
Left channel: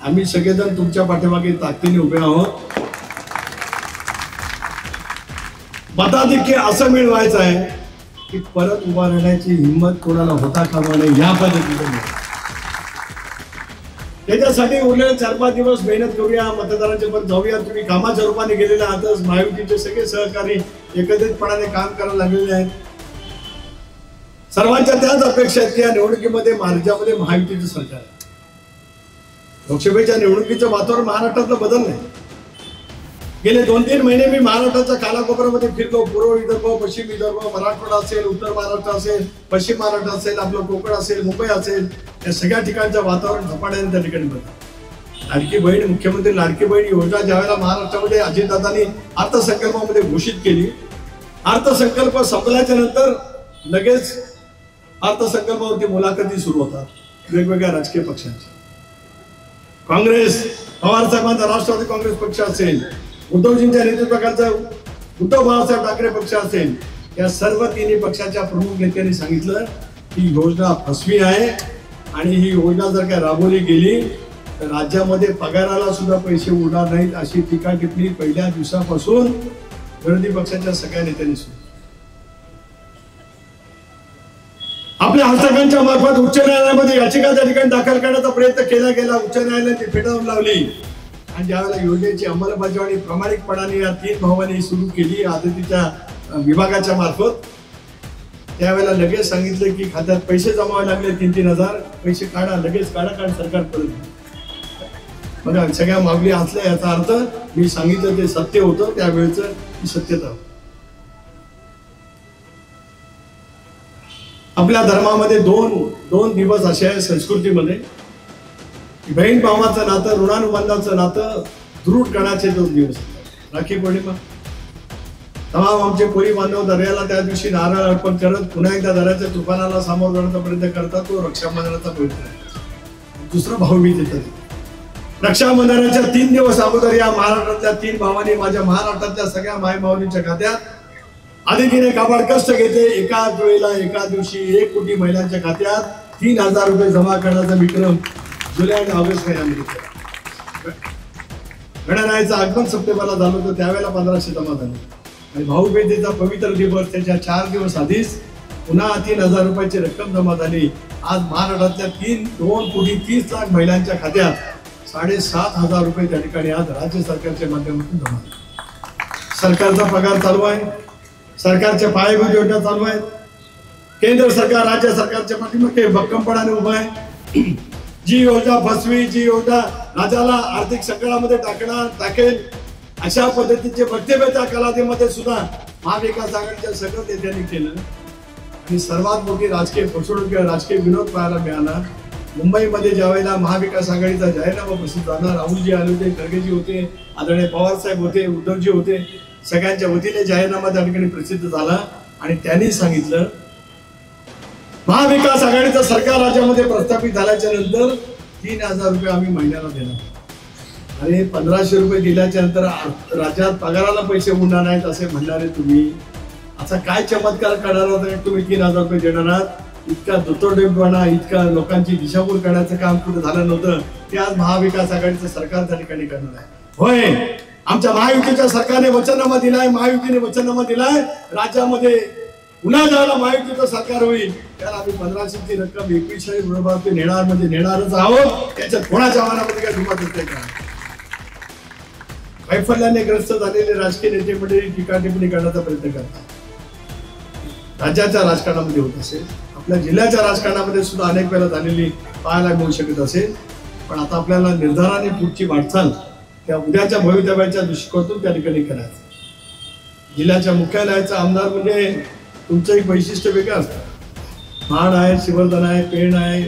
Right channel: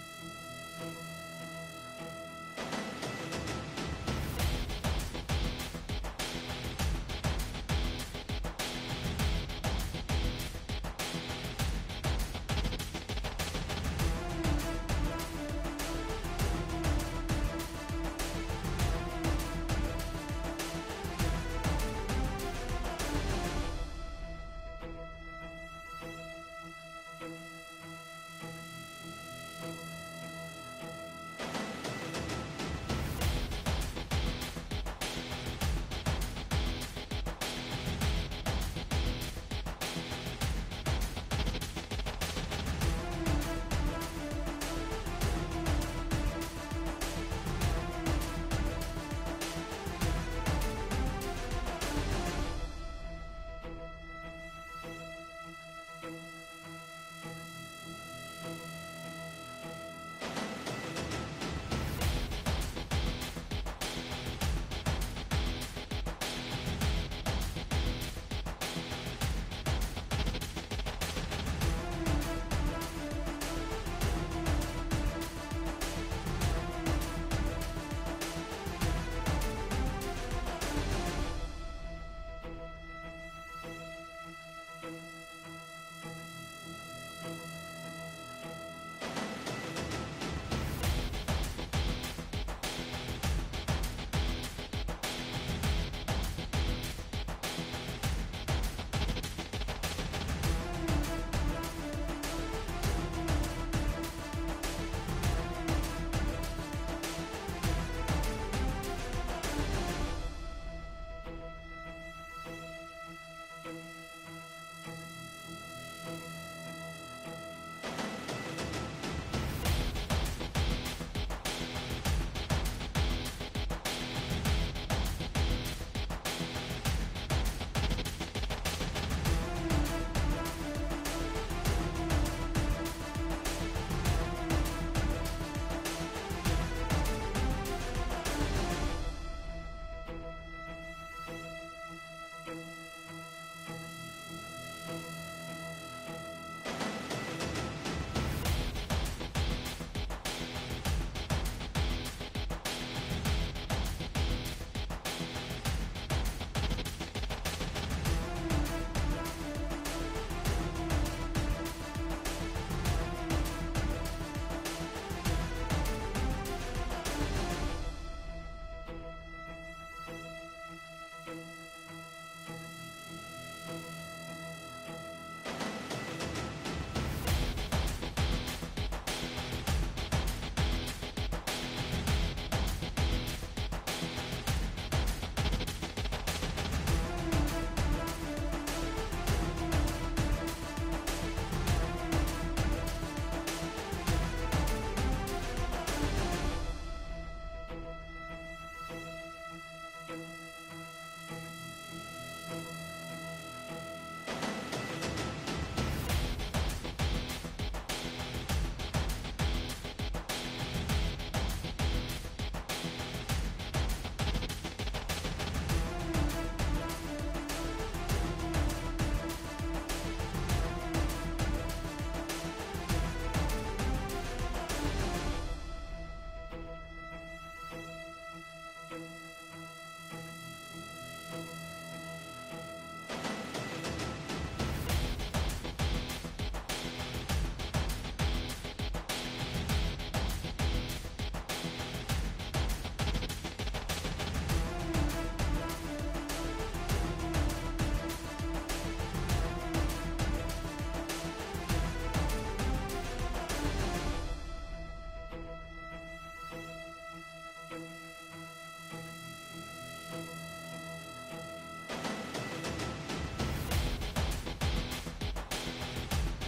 आम्ही सगळेजण तुमच्या पाठीमागे ताकदीने उभे आहोत. मताधिक्य असं मिळवायचं आहे की परत उभा राहण्याची हिंमत कोणाला होता कामा नये, या पद्धतीने. त्याच्यासाठी उरलेले 4-5 दिवस मेहनत करूया, मतदारांच्या पण जाऊया. तुम्ही कामाच्या रूपाने गेलेले आहातच. महायुतीचे सगळे सहकारी एकत्रितपणाने काम करायला लागलेले आहेत. सर्वांच्या त्याच अपेक्षा आहेत की या निवडणुकीमध्ये राज्यामध्ये महायुतीचं सरकार. लोकसभेच्या निवडणुकीचं वातावरण महाराष्ट्रातलं बदललंय. गेले 2-3 महिने मी महाराष्ट्राच्या कानाकोपऱ्यामध्ये फिरतो. पूर्व विदर्भ, पश्चिम विदर्भ, मराठवाडा असेल, उत्तर महाराष्ट्र असेल, पश्चिम महाराष्ट्र असेल, आपलं कोकण असेल, मुंबई असेल, या सगळ्या ठिकाणचं वातावरण झपाट्याने त्या ठिकाणी बदललं. लाडकी बहीण, मुख्यमंत्री लाडकी बहीण योजना ज्यावेळेला महाराष्ट्रामध्ये अजितदादांनी अर्थसंकल्पामध्ये घोषित केली, अर्थसंकल्प संपल्याच्या नंतर लगेच अर्थसंकल्पावरती मुलाखती सुरू होतात वेगवेगळ्या राजकीय पक्षांच्या. काँग्रेस, पवार साहेबांचा राष्ट्रवादी काँग्रेस पक्ष असेल, उद्धवजींच्या नेतृत्वाखालचा उद्धव बाळासाहेब ठाकरे पक्ष असेल, या सर्व तिन्ही पक्षाच्या प्रमुख नेत्यांनी सांगितलं ही योजना फसवी आहे आणि ही योजना जर काय राबवली गेली तर राज्यामध्ये पगाराला सुद्धा पैसे उरणार नाहीत, अशी टीका टिप्पणी पहिल्या दिवसापासून विरोधी पक्षाच्या सगळ्या नेत्यांनी सुरू. आपल्या हस्तकांच्या मार्फत उच्च न्यायालयामध्ये याचिका त्या ठिकाणी दाखल करण्याचा प्रयत्न केला गेला. उच्च न्यायालयाने ती फेटाळून लावली आणि ज्यावेळेला योजनेची अंमलबजावणी प्रामाणिकपणाने या 3 भावांनी सुरू केली आदितीच्या विभागाच्या मार्फत, त्यावेळेला लगेच सांगितलं की खात्यात पैसे जमावे लागले 3-3 हजार, पैसे काढा, लगेच काढा सरकार पडलं. बघा सगळ्या मागणी असल्या, याचा अर्थ मी सांगितलं ते सत्य होतं, त्यावेळेच ही सत्यता. आपल्या धर्मामध्ये दोन दिवस असे आहे संस्कृतीमध्ये, बहीण भावाचं नातं, ऋणानुबंधाचं नातं दृढ करण्याचे 2 दिवस. राखी पौर्णिमा, तमाम आमचे कोळी बांधव दर्याला त्या दिवशी नारळ अर्पण करत पुन्हा एकदा दर्याच्या तुफानाला सामोरं जाण्याचा प्रयत्न करतात. तो रक्षाबंधनाचा प्रयत्न. दुसरं भाऊबीज येतात. रक्षाबंधनाच्या 3 दिवस अगोदर या महाराष्ट्रातल्या 3 भावांनी माझ्या महाराष्ट्रातल्या सगळ्या माय माऊलींच्या खात्यात आदितीने काबाड कष्ट घेते. एकाच वेळेला एका दिवशी 1 कोटी महिलांच्या खात्यात 3,000 रुपये जमा करण्याचा विक्रम जुलै आणि ऑगस्ट महिन्यामध्ये. गणरायाचं आगमन सप्टेंबरला झालं होतं, त्यावेळेला 1500 जमा झाले. आणि भाऊबीजेचा पवित्र दिवस त्याच्या 4 दिवस आधीच पुन्हा 3,000 रुपयाची रक्कम जमा झाली. आज महाराष्ट्रातल्या 2 कोटी 30 लाख महिलांच्या खात्यात 7,500 रुपये त्या ठिकाणी आज राज्य सरकारच्या माध्यमातून जमा झाले. सरकारचा पगार चालू आहे, सरकारच्या पायाभूत योजना चालू आहेत. केंद्र सरकार राज्य सरकारच्या पाठीमागे भक्कमपणाने उभं आहे. जी योजना फसवी, जी योजना राज्याला आर्थिक संकटामध्ये टाकेल अशा पद्धतीचे वक्तव्य त्या कालावधीमध्ये सुद्धा महाविकास आघाडीच्या सगळं नेत्यांनी केलं. आणि सर्वात मोठी राजकीय फसवणूक किंवा राजकीय विरोध पाहायला मिळाला मुंबईमध्ये. ज्यावेळेला महाविकास आघाडीचा जाहीरनामा प्रसिद्ध झाला, राहुलजी आले होते, खडगेजी होते, आदरणीय पवार साहेब होते, उद्धवजी होते, सगळ्यांच्या वतीने जाहीरनामा त्या ठिकाणी प्रसिद्ध झाला. आणि त्यांनी सांगितलं महाविकास आघाडीचं सरकार राज्यामध्ये प्रस्थापित झाल्याच्या नंतर 3,000 रुपये आम्ही महिन्याला देणार. आणि 1,500 रुपये दिल्याच्या नंतर राज्यात पगाराला पैसे उरणार नाहीत असे म्हणणारे तुम्ही, असा काय चमत्कार करणार होता तुम्ही 3,000 रुपये देणार आहात? इतका दुतोडेपणा, इतका लोकांची दिशाभूल करण्याचं काम कुठे झालं नव्हतं, ते आज महाविकास आघाडीचं सरकार त्या ठिकाणी करणार आहे. होय, आमच्या महायुतीच्या सरकारने वचननामा दिलाय, महायुतीने वचननामा दिलाय राज्यामध्ये पुन्हा ज्याला महायुतीचं सरकार होईल त्याला आम्ही 1500ची रक्कम 21 विरोधात नेणार म्हणजे नेणारच आहोत. त्याच्यात कोणाच्या मनामध्ये काय दुमत येते का? वैफल्याने ग्रस्त झालेले राजकीय नेते मंडळी टीका टिप्पणी करण्याचा प्रयत्न करतात. राज्याच्या राजकारणामध्ये होत असेल, आपल्या जिल्ह्याच्या राजकारणामध्ये सुद्धा अनेक वेळा झालेली पाहायला मिळू शकत असेल. पण आता आपल्याला निर्धाराने पुढची वाटचाल त्या उद्याच्या भवितव्याच्या दृष्टिकोनातून त्या ठिकाणी करायचं. जिल्ह्याच्या मुख्यालयाचा आमदार म्हणजे तुमचं एक वैशिष्ट्य वेगळं असतं. महाड आहे, श्रीवर्धन आहे, पेण आहे,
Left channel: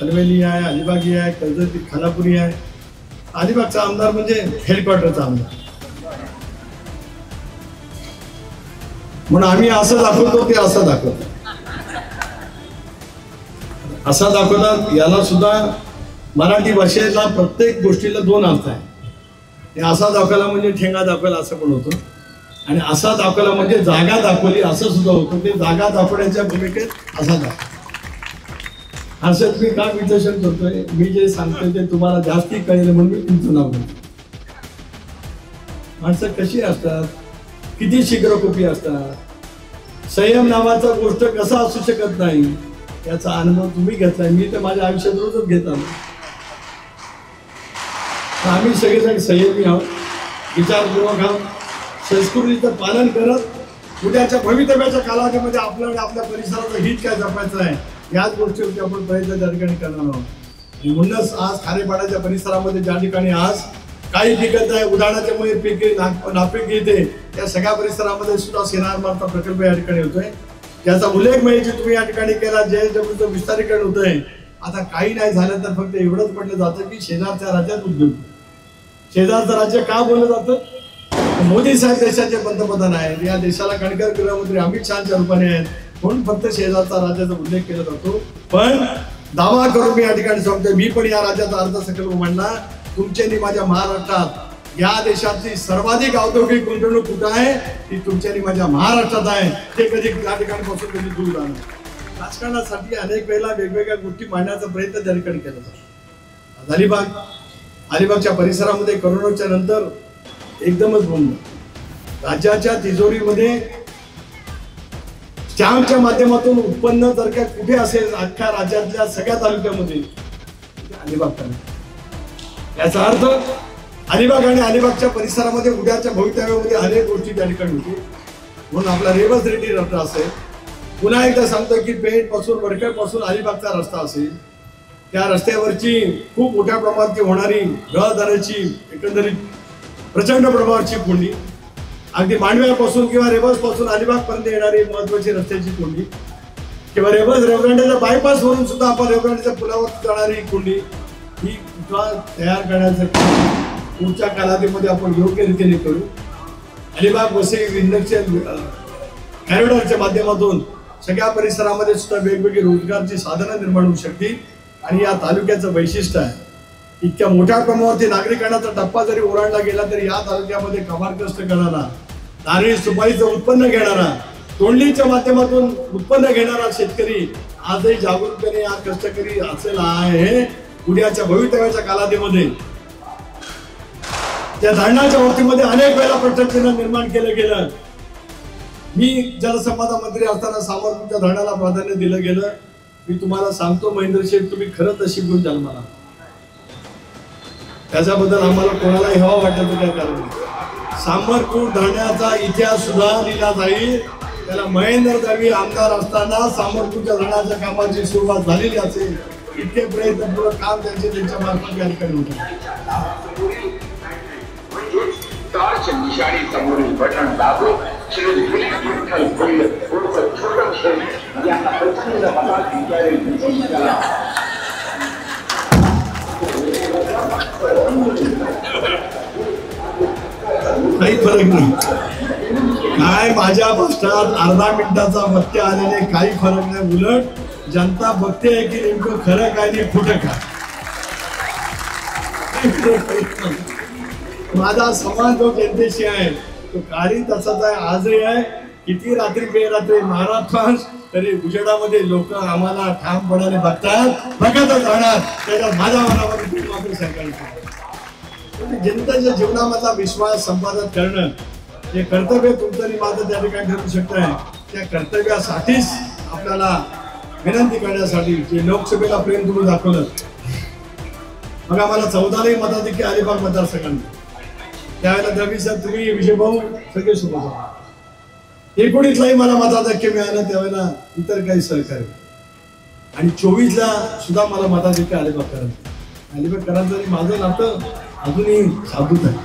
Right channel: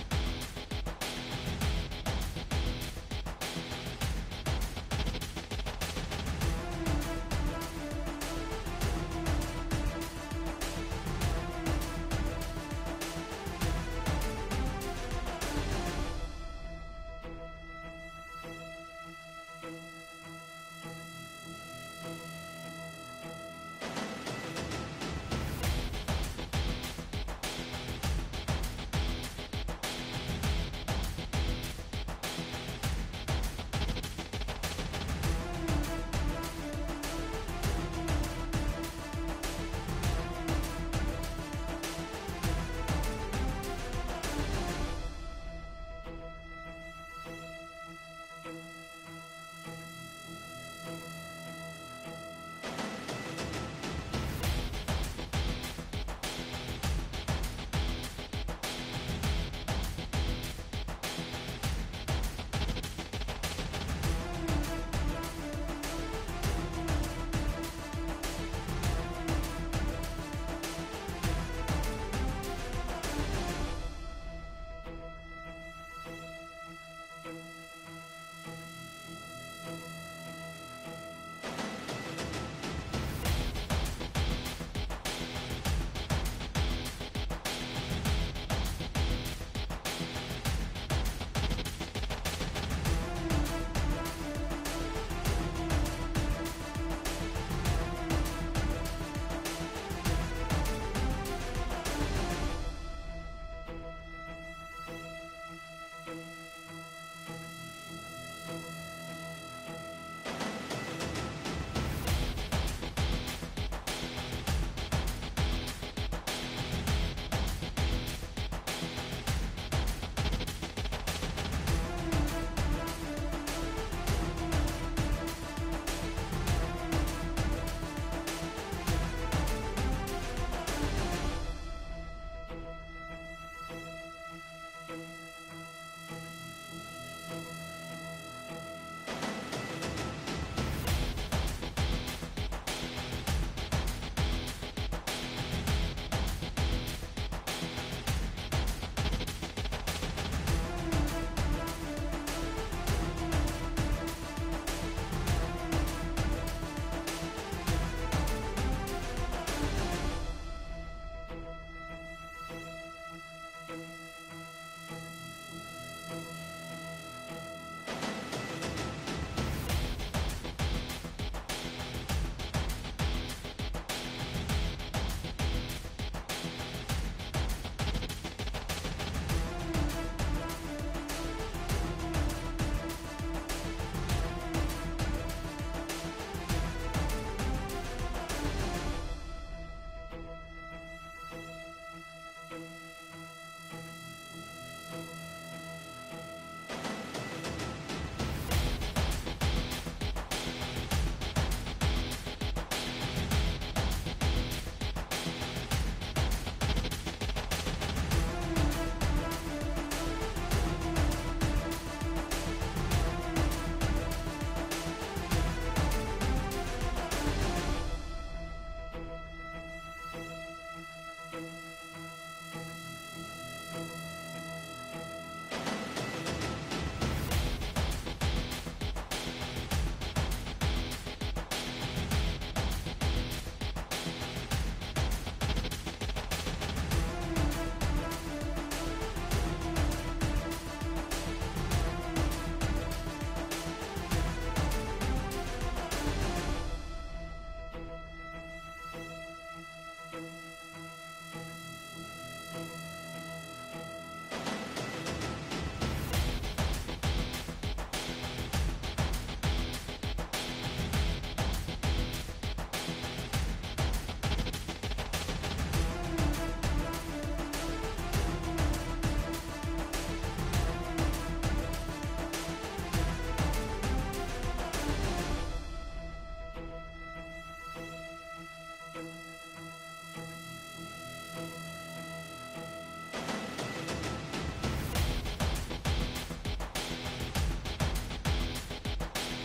हलवेली आहे, अलिबागी आहे, कर्जत खानापुरी आहे. अलिबागचा आमदार म्हणजे हेडक्वार्टरचा आमदार. म्हणून आम्ही असं दाखवतो, ते असं दाखवतो. असा दाखवतात. याला सुद्धा मराठी भाषेला प्रत्येक गोष्टीला 2 अर्थ आहे. असा दाखवला म्हणजे ठेंगा दाखवला असं पण होतं, आणि असा दाखवला म्हणजे जागा दाखवली असं सुद्धा होतं. ते जागा दाखवण्याच्या भूमिकेत असा दाखव. असंच मी का विश्लेषण करतोय, मी जे सांगतोय ते तुम्हाला जास्ती कळेल म्हणून मी तुमचं नाव घेतो. माणसं कशी असतात, किती शीघ्रकोपी असतात, संयम नावाचा गोष्ट कसा असू शकत नाही याचा अनुभव तुम्ही घेतलाय. मी तर माझ्या आयुष्यात रोजच घेत आलो. आम्ही सगळेजण संयमी आहोत, विचारपूर्वक आहोत, संस्कृतीचं पालन करत उद्याच्या भवितव्याच्या कालावधीमध्ये आपल्याला आपल्या परिसराचं हित काय जपायचं आहे याच गोष्टीवरती आपण प्रयत्न त्या ठिकाणी करणार आहोत. म्हणूनच आज खारेपाड्याच्या परिसरामध्ये ज्या ठिकाणी आज काही पिकत आहे, उदाहरणाच्यामुळे पिके नापीक येते, त्या सगळ्या परिसरामध्ये सुद्धा सेनार मार्फत प्रकल्प या ठिकाणी होतोय. त्याचा उल्लेख माहिती तुम्ही या ठिकाणी केला. जयजमीचं विस्तारीकरण होतंय. आता काही नाही झालं तर फक्त एवढंच म्हटलं जातं की शेजारच्या राज्यात उद्योग. शेजारचं राज्य का बोललं जातं? मोदी साहेब देशाचे पंतप्रधान आहेत, या देशाला कणकर गृहमंत्री अमित शहाच्या रूपाने आहेत, म्हणून फक्त शेजारचा राज्याचा उल्लेख केला जातो. पण दावा करून मी या ठिकाणी सांगतोय, मी पण या राज्याचा अर्थसंकल्प मांडला. तुमच्यानी माझ्या महाराष्ट्रात या देशातली सर्वाधिक औद्योगिक गुंतवणूक कुठं आहे ती तुमच्यानी माझ्या महाराष्ट्रात आहे. ते कधी त्या ठिकाणपासून कधी दूर राहणार. राजकारणासाठी अनेक वेळेला वेगवेगळ्या गोष्टी मांडण्याचा प्रयत्न त्या ठिकाणी केला जातो. अलिबागच्या परिसरामध्ये कोरोनाच्या नंतर एकदमच बोललं. राज्याच्या तिजोरीमध्ये स्टॅम्पच्या माध्यमातून उत्पन्न जर का कुठे असेल अख्ख्या राज्यातल्या सगळ्या तालुक्यामध्ये अलिबाग तालुका. याचा अर्थ अलिबाग आणि अलिबागच्या परिसरामध्ये उद्याच्या भवितव्यामध्ये अनेक गोष्टी त्या ठिकाणी होतील. म्हणून आपला रेवस रेड्डी रस्ता असेल, पुन्हा एकदा सांगतो की पेठ पासून वडखळ पासून अलिबागचा रस्ता असेल, त्या रस्त्यावरची खूप मोठ्या प्रमाणात होणारी रहदारीची एकंदरीत प्रचंड प्रमाणाची कोंडी, अगदी मांडव्यापासून किंवा रेवस पासून अलिबाग पर्यंत येणारी महत्वाची रस्त्याची कोंडी, किंवा रेवदंड्याच्या बायपास वरून सुद्धा आपण रेवदंड्याच्या पुलावर जाणारी कोंडी, ही तयार करण्यासाठी पुढच्या कालावधीमध्ये आपण योग्य रीतीने करू. अलिबाग वसई इंडस्ट्रियल कॉरिडॉरच्या माध्यमातून सगळ्या परिसरामध्ये सुद्धा वेगवेगळी रोजगारची साधनं निर्माण होऊ शकतील. आणि या तालुक्याचं वैशिष्ट्य आहे, इतक्या मोठ्या प्रमाणावरती नागरिकांचा टप्पा जरी ओलांडला गेला तरी या तालुक्यामध्ये कमारकष्ट करणारा, नारळी सुपारीचं उत्पन्न घेणारा, तोंडलीच्या माध्यमातून उत्पन्न घेणारा शेतकरी आजही जागरूकपणे आज कष्टकरी असलेला आहे. उद्याच्या भवितव्याच्या कालावधीमध्ये त्या धरणाच्या बाबतीमध्ये अनेक वेळा प्रश्नचिन्ह निर्माण केलं गेलं. मी जलसंपदा मंत्री असताना सामरपूरच्या धरणाला प्राधान्य दिलं गेलं. मी तुम्हाला सांगतो महेंद्र शेठ, तुम्ही खरं तशी गुण जन्माला, त्याच्याबद्दल आम्हाला कोणालाही हवा वाटतं काय कारण नाही. सामरपूर धरणाचा इतिहास सुद्धा लिहिला जाईल. त्याला महेंद्र दळवी आमदार असताना सामरपूरच्या धरणाच्या कामाची सुरुवात झालेली असेल. इतके प्रयत्नपूर्वक काम त्यांच्या मार्फत या ठिकाणी होते. काही फरक नाही. काय माझ्या भाषणात अर्धा मिनिटाचा वक्य आलेले काही फरक नाही. उलट जनता बघते आहे की नेमकं खरं काय नाही खोटं काय. माझा संवाद जो जनतेशी आहे तो काही तसाच आहे, आजही आहे. किती रात्री बेरात्री महाराष्ट्रात तरी उजेडामध्ये लोक आम्हाला ठामपणाने बघतच राहणार. त्याच्यात माझ्या मनामध्ये मात्र सांगायचं जनतेच्या जीवनामधला विश्वास संपादन करणं हे कर्तव्य तुमचं माझं त्या ठिकाणी ठरू शकत आहे. त्या कर्तव्यासाठीच आपल्याला विनंती करण्यासाठी जे लोकसभेला प्रेम तुम्ही दाखवलं. मग आम्हाला 14 मताधिक्य अलिबाग मतदारसंघात त्यावेळेला द्रविड साहेब तुम्ही विजयभाऊ सगळे सोबत होता. 19 मला मताधिक्य मिळालं त्यावेळेला इतर काही सहकारी आणि 24 सुद्धा मला मताधिक्य अलिबागकरांचं माझं नातं अजूनही शाबूत आहे.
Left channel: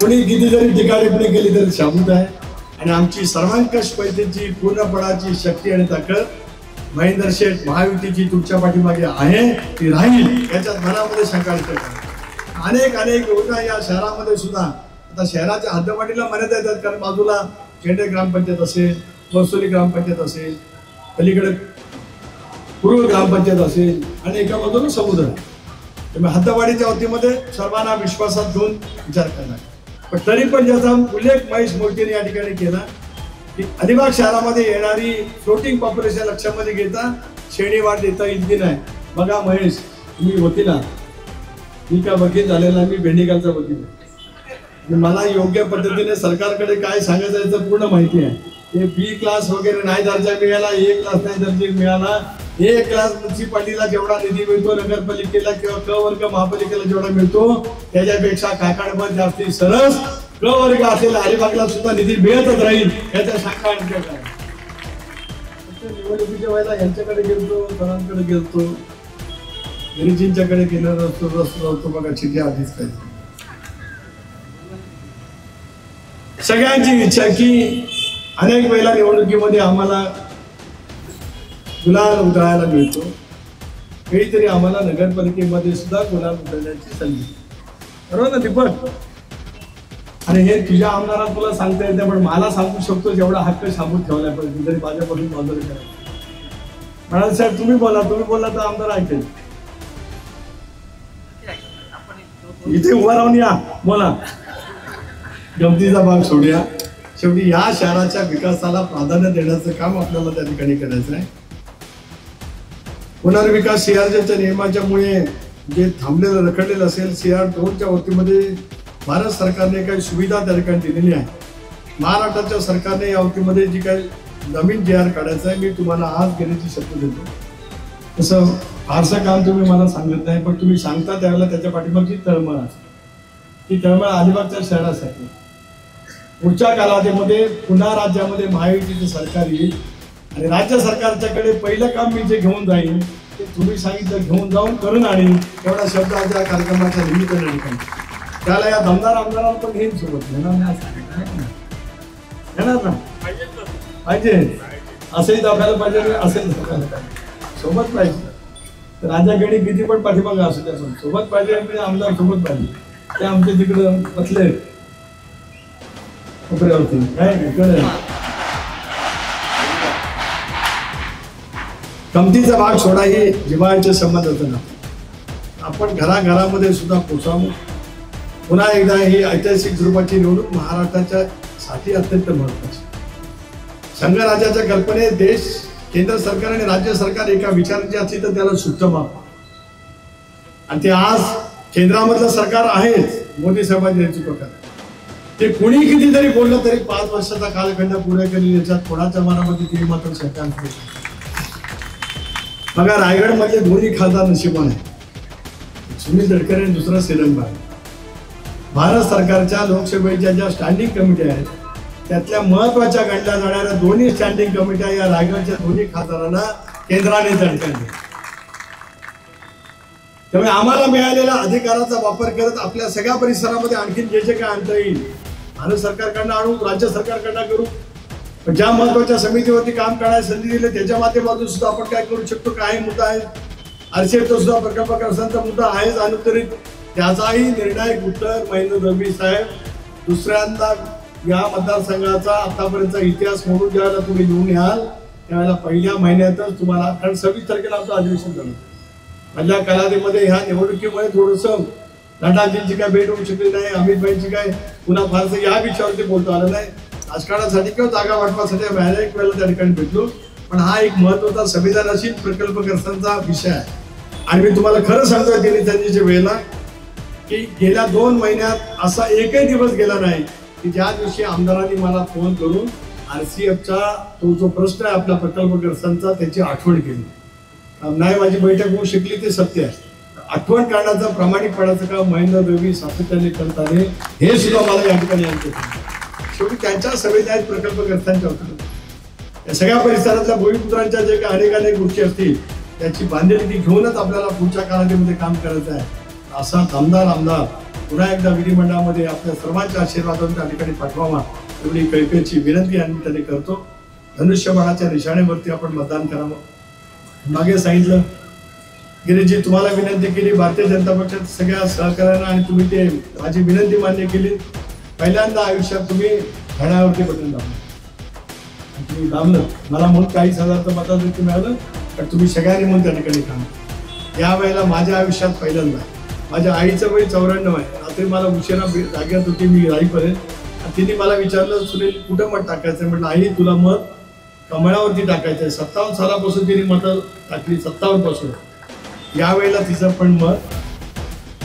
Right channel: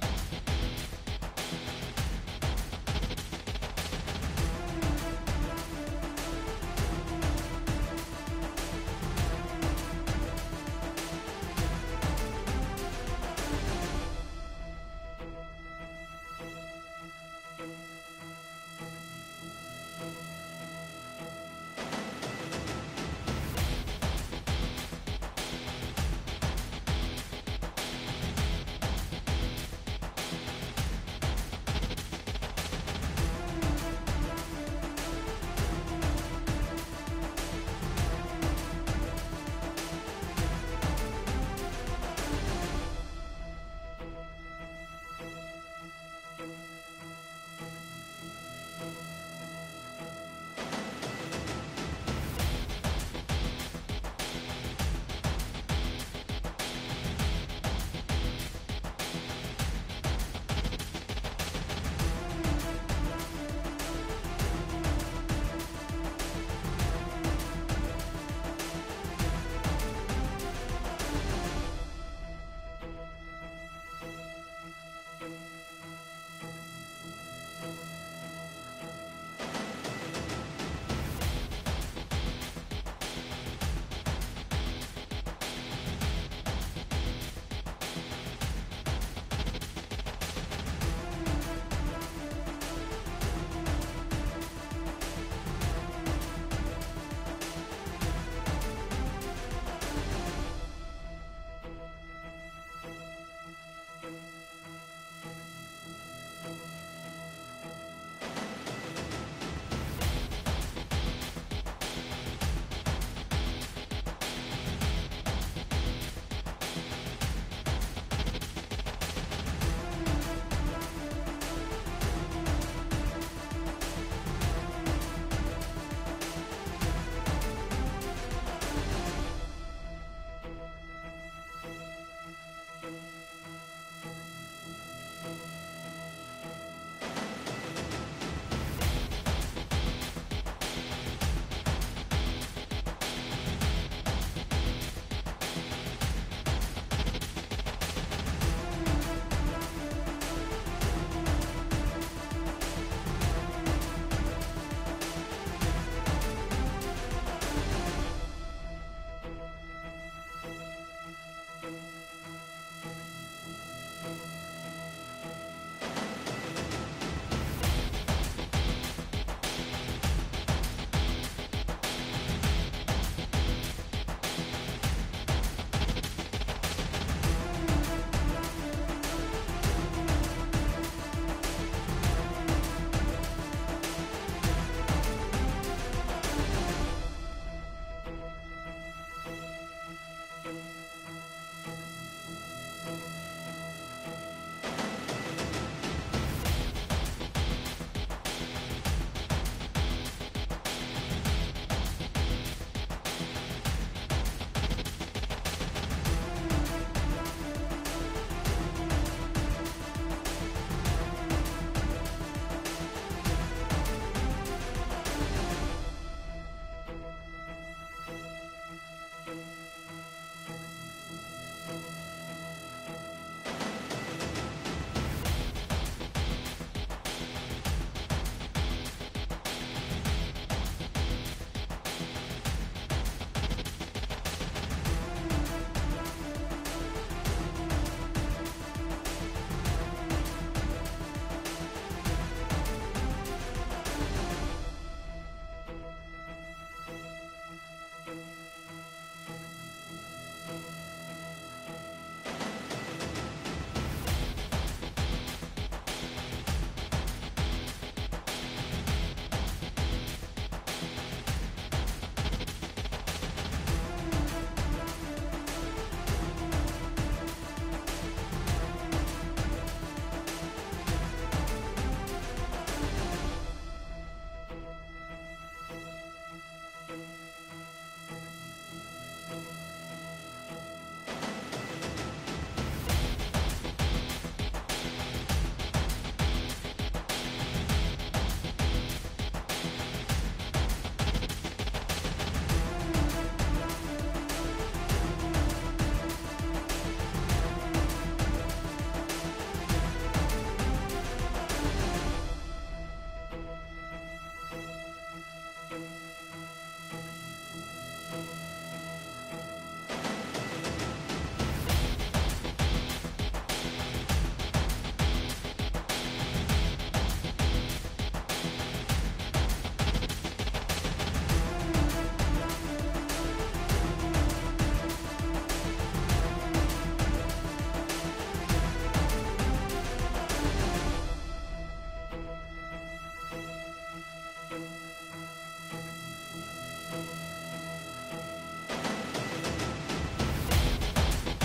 कोणी किती जरी टिकाटिप्पणी केली तरी शाबूत आहे आणि आमची सर्वांकष पैठणची पूर्णपणाची शक्ती आणि ताकद महेंद्र शेठ महायुतीची तुमच्या पाठीमागे आहे, ती राहील याच्यात मनामध्ये शंका अनेक योजना या शहरामध्ये सुद्धा आता शहराच्या हद्दवाढीला मर्यादा येतात. कारण बाजूला खेडे ग्रामपंचायत असेल, वसुली ग्रामपंचायत असेल, पलीकडे पूर्व ग्रामपंचायत असेल आणि एका बाजूला समुद्र. त्यामुळे हद्दवाढीच्या वतीमध्ये सर्वांना विश्वासात घेऊन विचार करणार. पण तरी पण ज्याचा उल्लेख महेश मूर्तीने या ठिकाणी केला की अलिबाग शहरामध्ये येणारी फ्लोटिंग पॉप्युलेशन लक्षामध्ये घेता श्रेणी वाढ देता येईल की नाही. बघा महेश, तुम्ही वकील आहात, मी का वकील झालेला, मी भेंडीकरचा वकील आहे. मला योग्य पद्धतीने सरकारकडे काय सांगायचं याचं पूर्ण माहिती आहे. हे बी क्लास वगैरे नाही दर्जा मिळाला, ए क्लास नाही दर्जा मिळाला, ए क्लास म्युन्सिपाल्टीला जेवढा निधी मिळतो, नगरपालिकेला किंवा क वर्ग महापालिकेला जेवढा मिळतो त्याच्यापेक्षा काकाडभर जास्ती सरस क वर्ग असेल अलिबागला सुद्धा निधी मिळतच राहील याच्या शंका आणखी काय. निवडणुकीच्या वेळेला यांच्याकडे गेलतो, सरांकडे गेलतो, गिरिजींच्याकडे गेलो रस्तो बघा चिठी आधीच काही. सगळ्यांची इच्छा की अनेक वेळेला निवडणुकीमध्ये आम्हाला गुलाल उधळायला मिळतो, काहीतरी आम्हाला नगरपालिकेमध्ये सुद्धा गुलाल उधळण्याची संधी. बरोबर ना दीपक? आणि हे तुझ्या आमदारात तुला सांगता येतं, पण मला सांगू शकतो जेवढा हक्क शाबूत ठेवला पाहिजे तरी माझ्यापासून बाजूला करा. म्हणाल साहेब तुम्ही बोला तर आमदार ऐकेल. इथे उभा राहून या बोला. गमतीचा भाग सोडूया. शेवटी या शहराच्या विकासाला प्राधान्य देण्याचं काम आपल्याला त्या ठिकाणी करायचं आहे. पुनर्विकास CR2च्या नियमाच्यामुळे जे थांबलेलं रखडलेलं असेल, CR2च्या वतीमध्ये भारत सरकारने काही सुविधा त्या ठिकाणी दिलेली आहे. महाराष्ट्राच्या सरकारने या वतीमध्ये जी काही नवीन JR काढायचं आहे, मी तुम्हाला आज घेण्याची शक्ती देतो. तसं फारसं काम तुम्ही मला सांगत नाही, पण तुम्ही सांगता त्यावेळेला त्याच्या पाठीमागची तळमळ असते. ती तळमळ अलिबागच्या शहरासाठी. पुढच्या कालावधीमध्ये पुन्हा राज्यामध्ये महायुतीचं सरकार येईल आणि राज्य सरकारच्याकडे पहिलं काम मी जे घेऊन जाईन ते तुम्ही सांगितलं घेऊन जाऊन करून आणीन. एवढा शब्द आज या कार्यक्रमाच्या निमित्ताने त्याला या दमदार आमदारांना पण घेईन सोबत. येणार ना पाहिजे, असेही दाखवायला पाहिजे, असेल सोबत पाहिजे. राज्याकडे किती पण पाठीमागं असू द्या, पण सोबत पाहिजे आणि आमदार सोबत पाहिजे. ते आमच्या तिकडं बसले कपड्यावरती काय इकडे कमतीचा भाग सोडा. हे जिव्हाळ्याचे संबंध होतं ना, आपण घराघरामध्ये सुद्धा पोचावं. पुन्हा एकदा ही ऐतिहासिक स्वरूपाची निवडणूक महाराष्ट्राच्या साठी अत्यंत महत्वाची. संघराज्याच्या कल्पनेत देश, केंद्र सरकार आणि राज्य सरकार एका विचाराची असली तर त्याला सुट्ट माप. आणि ते आज केंद्रामधलं सरकार आहेच मोदी साहेबांच्या नेतृत्वाखाली. ते कुणी कितीतरी बोललं तरी 5 वर्षाचा कालखंड पूर्ण केली याच्यात कोणाच्या मनामध्ये किती मात्र शंका नाही. बघा रायगडमधले दोन्ही खासदार नशिबान आहे, सुनील तटकरे आणि दुसरा सेरंगबाई. भारत सरकारच्या लोकसभेच्या ज्या स्टँडिंग कमिट्या आहेत त्यातल्या महत्वाच्या गणल्या जाणाऱ्या दोन्ही स्टँडिंग कमिट्या या रायगडच्या दोन्ही खासदारांना केंद्राने झटकले. त्यामुळे आम्हाला मिळालेल्या अधिकाराचा वापर करत आपल्या सगळ्या परिसरामध्ये आणखी जे काय आणता येईल भारत सरकारकडनं आणू, राज्य सरकारकडनं करू. पण ज्या महत्वाच्या समितीवरती काम करायला संधी दिली त्याच्या माध्यमातून सुद्धा आपण काय करू शकतो. काही मुद्दा आहे, आरसीएफचा सुद्धा प्रकल्पग्रस्तांचा मुद्दा आहेच अनुत्तरित. त्याचाही निर्णायक उत्तर महेंद्र दळवी साहेब दुसऱ्यांदा या मतदारसंघाचा आतापर्यंतचा इतिहास म्हणून ज्यावेळेला तुम्ही घेऊन याल त्यावेळेला पहिल्या महिन्यातच तुम्हाला, कारण 26 तारखेला आमचं अधिवेशन झालं. पहिल्या कालावधीमध्ये ह्या निवडणुकीमुळे थोडंसं नड्डाजींची काय भेट होऊ शकली नाही, अमितभाईंची काय पुन्हा फारसं या विषयावरती बोलतो आलं नाही. राजकारणासाठी किंवा जागा वाटपासाठी एक वेळेला त्या ठिकाणी भेटलो. पण हा एक महत्वाचा संविधानाशील प्रकल्पग्रस्तांचा विषय आहे. आणि मी तुम्हाला खरं सांगतोय दिनीताजीच्या वेळेला की गेल्या 2 महिन्यात असा एकही दिवस गेला नाही की ज्या दिवशी आमदारांनी मला फोन करून RCFचा तो जो प्रश्न आहे आपल्या प्रकल्पग्रस्तांचा त्याची आठवण केली. नाही माझी बैठक होऊ शकली ते सत्य आहे. आठवण करण्याचं प्रामाणिकपणाचं काम महेंद्र देवी सातत्याने करत आले हे सुद्धा मला या ठिकाणी आणते. शेवटी त्यांच्या सभेत आहेत प्रकल्पग्रस्तांच्या या सगळ्या परिसरातल्या भूमिपुत्रांच्या जे काही अनेक गोष्टी असतील त्याची बांधिलकी घेऊनच आपल्याला पुढच्या कालावधीमध्ये काम करायचं आहे. असा दमदार आमदार पुन्हा एकदा विधिमंडळामध्ये आपल्या सर्वांच्या आशीर्वादाने त्या ठिकाणी पाठवावा एवढी कळकळीची विनंती आम्ही त्यांनी करतो. धनुष्यबाणाच्या निशाणेवरती आपण मतदान करावं. मागे सांगितलं गिरीजी तुम्हाला विनंती केली भारतीय जनता पक्षात सगळ्या सहकार्यानं आणि तुम्ही ते माझी विनंती मान्य केली. पहिल्यांदा आयुष्यात तुम्ही घड्यावरती बटन दाबलं, तुम्ही दाबलं. मला म्हणून 40,000चं मताधिक्य मिळालं तर तुम्ही सगळ्यांनी म्हणून त्या ठिकाणी थांबलं. यावेळेला माझ्या आयुष्यात पहिल्यांदा माझ्या आईचं वय 94 आहे. रात्री मला उशिरा जाग्यात होती मी राहीपर्यंत. तिने मला विचारलं सुनील कुठं मत टाकायचं. म्हटलं आई तुला मत कमळावरती टाकायचं. 57 सालापासून तिने मतं टाकली, 57 पासून. यावेळेला तिचं पण मत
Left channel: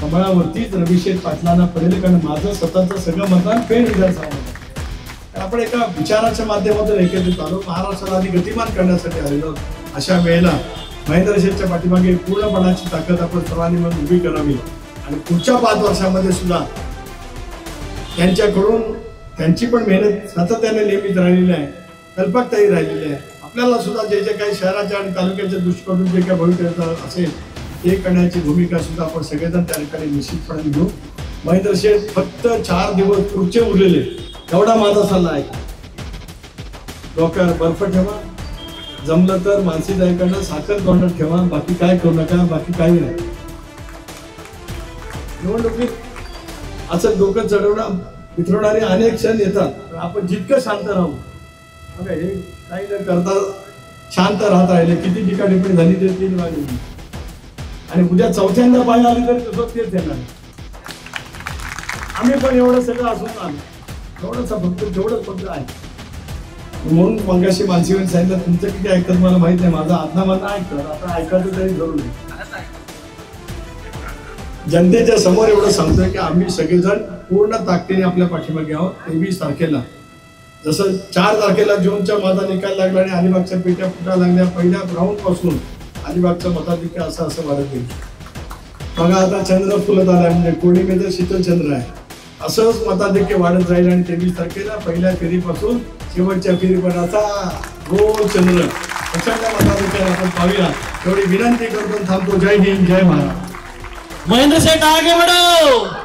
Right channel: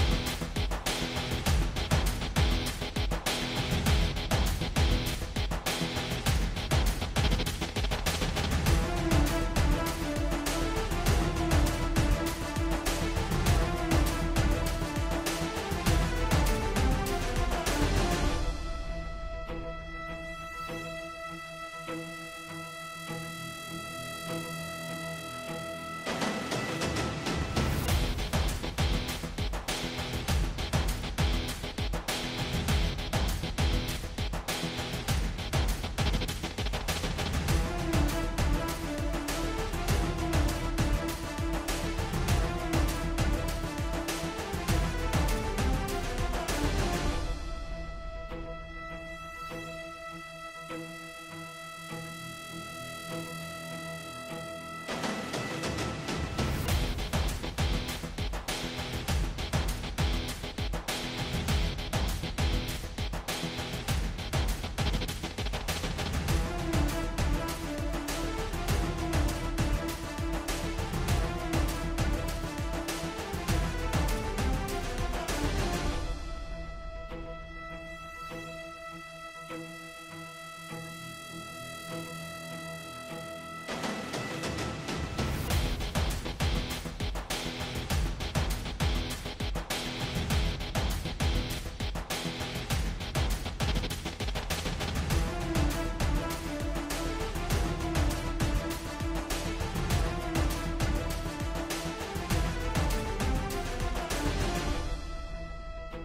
कमळावरतीच रविशेठ पाटलांना पडेल कारण माझं स्वतःचं सगळं मतदान पेन विधानसभा. आपण एका विचाराच्या माध्यमातून एकत्रित आलो. महाराष्ट्राला आधी गतिमान करण्यासाठी आलेलो. अशा वेळेला महेंद्र शेठच्या पाठीमागे पूर्णपणाची ताकद आपण सर्वांनी मिळून उभी करावी आणि पुढच्या 5 वर्षामध्ये सुद्धा त्यांच्याकडून त्यांची पण मेहनत सातत्याने नियमित राहिलेली आहे, कल्पकताही राहिलेली आहे. आपल्याला सुद्धा जे जे काही शहराच्या आणि तालुक्याच्या दृष्टिकोनातून जे काही भविष्य असेल ते करण्याची भूमिका सुद्धा आपण सगळेजण त्या ठिकाणी निश्चितपणे घेऊ. महेंद्र शेठ फक्त 4 दिवस पुढचे उरलेले एवढा माझा सल्ला आहे. डोक्यावर बर्फ ठेवा, जमलं तर मानसी दायकांना साखर तोंडात ठेवा, बाकी काय करू नका, बाकी काही नाही. निवडणुकीत असं डोकं चढवणं वितरवणारे अनेक क्षण येतात. आपण जितकं शांत राहू हे काही न करता शांत राहत राहिले किती टिकाटिपणी झाली तरी 3 वाजले आणि उद्या 4थ्यांदा पाहिजे आली तर कसं तेच येणार. आम्ही पण एवढं सगळं असून आलो एवढंच फक्त आहे. म्हणून मंगाशी मानसीवर सांगितलं तुमचं किती ऐकतात मला माहित नाही. माझा आत्मा मला ऐकतात आता ऐकायचं तरी जरूर नाही. जनतेच्या समोर एवढं सांगतोय की आम्ही सगळेजण पूर्ण ताकदीने आपल्या पाठीमागे आहोत. 23 तारखेला जसं 4 तारखेला जूनच्या माझा निकाल लागला आणि अलिबागच्या पेट्या फुटा लागल्या पहिल्या राऊंड पासून अलिबागचं मताधिक्य असं वाढत येईल. बघा आता चंद्र फुलत आलाय म्हणजे पौर्णिमेचं शीतलचंद्र आहे. असंच मताधिक्य वाढत राहील आणि 23 तारखेला पहिल्या फेरीपासून शेवटच्या फेरीपर्यंत गोल चंद्र प्रचंड मताधिक्यात आपण पाहूया एवढी विनंती करतो थांबतो. जय हिंद, जय महाराष्ट्र. महेंद्र शेठ आगे बढ़ो.